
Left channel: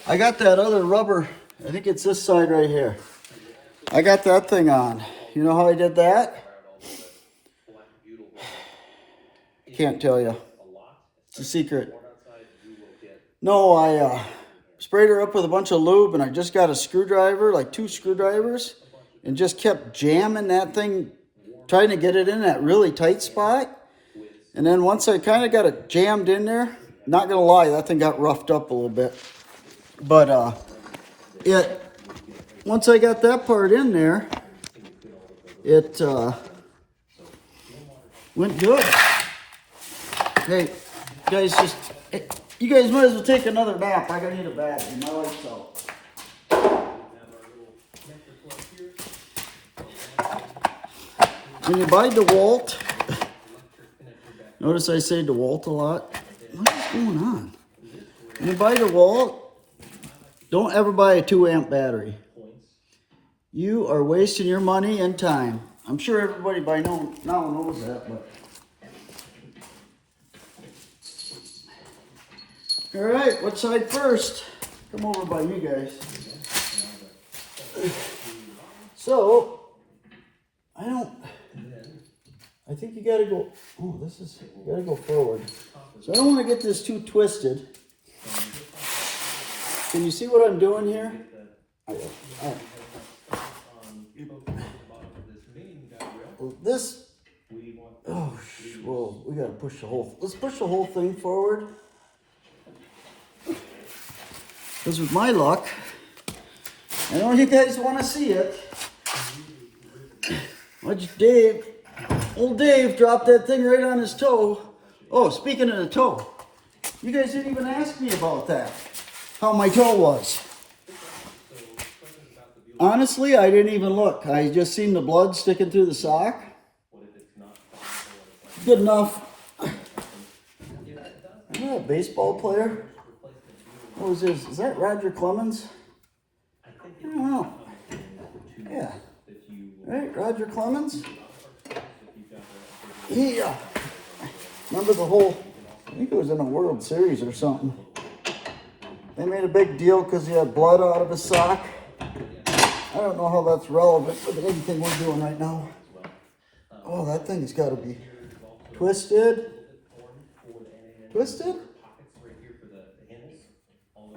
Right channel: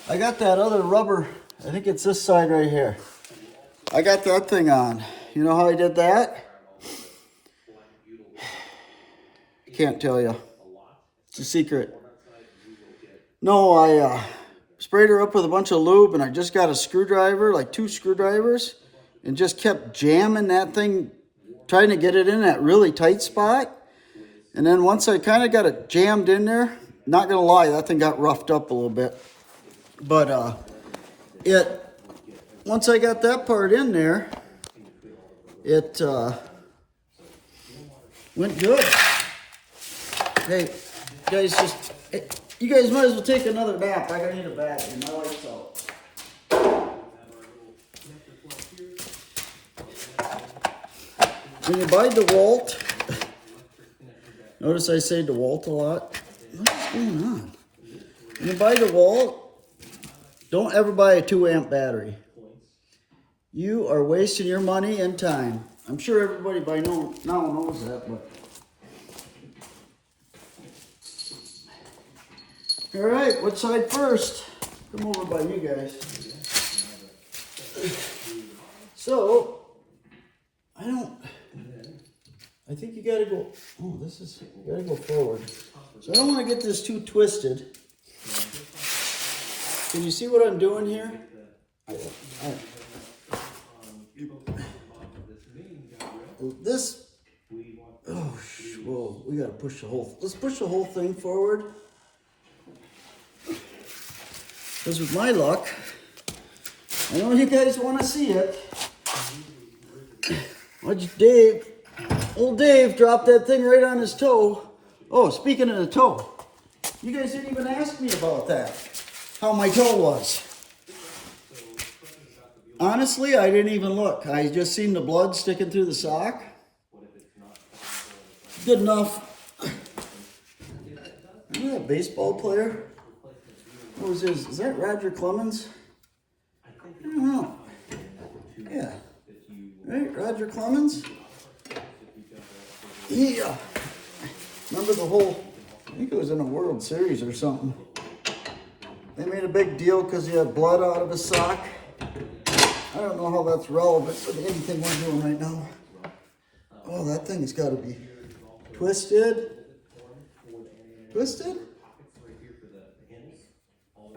I got that other rubber, I think it's this side right here. I got that thing on. You know how I did that? I can't tell you. It's a secret. No, I sprayed her up with a bunch of lube, and I just got a screwdriver, like 2 screwdrivers, and just kept jamming that thing, trying to get it in that really tight spot. And then once I kind of got it jammed in there, not gonna lie, that thing got roughed up a little bit. But once I got that part in there, it went good. Hey, you guys might as well take another nap. I gotta need a battery. My light's out. When you buy DeWalt, notice I say DeWalt a lot. What is going on? When you buy DeWalt, don't ever buy a 2-amp battery. You are wasting your money and time. I'm sure everybody by now knows that, but. All right, what side first? Come over by you guys. So, I think you gotta go, you gotta go forward. So I don't wanna get this too twisted. Can you see what I'm doing here? Whoa, we gotta push let's push the whole thing forward. Because with my luck, I know you guys want to see it. Old Dave dropped that thing right on his toe. Oh, speaking of the toe, you guys didn't even ask me about that. How my toe was. Honestly, I didn't even look. I just seen the blood sticking through the sock. Good enough. Isn't that a baseball player? What was his? Is that Roger Clemens? I don't know. Yeah. Right, Roger Clemens? He, remember the whole, I think it was in a World Series or something. They made a big deal because he had blood out of his sock. I don't know how that's relevant with anything we're doing right now. Oh, that thing's got to be twisted. Twisted?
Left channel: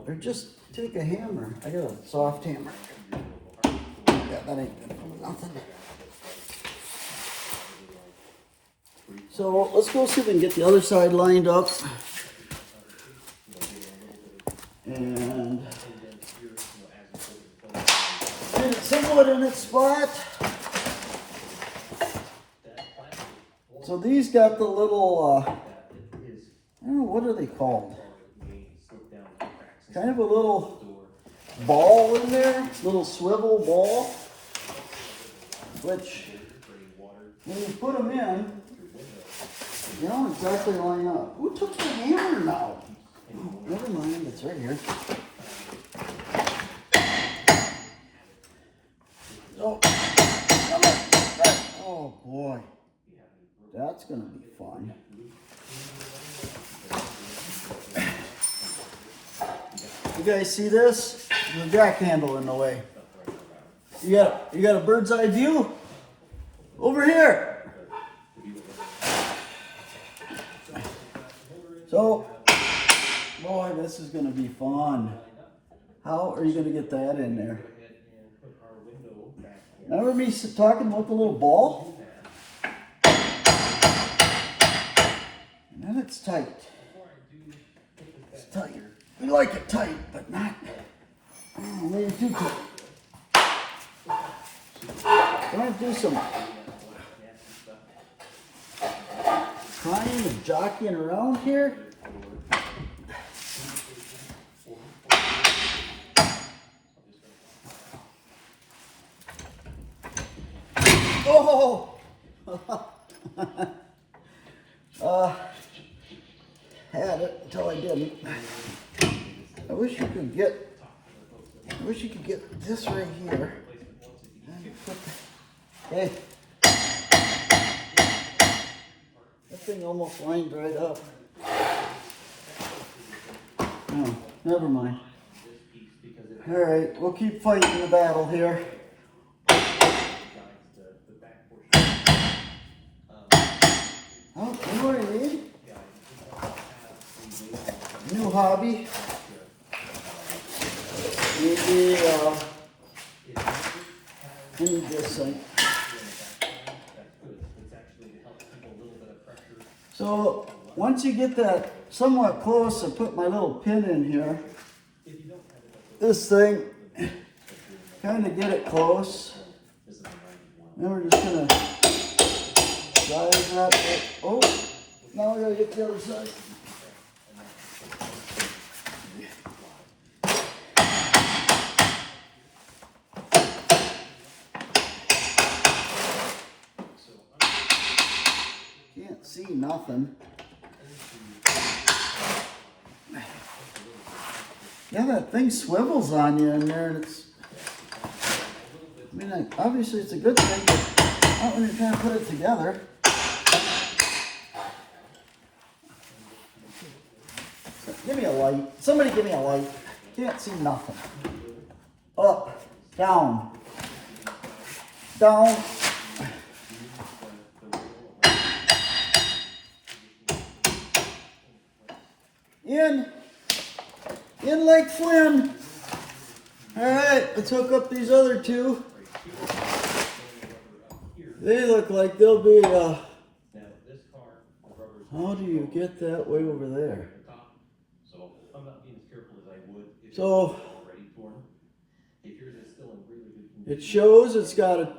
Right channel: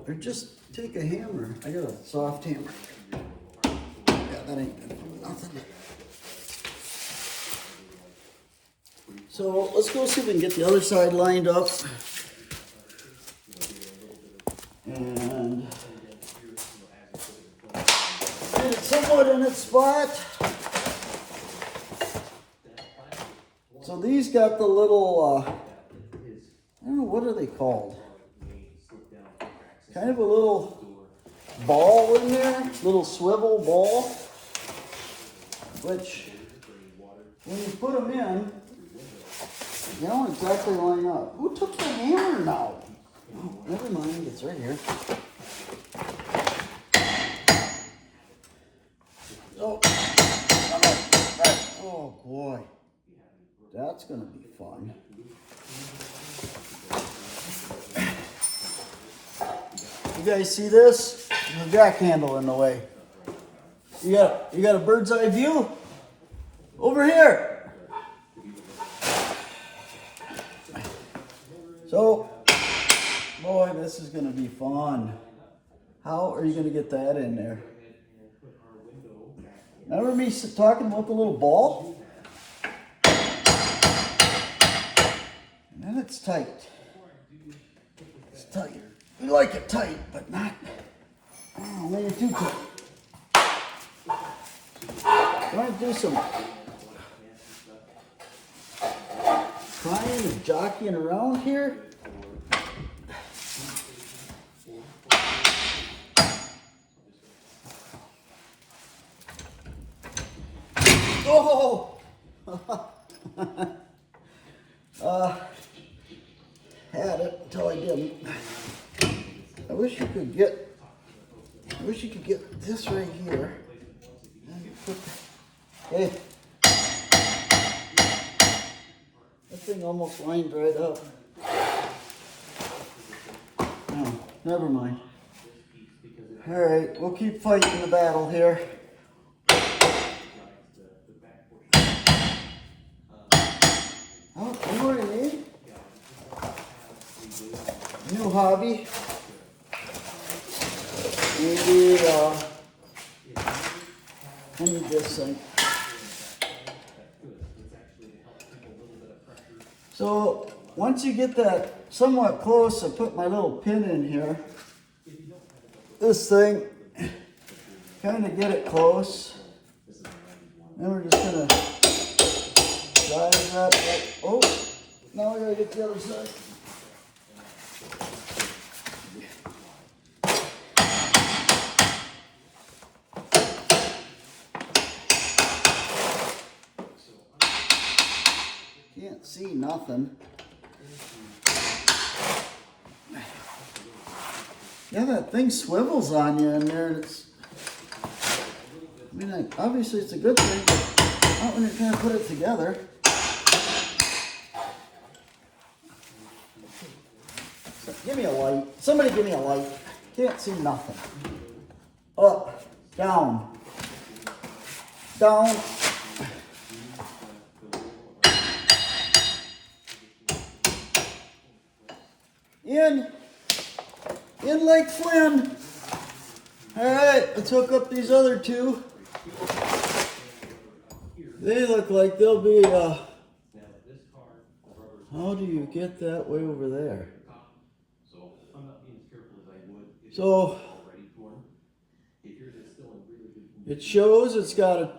Or just take a hammer. I got a soft hammer. Yeah, that ain't gonna do nothing. So let's go see if we can get the other side lined up. And get it somewhat in its spot. So these got the little, I don't know, what are they called? Kind of a little ball in there, little swivel ball, which when you put them in, they don't exactly line up. Who took the hammer now? Oh, never mind, it's right here. Oh, come on. Oh boy, that's gonna be fun. You guys see this? There's a jack handle in the way. You got a bird's eye view? Over here. So, boy, this is gonna be fun. How are you gonna get that in there? Remember me talking about the little ball? And then it's tight. It's tight. We like it tight, but not, maybe too tight. I'm going to do some trying and jockeying around here. Oh! Had it until I didn't. I wish you could get this right here. And put hey. That thing almost lined right up. No, never mind. All right, we'll keep fighting the battle here. Oh, you know what I need? New hobby. Maybe I need this thing. So once you get that somewhat close, I put my little pin in here. This thing, kind of get it close. Then we're just gonna drive that. Oh, now I gotta get the other side. Can't see nothing. Yeah, that thing swivels on you in there. And it's, I mean, obviously it's a good thing, but not when you're trying to put it together. So, give me a light. Somebody give me a light. Can't see nothing. Up, down, down. In like Flynn. All right, let's hook up these other two. They look like they'll be, how do you get that way over there? So, it shows it's got a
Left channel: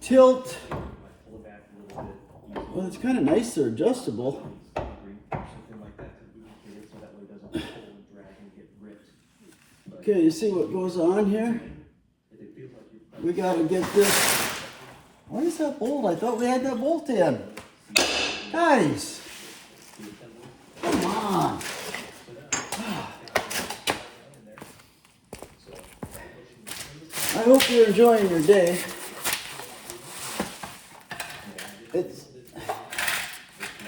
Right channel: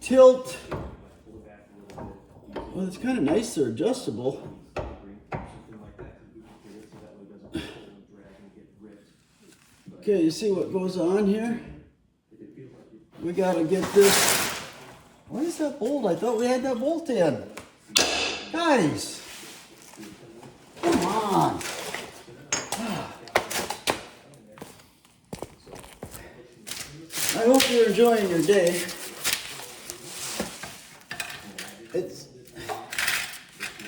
tilt. Well, it's kind of nice, they're adjustable. Okay, you see what goes on here? We gotta get this. What is that bolt? I thought we had that bolt in. Guys, come on. I hope you're enjoying your day. I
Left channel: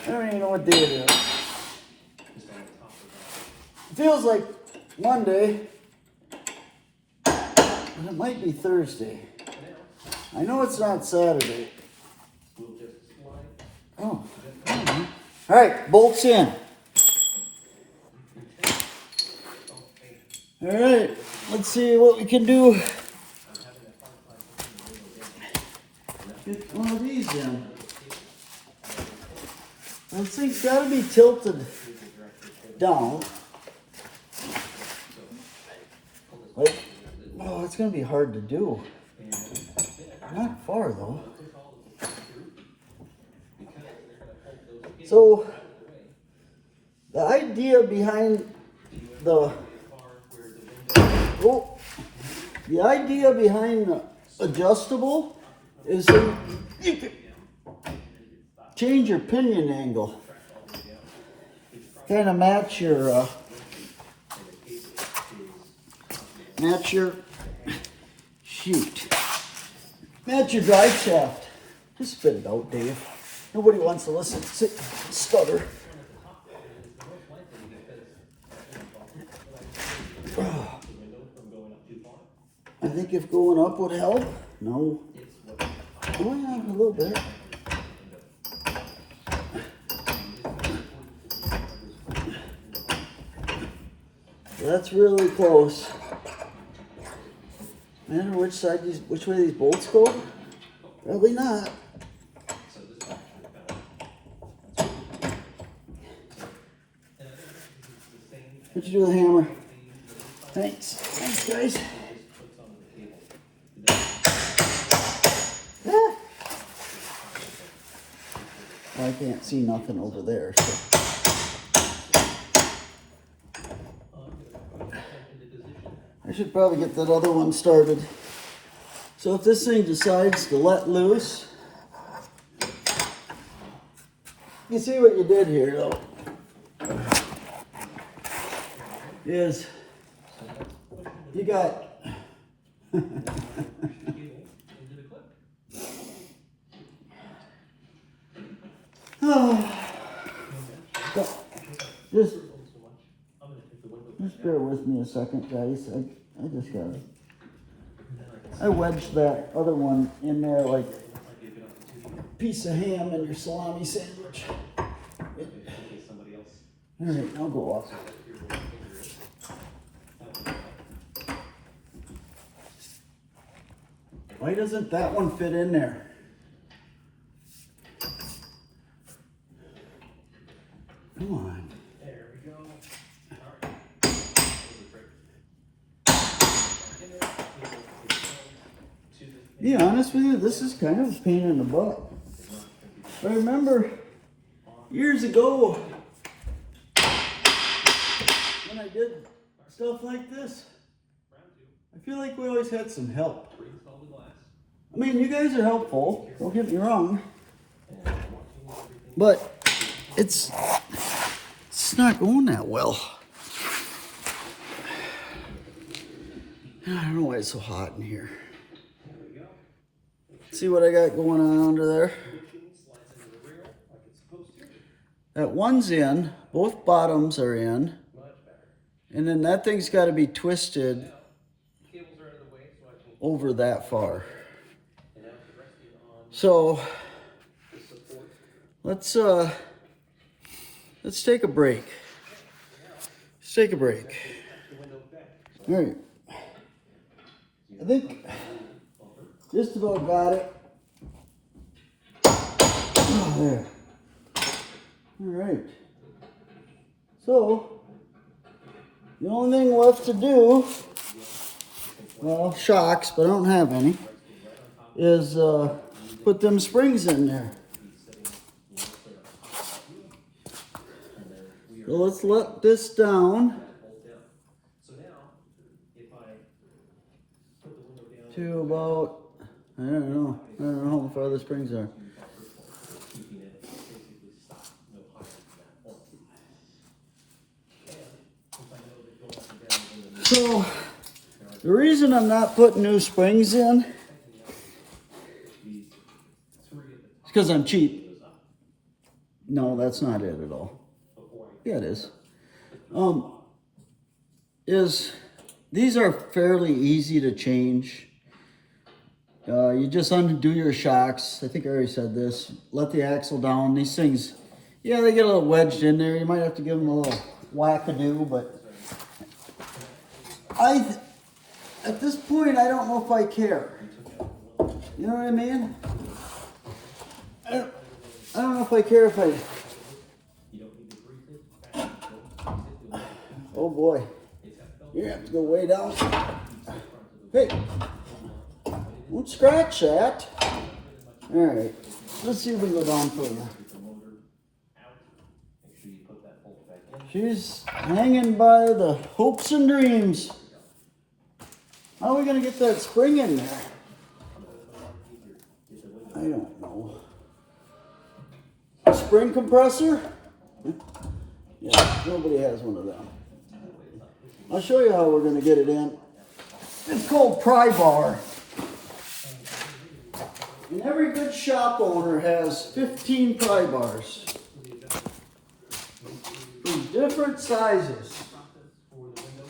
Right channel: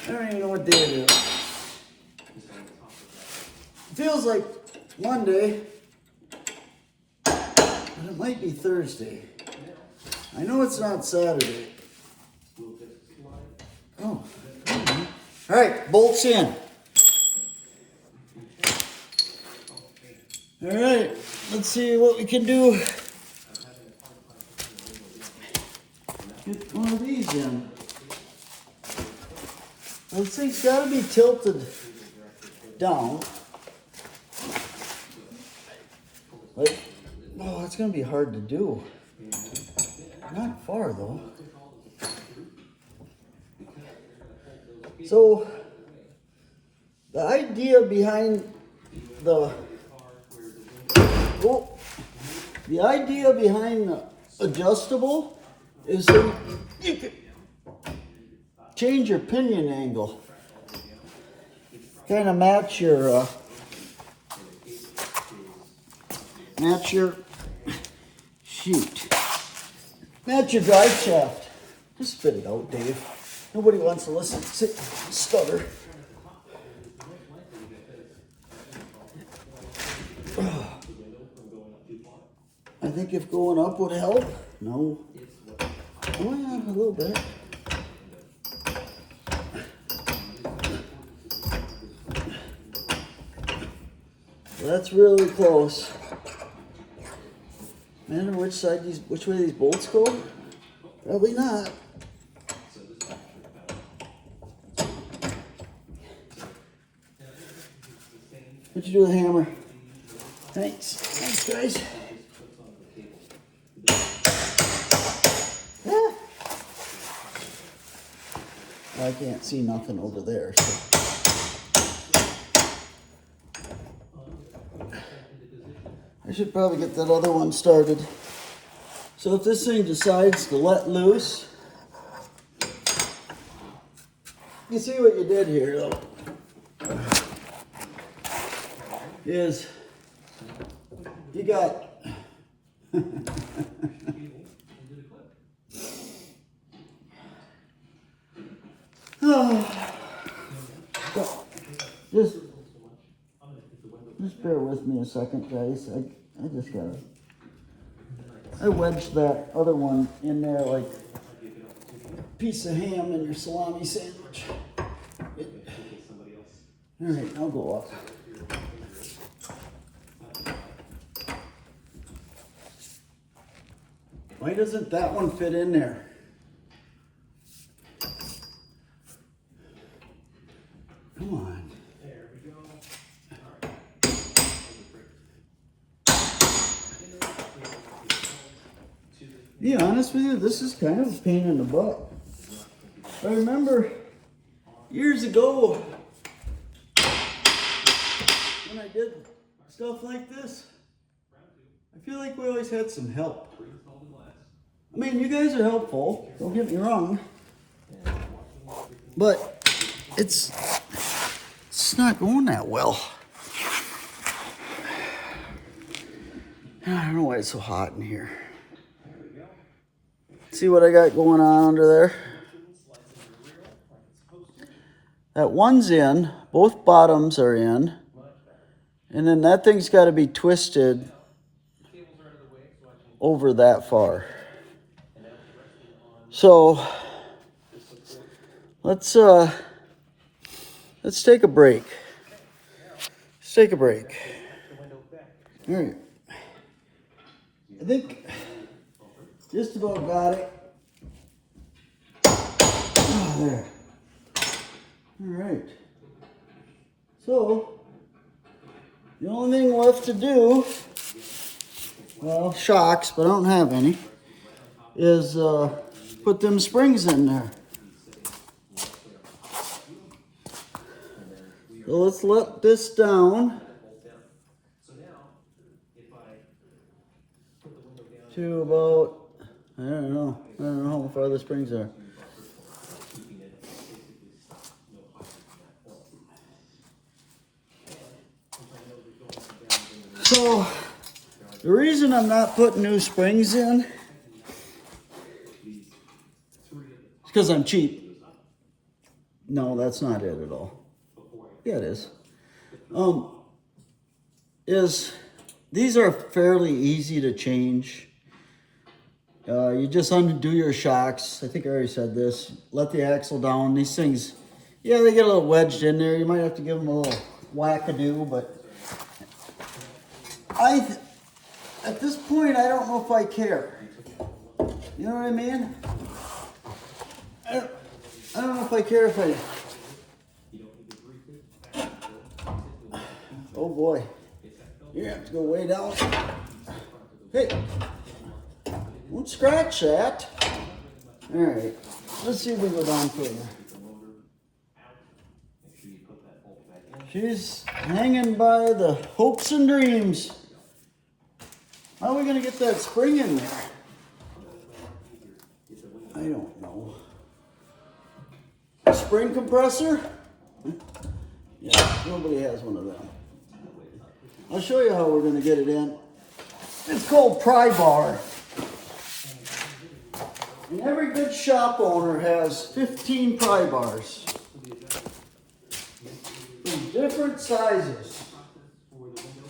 don't even know what day it is. It feels like Monday. It might be Thursday. I know it's not Saturday. Oh. All right, bolts in. All right, let's see what we can do. Get one of these in. This thing's got to be tilted down. Like, oh, it's going to be hard to do. Not far, though. So, the idea behind the adjustable is that you can change your pinion angle. Kind of match your match your drive shaft. Just spit it out, Dave. Nobody wants to listen to stutter. I think if going up would help. No. Oh yeah, a little bit. That's really close. I don't know which way these bolts go. Probably not. What'd you do with the hammer? Thanks. Thanks, guys. Yeah. Well, I can't see nothing over there, so. I should probably get that other one started. So if this thing decides to let loose, you see what you did here, though, is you got just bear with me a second, guys. I just gotta. I wedged that other one in there like a piece of ham in your salami sandwich. All right, now go up. Why doesn't that one fit in there? Come on. To be honest with you, this is kind of a pain in the butt. I remember years ago when I did stuff like this, I feel like we always had some help. I mean, you guys are helpful, don't get me wrong, but it's not going that well. I don't know why it's so hot in here. See what I got going on under there? That one's in, both bottoms are in, and then that thing's got to be twisted over that far. So let's take a break. Let's take a break. All right. I think just about got it. Oh, there. All right. So the only thing left to do, well, shocks, but I don't have any, is put them springs in there. So let's let this down to about, I don't know how far the springs are. So the reason I'm not putting new springs in is because I'm cheap. No, that's not it at all. Yeah, it is. These are fairly easy to change. You just undo your shocks. I think I already said this. Let the axle down. These things, yeah, they get a little wedged in there. You might have to give them a little whack-a-do, but at this point, I don't know if I care. You know what I mean? I don't know if I care if I... Oh boy. You have to go way down. Hey, don't scratch that. All right, let's see if we go down further. She's hanging by the hopes and dreams. How are we gonna get that spring in there? I don't know. Spring compressor? Yeah, nobody has one of them. I'll show you how we're going to get it in. It's called pry bar. And every good shop owner has 15 pry bars. In different sizes.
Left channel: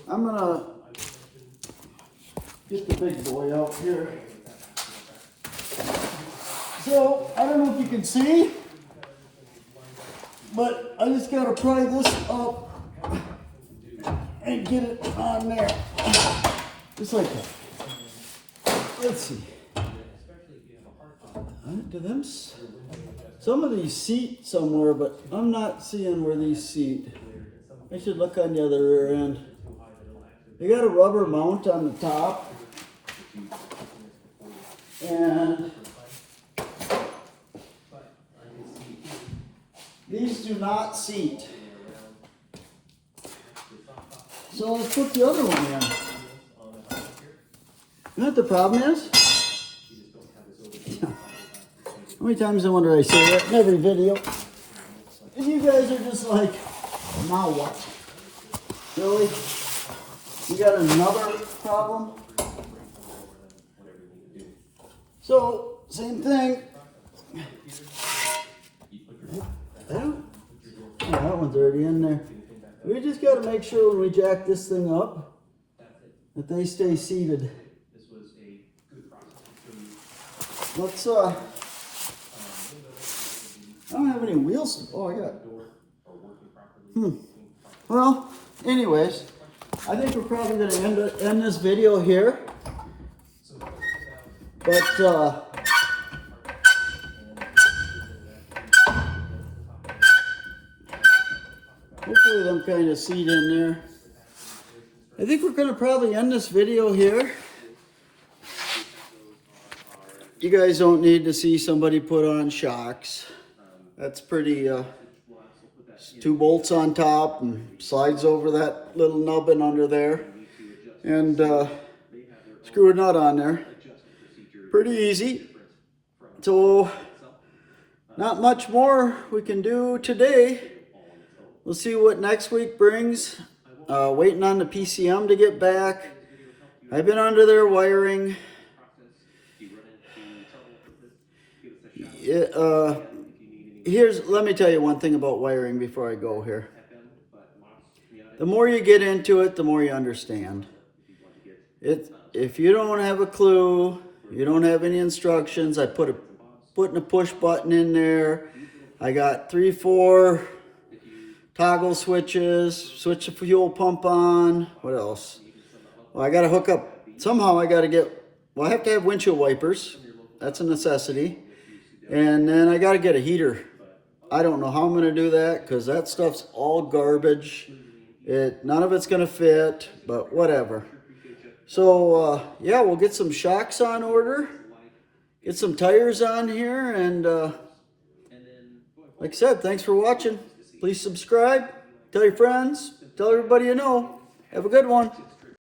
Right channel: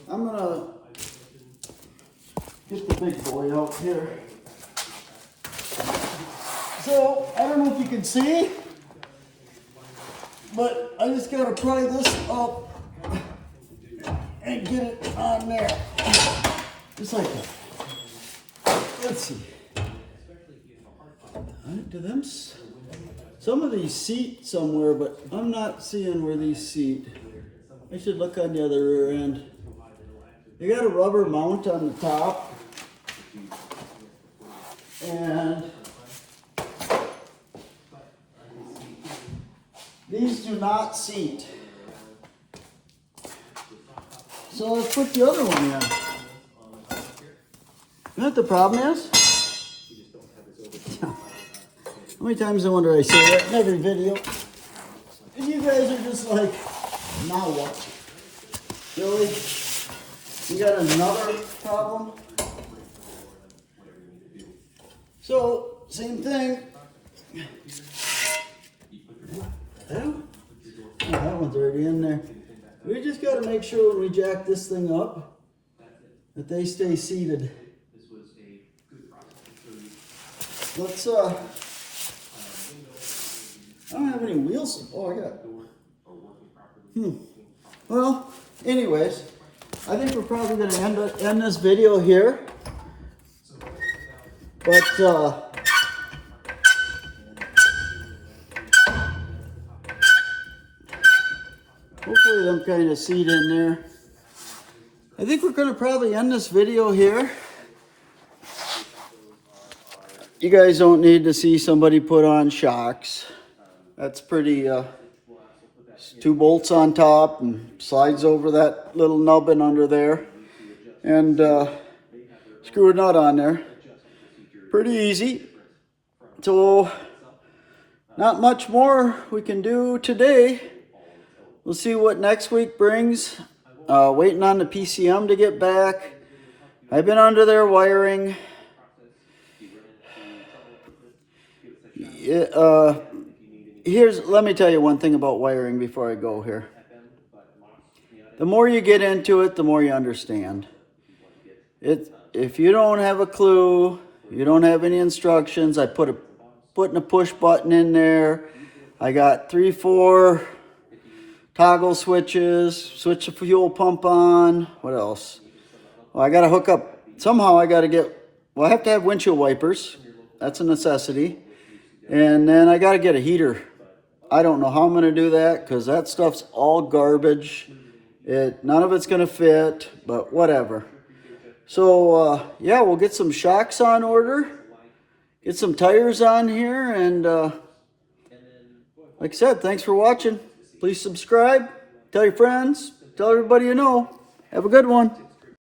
I'm going to get the big boy out here. So, I don't know if you can see, but I just got to pry this up and get it on there. Just like that. Let's see. Do them? Some of these seat somewhere, but I'm not seeing where these seat. I should look on the other rear end. They got a rubber mount on the top. And these do not seat. So let's put the other one in. You know what the problem is? How many times I wonder I say that in every video? And you guys are just like, now what? Really? You got another problem? So, same thing. Yeah, that one's already in there. We just got to make sure when we jack this thing up that they stay seated. Let's, I don't have any wheels. Oh, I got. Well, anyways, I think we're probably going to end this video here. But, Hopefully them kind of seat in there. I think we're going to probably end this video here. You guys don't need to see somebody put on shocks. That's pretty, 2 bolts on top and slides over that little nubbin under there. And screw a nut on there. Pretty easy. So, not much more we can do today. We'll see what next week brings. Waiting on the PCM to get back. I've been under there wiring. Let me tell you one thing about wiring before I go here. The more you get into it, the more you understand. If you don't have a clue, you don't have any instructions, I putting a push button in there. I got 3-4 toggle switches, switch the fuel pump on. What else? Well, I got to hook up. Somehow I got to I have to have windshield wipers. That's a necessity. And then I got to get a heater. I don't know how I'm going to do that because that stuff's all garbage. None of it's going to fit, but whatever. So, yeah, we'll get some shocks on order. Get some tires on here. And like I said, thanks for watching. Please subscribe. Tell your friends. Tell everybody you know. Have a good one.